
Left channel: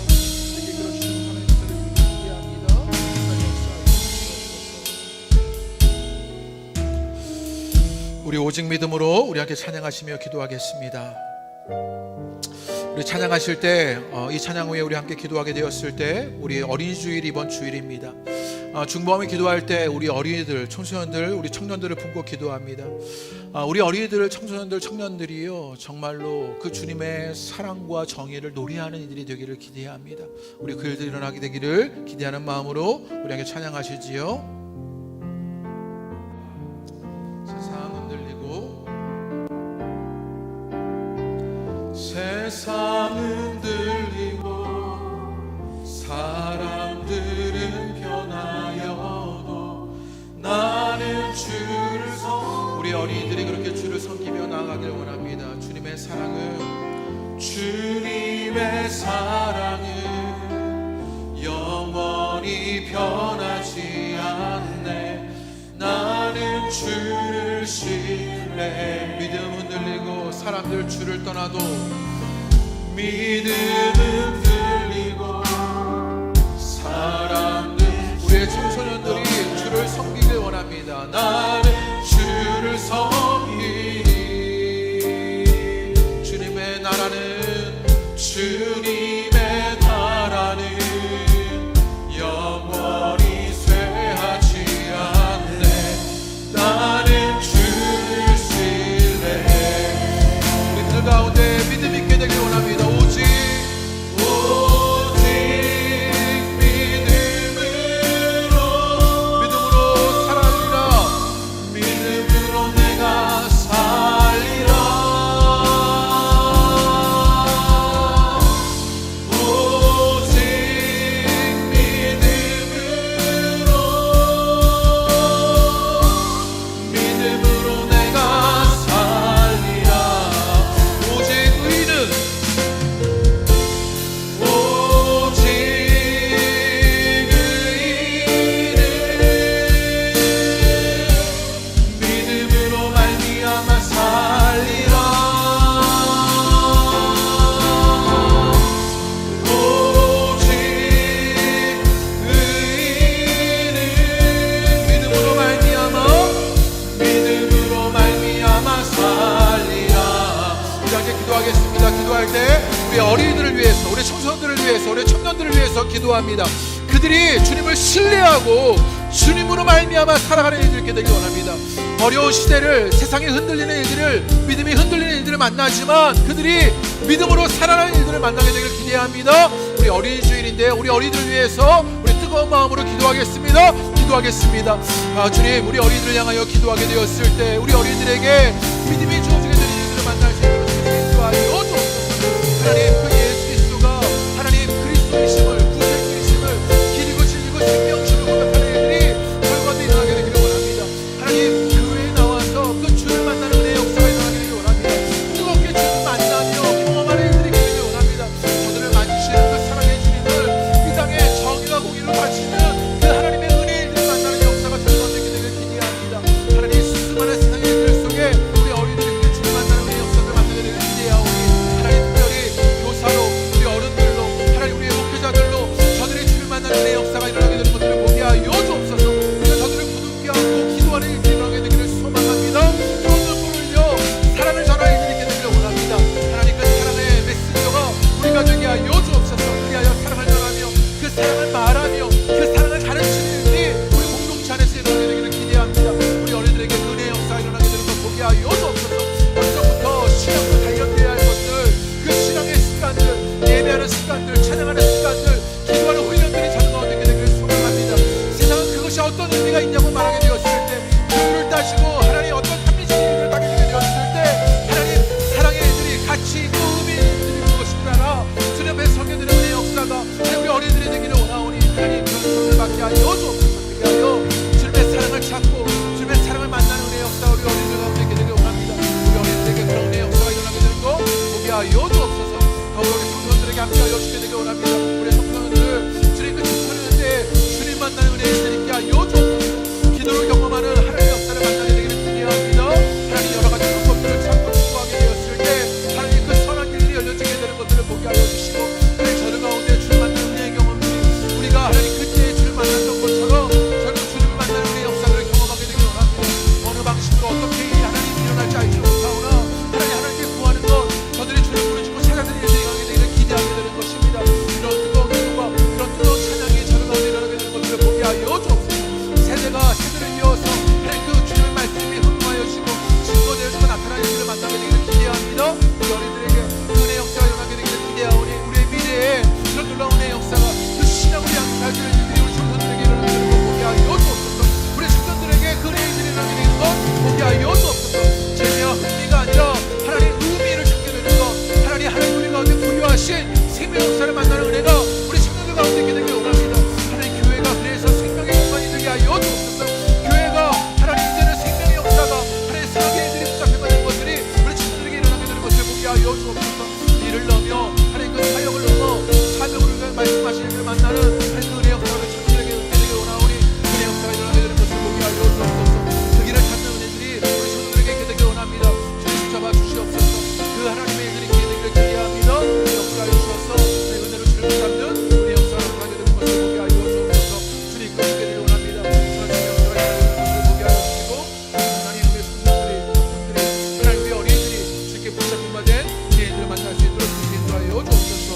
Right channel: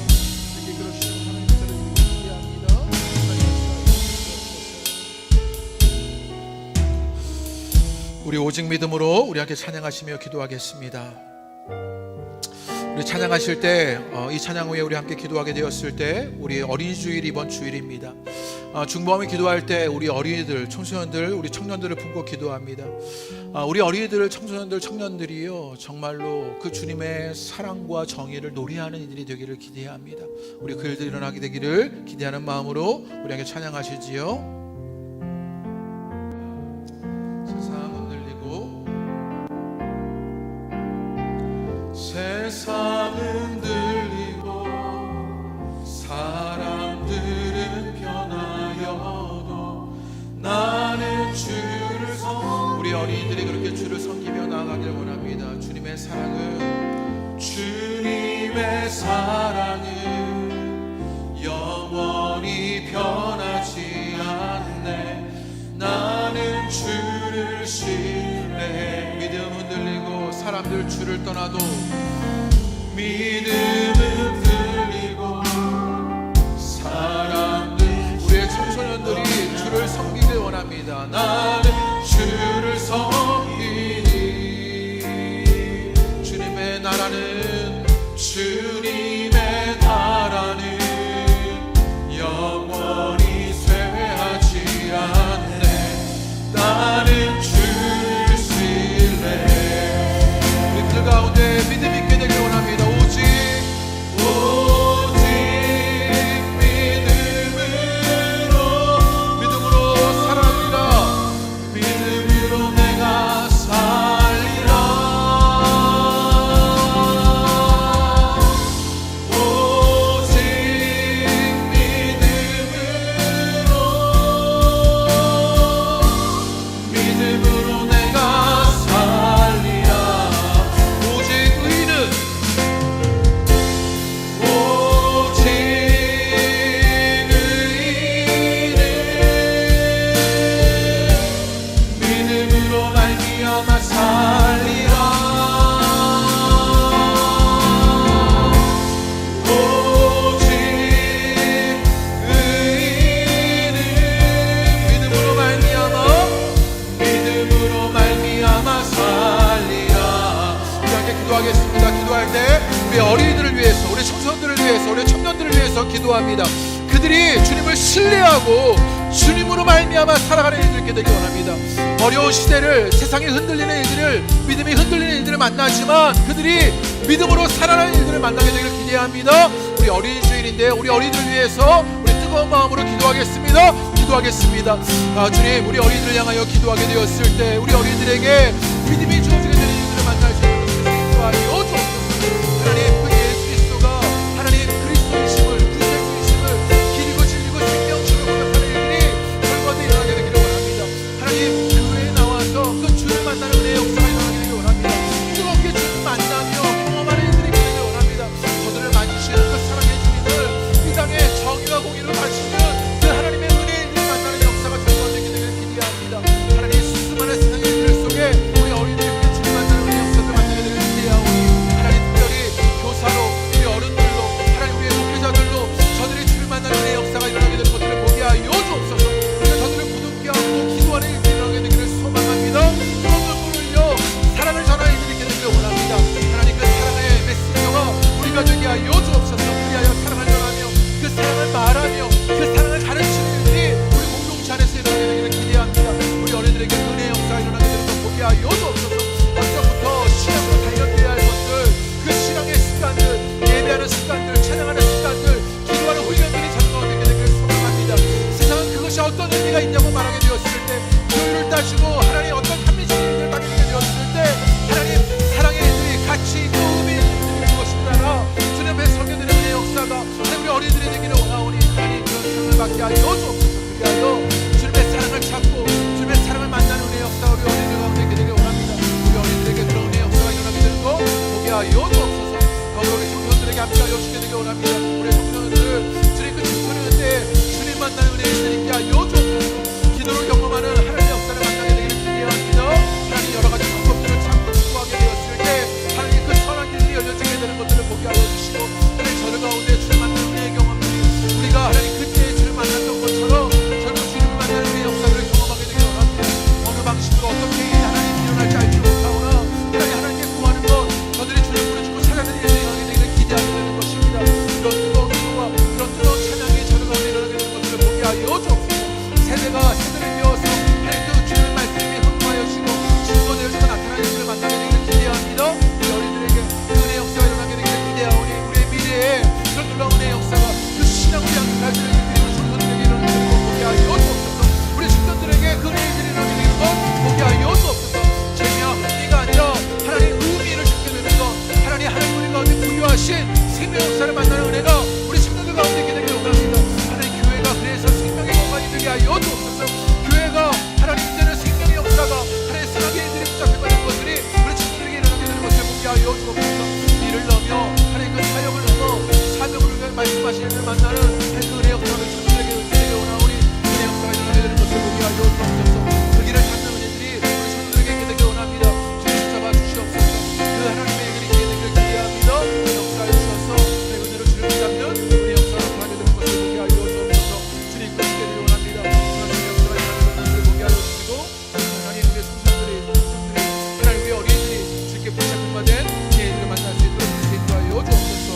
이렇게 그러시는 하나님의 일들을 기대합니다. 하나님 역사하여 주옵소서. 우리 오직 믿음으로 우리 함께 찬양하시며 기도하겠습니다. 우리 찬양하실 때 이 찬양 후에 우리 함께 기도하게 되었을 때 우리 어린이 주일 이번 주일입니다. 중보함이 기도할 때 우리 어린이들, 청소년들, 우리 청년들을 품고 기도합니다. 우리 어린이들, 청소년들, 청년들이요 정말로 그 주님의 사랑과 정의를 노래하는 이들이 되기를 기대합니다. 우리 그 일들이 일어나게 되기를 기대하는 마음으로 우리 함께 찬양하시지요. 세상 흔들리고 세상 흔들리고 사람들은 변하여도 나는 주를 우리 어린이들이 그렇게 주를 섬기며 나아가길 원합니다. 주님의 사랑은 영원히 변하지 않네. 나는 주를 신뢰해. 믿음 흔들리고 사람들 주를 떠나도 믿음 흔들리고 사람들, 우리의 청소년들이 주를 섬기길 원합니다. 나는 주를 섬기니. 주님의 나라는, 주님의 나라는 영원히 쇠하지 않네. 나는 주를 신뢰해. 우리들 가운데 믿음 있게 되길 원합니다. 오직 믿음으로 살아리라. 믿음으로 내가 살리라. 오직 믿음으로 내가 살리라. 오직 의는, 오직 의는 믿음으로 말미암아 살리라. 오직 의는 믿음으로 말미암아 살리라. 우리 함께 기도하겠습니다. 기도할 때 우리 어린이들을 위해서, 우리 청소년들을 위해서, 우리 청년들을 위해서 기도합니다. 그들이 주님을 신뢰하고 주님으로 말미암아 살아가는 일들이 있게 되길 원합니다. 어려운 시대를, 세상이 흔들리는 일들을, 믿음이 흔들리는 일들을 만나지만 그들이 믿음으로 살아가는 일들을 만나게 되길 기대합니다. 우리 어린이 주일인데 우리 어린이들을 위해서 우리 뜨거운 마음으로 기도하겠습니다. 기도하겠습니다. 주님, 우리 어린이들을 향하여 기도하게 되었을 때 우리 어린이들에게 믿음이 주어지게 되는 일들을 만날 수 있도록 주님 인도하여 주옵소서. 하나님, 그 예수 그리스도가 하나님 그리스도이심을, 구세주이심을, 길이고 진리고 생명심을 고백하는 일들이 결과도 일어나게 되기를 원합니다. 하나님, 교회에 나와서 그 주를 만나는 은혜의 역사가 일어나게 되기를 원합니다. 뜨겁게 주를 만나며 경험하는 일들이 있게 되기를 원합니다. 저들을 만지시는 그 사랑의 주님을 이 땅에 정의와 공의를 바치는 그 하나님의 은혜의 일들을 만나는 역사가 절반되게 되기를 기대합니다. 하나님, 수많은 세상의 일들 속에 우리 어린이들이 그 주를 만나는 은혜의 역사를 만나게 되기를 기대하오니 하나님, 특별히 교사로, 우리 어른들로, 하나님 우리의 목회자들도 저들의 주를 만나는 은혜의 역사가 일어나게 되는 것들을 보게 하여 주옵소서. 우리가 저들을 부둥켜 안고 기도하는 일들이 일어나게 되기를 소망합니다. 뜨거운 눈물을 흘려 사랑을 전하는 일들이 있게 되기를 원합니다. 하나님, 그 사랑의 메시저가 우리가 되게 하여 주옵소서. 그리하여 사랑을 전하며 그 사랑을 말하며 그 사랑을 가르치는 일들이 우리 공동체 안에서 일어나게 되기를 기대합니다. 우리 어린이들에게 은혜의 역사가 일어나게 되는 것 보게 하여 주옵소서. 먼저부터 신앙으로 단련되어야 할 것들, 그 신앙의 습관들, 예배하는 습관들, 찬양하는 습관들, 기도하는 훈련들이 저들 가운데 있게 되기를 소망합니다. 세상은 그것이 어떤 의미가 있냐고 말하게 되었을 때, 교율을 따지고 하나님 어떤 합리적인 일들을 따지게 되었을 때, 하나님 사랑의 일들이 가치 있고 의미 있는 일들이 무엇인지 알아 주님 앞에 서게 되는 은혜의 역사가 우리 어린이들이 되기를 원하오니 하나님, 그런 사랑을 받게 하여 주옵소서. 그리하여 주님의 사랑을 찾고 주님의 사랑을 만나는 은혜의 역사가 우리 어린이들 가운데 있게 되기를 원합니다. 우리 어린이들에게 그런 은혜의 역사가 일어나게 되는 거 보게 하여 주옵소서. 더불어 우리 청소년들에게 함께하여 주게 되기를 원합니다. 우리 청소년들을 주님 그 청소년 때 주님 만나는 은혜를 있게 하여 주옵소서. 기도를 경험하는 하나님의 역사를 만나게 되기를 기대합니다. 하나님, 여러 가지 방법들을 찾고 추구하게 되었을 때 하나님 그 선한 길이 열려지게 되는 것들을 보게 하여 주시고, 하나님 저들 가운데 주를 만나는 은혜의 경험들이 우리가 하나님 그때의 주를 만났던 것처럼 결국 주님을 만나는 은혜의 역사를 경험하게 되기를 원합니다. 어느 방식으로 어떻게 하나님 일어날지 알지 못하오나 하나님께 구하는 것, 저들이 주를 부르짖고 찾아드리는 일들이 일어나게 되기를 기대하게 되는 것입니다. 이런 뜨거운 기도와 이런 뜨거운 찬양이 저들 가운데 일어나게 되는 것들을 보게 하여 주옵소서. 세대가 세대를 이어서 하나님 그 주님의 말씀이 흥하여지고 증거되어지고 나타나는 일들을 만나게 되기를 기대합니다. 우리 어린이들에게 그 은혜의 역사가 일어나게 되기를 기대하오니 우리의 미래에 그런 놀라운 은혜의 역사가 그 신앙을 향해 가지는 일들이 우리 청소년들에게 일어나게 되는 것 보게 하여 주옵소서. 우리 청년들에게 그 은혜의 일들이 일어나게 되는 것 보게 하여 주옵소서. 재미와 흥미가 아니라 하나님 의미를 찾게 되는 것, 하나님 우리 가운데 부여하신 생명 역사를 만나는 은혜가 우리 청년들 가운데 있게 되기를 원합니다. 하나님, 교회가 그래서 생명의 공간이 되게 하여 주옵소서. 교회가 하나님 이제는 생명의 역사가 하나님 사랑의 일들이 붙잡혀가는 것들이 우리 청년들에게 일어나게 되는 것을 보게 하여 주옵소서. 일을 넘어 하나님 그 사역을 넘어 하나님의 우리가 말씀하시는 일을 만나는 하나님 그 은혜 역사를 천들에게 되게 원하오니 은혜 역사가 일어나게 되는 것을 보게 하여 주옵소서. 그 길을 찾는 은혜들이 우리 천들에게 있게 되길 원합니다. 주님 붙잡아 주시옵소서. 그 하나님의 일들이 있게 되기를 기대합니다. 은혜 역사하여 주셔서 내 은혜로 주를 붙잡는 은혜 역사가 나타나게 되는 것을 보게 하여 주옵소서. 주님 이끌어주게 되길 원합니다. 하나님의 역사가 일어나게 되는 것을 보게 하여 주시고 하나님 우리의 성도들이 하나님 우리 어린이들이 주께 붙잡힌 바 된 은혜들을 만날 수 있도록 주께 인도하여 주옵소서.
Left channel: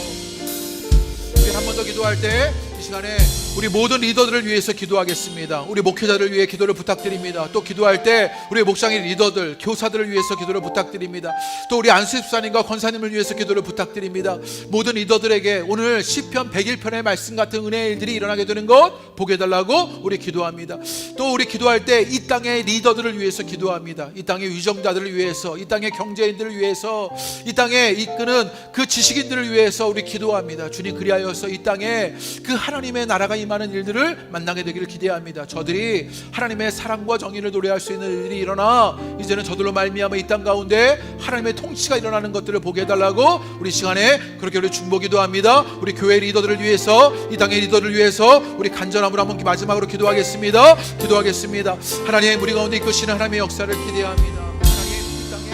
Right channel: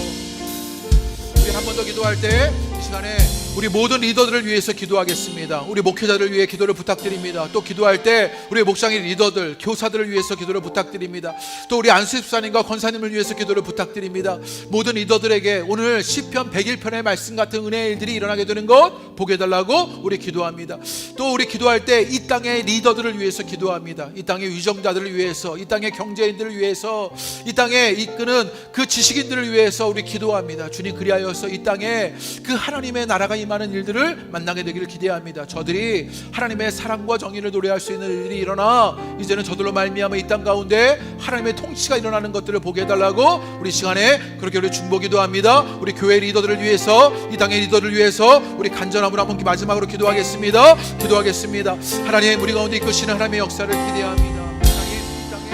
우리 한 번 더 기도할 때 이 시간에 우리 모든 리더들을 위해서 기도하겠습니다. 우리 목회자들을 위해 기도를 부탁드립니다. 또 기도할 때 우리 목장의 리더들, 교사들을 위해서 기도를 부탁드립니다. 또 우리 안수집사님과 권사님을 위해서 기도를 부탁드립니다. 모든 리더들에게 오늘 시편 101편의 말씀 같은 은혜의 일들이 일어나게 되는 것 보게 해달라고 우리 기도합니다. 또 우리 기도할 때 이 땅의 리더들을 위해서 기도합니다. 이 땅의 위정자들을 위해서, 이 땅의 경제인들을 위해서, 이 땅에 이끄는 그 지식인들을 위해서 우리 기도합니다. 주님 그리하여서 이 땅에 그 하나님의 나라가 임하는 일들을 만나게 되기를 기대합니다. 저들이 하나님의 사랑과 정의를 노래할 수 있는 일이 일어나 이제는 저들로 말미암아 이 땅 가운데 하나님의 통치가 일어나는 것들을 보게 해달라고 우리 시간에 그렇게 우리 중보기도 합니다. 우리 교회 리더들을 위해서, 이 땅의 리더들을 위해서 우리 간절함으로 한번 마지막으로 기도하겠습니다. 하나님 우리 가운데 이끄시는 하나님의 역사를 기대합니다. 하나님 이 땅에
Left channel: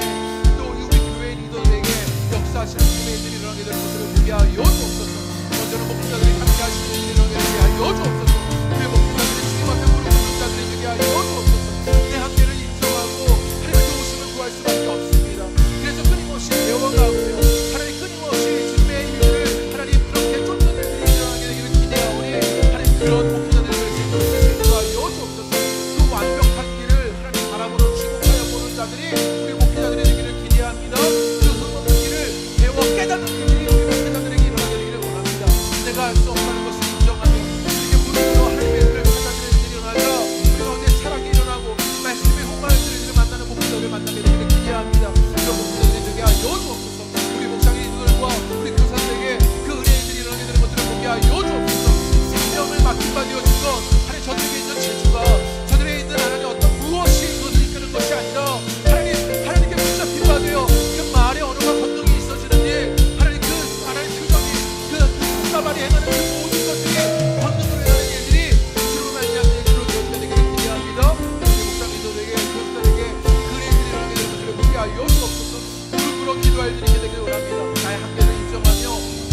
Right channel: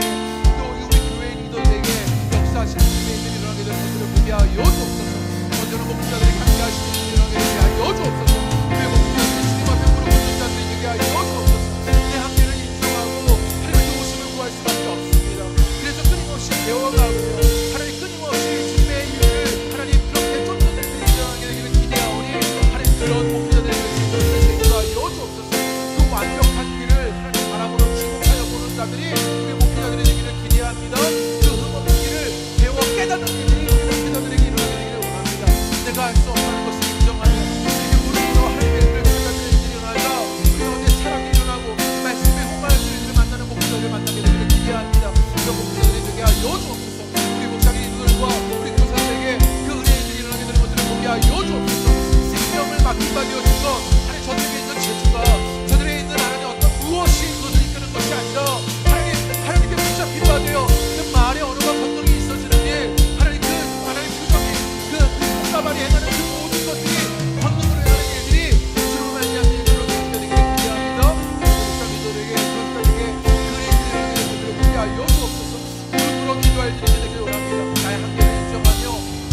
또 우리 교회 리더들에게 역사하시는 주님의 일들이 일어나게 되는 것들을 보게 하여 주옵소서. 먼저는 목회자들에게 함께 하시는 일들이 일어나게 되게 하여 주옵소서. 우리 목회자들이 주님 앞에 무릎 꿇는 자들이 되게 하여 주옵소서. 내 한계를 인정하고 하나님의 도우심을 구할 수밖에 없습니다. 그래서 끊임없이 배워가고요, 하나님 끊임없이 주님의 일들을 하나님 그렇게 쫓는 일들이 일어나게 되기를 기대하오니 하나님 그런 목회자들을 위해서 인도하여 주옵소서. 그 완벽한 길을 하나님 바라보는 주목하여 보는 자들이 우리 목회자들이 되기를 기대합니다. 그 흠없는 길을 배워 깨닫는 일들이 우리 목회자들에게 일어나게 되기를 원합니다. 내가 할 수 없다는 것을 인정하며 이렇게 무릎으로 하나님의 일을 받아들이는 일들이 일어나자 우리 가운데 사랑이 일어나고 말씀의 홍하는 일들을 만나는 목회자들을 만나게 되기를 기대합니다. 그런 목회자들이 되게 하여 주옵소서. 우리 목장의 리더들과 우리 교사들에게 그 은혜의 일들이 일어나게 되는 것들을 보게 하여 주옵소서. 생명을 맡긴 바 되어진 것, 하나님 저들에게 있는 재주가, 저들에게 있는 하나님 어떤 무엇이 그것을 이끄는 것이 아니라 하나님께 붙잡힌 바 되어 그 말의 언어가 권능이 있어지는 일, 하나님 그 하나님 표정이 그 손가발이 행하는 그 모든 것들이 권능으로 행하는 일들이 주로 말미암는 일들로 되어지게 되기를 기대합니다. 우리 목장 리더들에게 교사들에게 그 일들이 일어나게 되는 것들을 보게 하여 주옵소서. 무릎으로 기도할 일이 되기를 원합니다. 나의 한계를 인정하며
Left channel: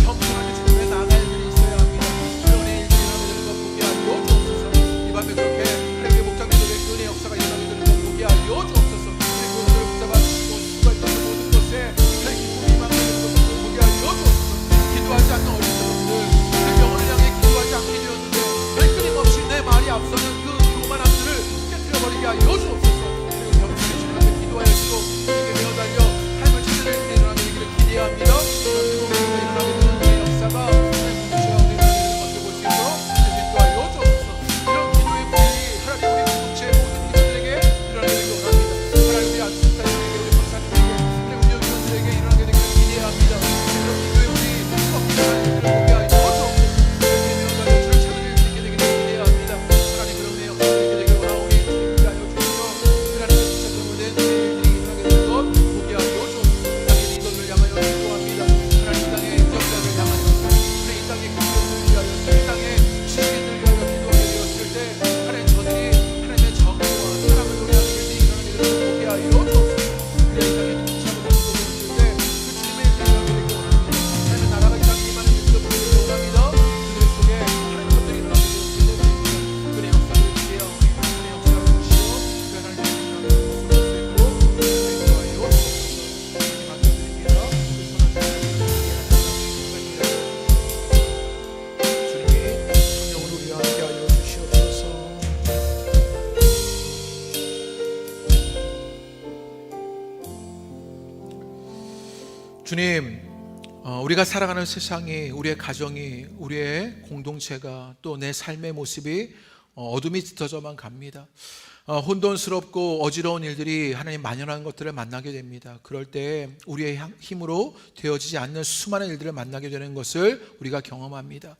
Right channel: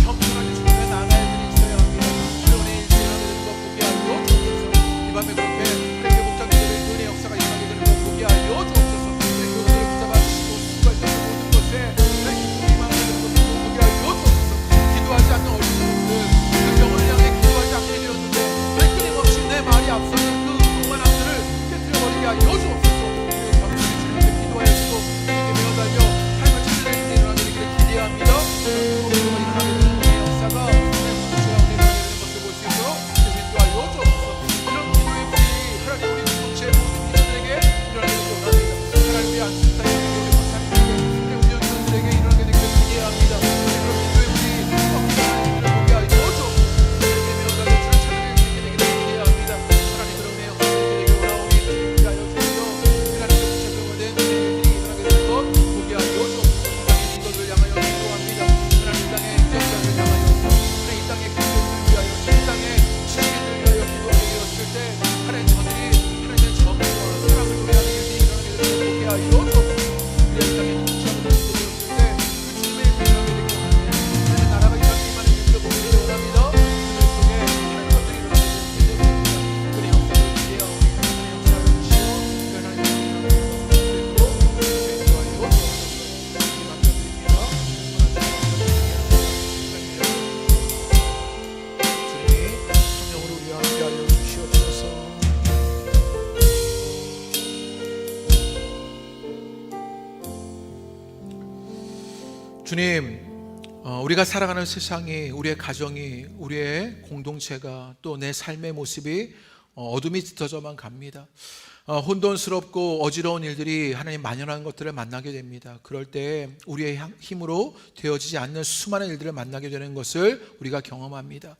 겸손하게 주님께 나아갈 일이 있어야 합니다. 그런 일들이 일어나게 되는 것 보게 하여 주옵소서. 이 밤에 그렇게 하나님의 목장 리더들의 그 은혜 역사가 일어나게 되는 것 보게 하여 주옵소서. 우리 교사들을 붙잡아 주시고 수고했던 그 모든 것에 하나님 기쁨이 임하게 되는 것을 보게 하여 주옵소서. 기도하지 않는 어린 사람들, 그 영혼을 향해 기도하지 않게 되었는데 끊임없이 내 말이 앞서는 그 교만함들을 깨뜨려버리게 하여 주옵소서. 그리고 겸손히 주님 앞에 기도하여주고 주님께 매어달려 삶을 찾아낼 일이 일어나게 되기를 기대합니다. 그런 뜨거운 기도가 일어나게 되는 내 역사가 하나님 공동체 가운데 일어나게 되는 것을 볼 수 있도록 인도하여 주옵소서. 이런 기도의 불이 하나님 우리 공동체 모든 리더들에게 일어나게 되기 원합니다. 하나님 우리 안수집사님에게, 우리 권사님에게, 우리 운영위원들에게 일어나게 되기를 기대합니다. 그런 기도의 불이 꺾이는 하나님들을 보게 하여 주옵소서. 주님께 매어달려 주를 찾아낼 수 있게 되기를 기대합니다. 하나님 그런 은혜의 역사들이 있게 되기를 원하오니 주님 기하여 주시며 하나님께 붙잡혀된 은혜의 일들이 일어나게 되는 것 보게 하여 주옵소서. 이 땅의 리더들을 향하여 기도합니다. 하나님 이 땅의 지역자들을 향하여서, 하나님 이 땅의 교회들을 위하여서, 이 땅의 지식인들을 위하여 기도하게 되었을 때 하나님 저들이 하나님의 정의와 사랑을 노래하는 일들이 일어나게 되는 것 보게 하여 주옵소서. 그래야 이 땅에 통치하고 다니게 되었을 때 그 주님의 일들이 일어나게 되기 원합니다. 하나님의 나라가 이 땅에 임하는 일들을 보게 되기 원합니다. 그들 속에 하나님의 것들이 일어나게 되었기 때문입니다. 그의 역사를 기대하오니 하나님의 역사를 주시어 그 하나님의 일어나게 되는 것을 볼 수 있도록 인도하여 주옵소서. 주님 맡겨드립니다. 그 선한 자를 주님이 성령으로 우리와 함께하여 주시옵소서. 주님, 우리가 살아가는 세상이, 우리의 가정이, 우리의 공동체가, 또 내 삶의 모습이 어둠이 짙어져만 갑니다. 혼돈스럽고 어지러운 일들이 하나님 만연한 것들을 만나게 됩니다. 그럴 때 우리의 힘으로 되어지지 않는 수많은 일들을 만나게 되는 것을 우리가 경험합니다.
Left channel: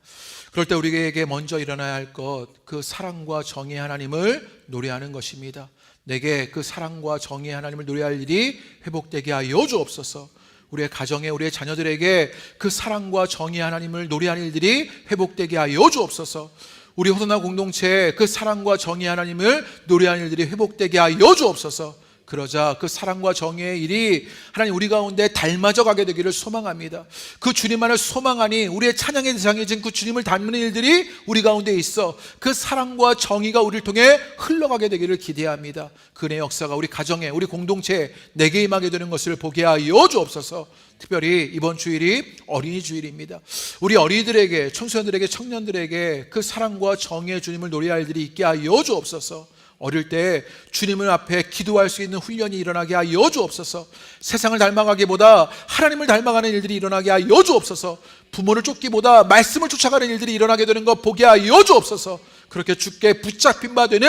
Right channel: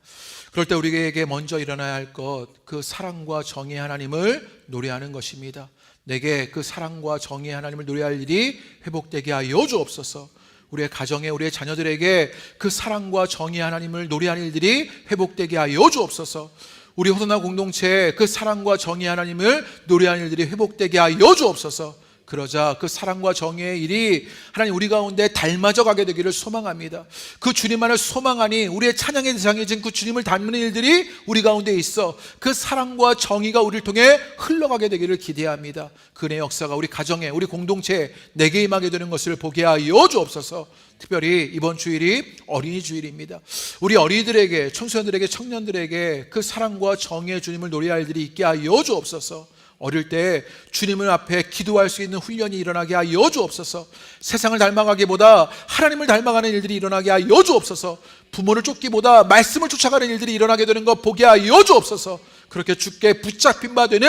그럴 때 우리에게 먼저 일어나야 할 것, 그 사랑과 정의의 하나님을 노래하는 것입니다. 내게 그 사랑과 정의의 하나님을 노래할 일이 회복되게 하여 주옵소서. 우리의 가정에 우리의 자녀들에게 그 사랑과 정의 하나님을 노래하는 일들이 회복되게 하여 주옵소서. 우리 호소나 공동체에 그 사랑과 정의 하나님을 노래하는 일들이 회복되게 하여 주옵소서. 그러자 그 사랑과 정의의 일이 하나님 우리 가운데 닮아져 가게 되기를 소망합니다. 그 주님만을 소망하니 우리의 찬양의 대상이진 그 주님을 닮는 일들이 우리 가운데 있어 그 사랑과 정의가 우리를 통해 흘러가게 되기를 기대합니다. 그 은혜의 역사가 우리 가정에 우리 공동체에 내게 임하게 되는 것을 보게 하여 주옵소서. 특별히 이번 주일이 어린이 주일입니다. 우리 어린이들에게, 청소년들에게, 청년들에게 그 사랑과 정의의 주님을 노래할 일들이 있게 하여 주옵소서. 어릴 때 주님을 앞에 기도할 수 있는 훈련이 일어나게 하여 주옵소서. 세상을 닮아가기보다 하나님을 닮아가는 일들이 일어나게 하여 주옵소서. 부모를 쫓기보다 말씀을 쫓아가는 일들이 일어나게 되는 것 보게 하여 주옵소서. 그렇게 주께 붙잡힌 바 되는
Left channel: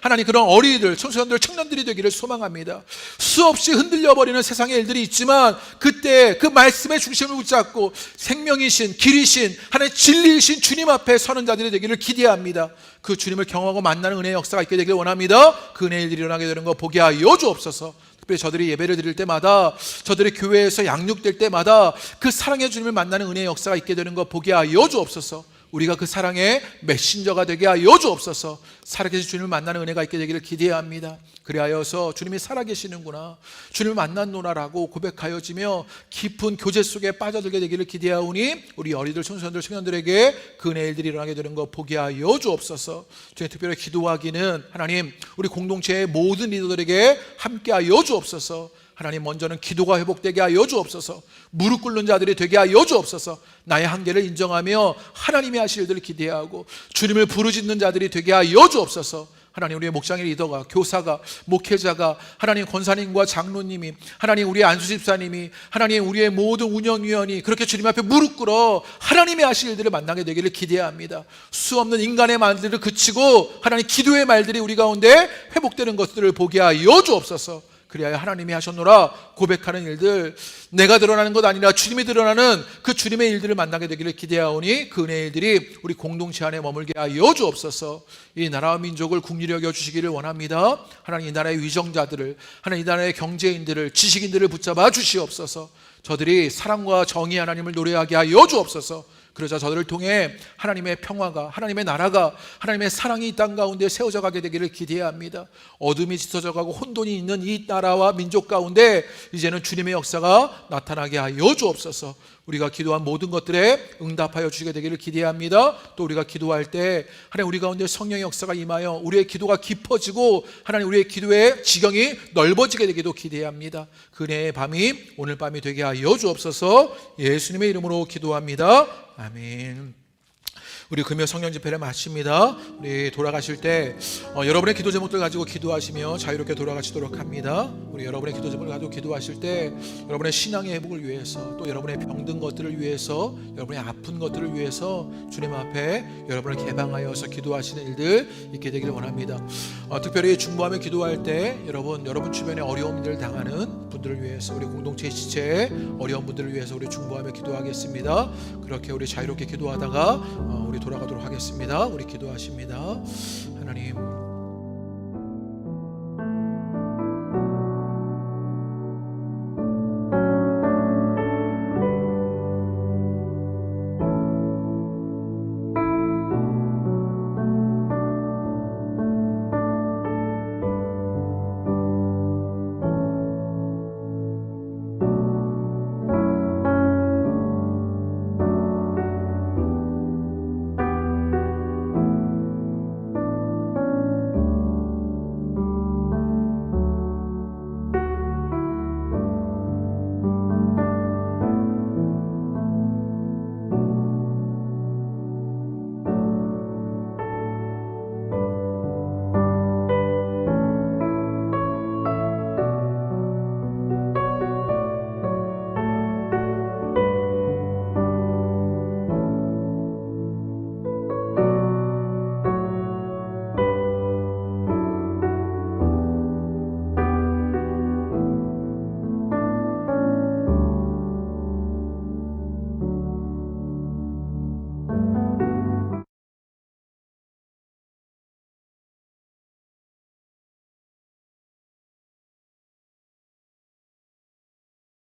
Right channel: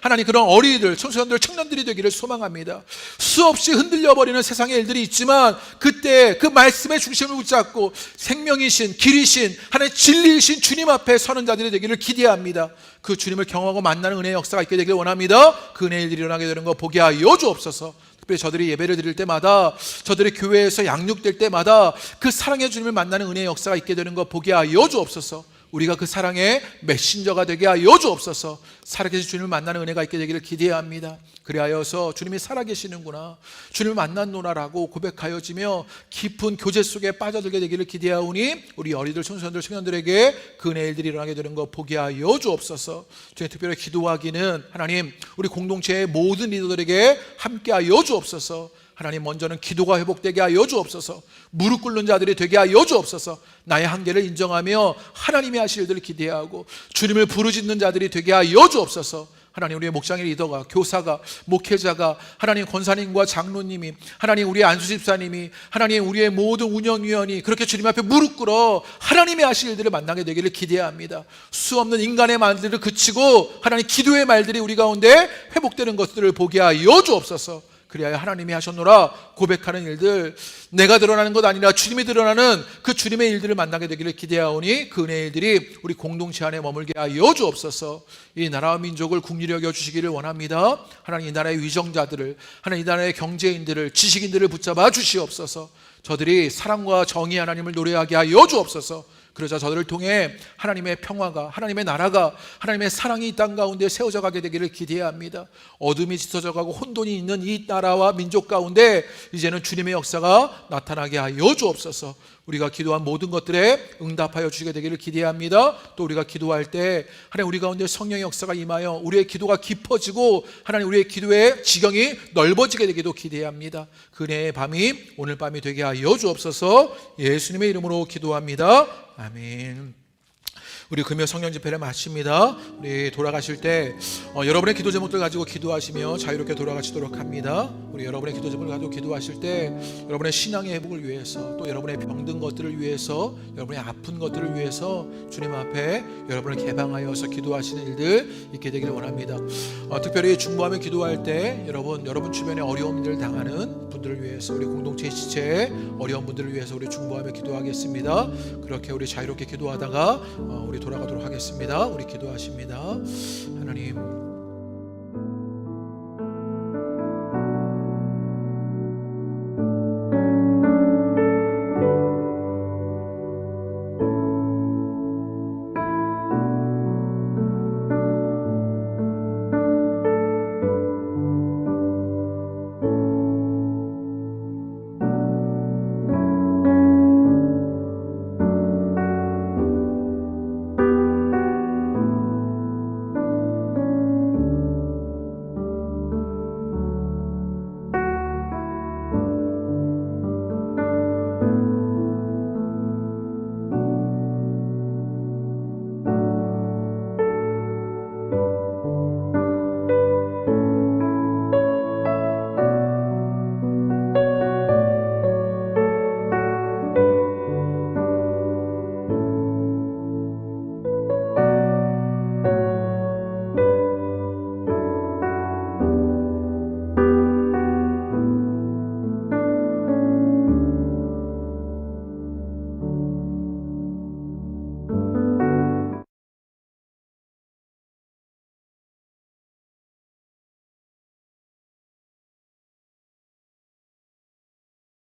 하나님 그런 어린이들, 청소년들, 청년들이 되기를 소망합니다. 수없이 흔들려버리는 세상의 일들이 있지만 그때 그 말씀의 중심을 붙잡고 생명이신, 길이신, 하나님 진리이신 주님 앞에 서는 자들이 되기를 기대합니다. 그 주님을 경험하고 만나는 은혜의 역사가 있게 되기를 원합니다. 그 은혜의 일들이 일어나게 되는 것 보게 하여 주옵소서. 특별히 저들이 예배를 드릴 때마다, 저들이 교회에서 양육될 때마다 그 사랑의 주님을 만나는 은혜의 역사가 있게 되는 것 보게 하여 주옵소서. 우리가 그 사랑의 메신저가 되게 하여 주옵소서. 살아계신 주님을 만나는 은혜가 있게 되기를 기대합니다. 그리하여서 주님이 살아계시는구나, 주님을 만났노라라고 고백하여지며 깊은 교제 속에 빠져들게 되기를 기대하오니 우리 어린이들, 청소년들, 청년들에게 그 은혜의 일들이 일어나게 되는 것 보게 하여 주옵소서. 주님 특별히 기도하기는 하나님 우리 공동체의 모든 리더들에게 함께 하여 주옵소서. 하나님 먼저는 기도가 회복되게 하여 주옵소서. 무릎 꿇는 자들이 되게 하여 주옵소서. 나의 한계를 인정하며 하나님이 하실 일들을 기대하고 주님을 부르짖는 자들이 되게 하여 주옵소서. 하나님 우리의 목장의 리더가, 교사가, 목회자가, 하나님 권사님과 장로님이, 하나님 우리의 안수집사님이, 하나님 우리의 모든 운영위원이 그렇게 주님 앞에 무릎 꿇어 하나님의 하실 일들을 만나게 되기를 기대합니다. 수없는 인간의 말들을 그치고 하나님 기도의 말들이 우리 가운데 회복되는 것들을 보게 하여 주옵소서. 그리하여 하나님이 하셨노라 고백하는 일들, 내가 드러나는 것 아니라 주님이 드러나는 그 주님의 일들을 만나게 되기를 기대하오니 그 은혜의 일들이 우리 공동체 안에 머물게 하여 주옵소서. 이 나라와 민족을 국리로 여겨주시기를 원합니다. 하나님 이 나라의 위정자들을, 하나님 이 나라의 경제인들을, 지식인들을 붙잡아 주시옵소서. 저들이 사랑과 정의 하나님을 노래하게 하여 주옵소서. 그러자 저들을 통해 하나님의 평화가, 하나님의 나라가, 하나님의 사랑이 이 땅 가운데 세워져 가게 되기를 기대합니다. 어둠이 짙어져 가고 혼돈이 있는 이 나라와 민족 가운데 이제는 주님의 역사가 나타나게 하여 주옵소서. 우리가 기도한 모든 것들에 응답하여 주시게 되기를 기대합니다. 또 우리가 기도할 때 하나님 우리 가운데 성령의 역사가 임하여 우리의 기도가 깊어지고 하나님 우리의 기도의 지경이 넓어지게 되기도 기대합니다. 그 은혜의 밤이 오늘 밤이 되게 하여 주옵소서. 예수님의 이름으로 기도합니다. 아멘. 우리 금요 성령 집회를 마칩니다. 우리 돌아가실 때 여러분의 기도 제목들 가지고 기도하시며 자유롭게 돌아가시도록 합니다. 우리 여러분의 기도 제목을 가지고 기도하실 때 여러분의 신앙의 회복을 위해서, 또 여러분의 병든 것들을 위해서, 여러분의 아픈 것들을 위해서 주님 앞에 여러분을 개방하여서 기도하시는 일들 있게 되기를 원합니다. 특별히 중보하며 기도할 때 여러분 주변에 어려운 일을 당하는 분들을 위해서, 우리 공동체 지체에 어려운 분들을 위해서 우리 중보하며 기도하겠습니다. 그렇게 우리 자유롭게 기도하다가 우리 돌아가도록 하겠습니다. 우리 기도하십니다. 하나님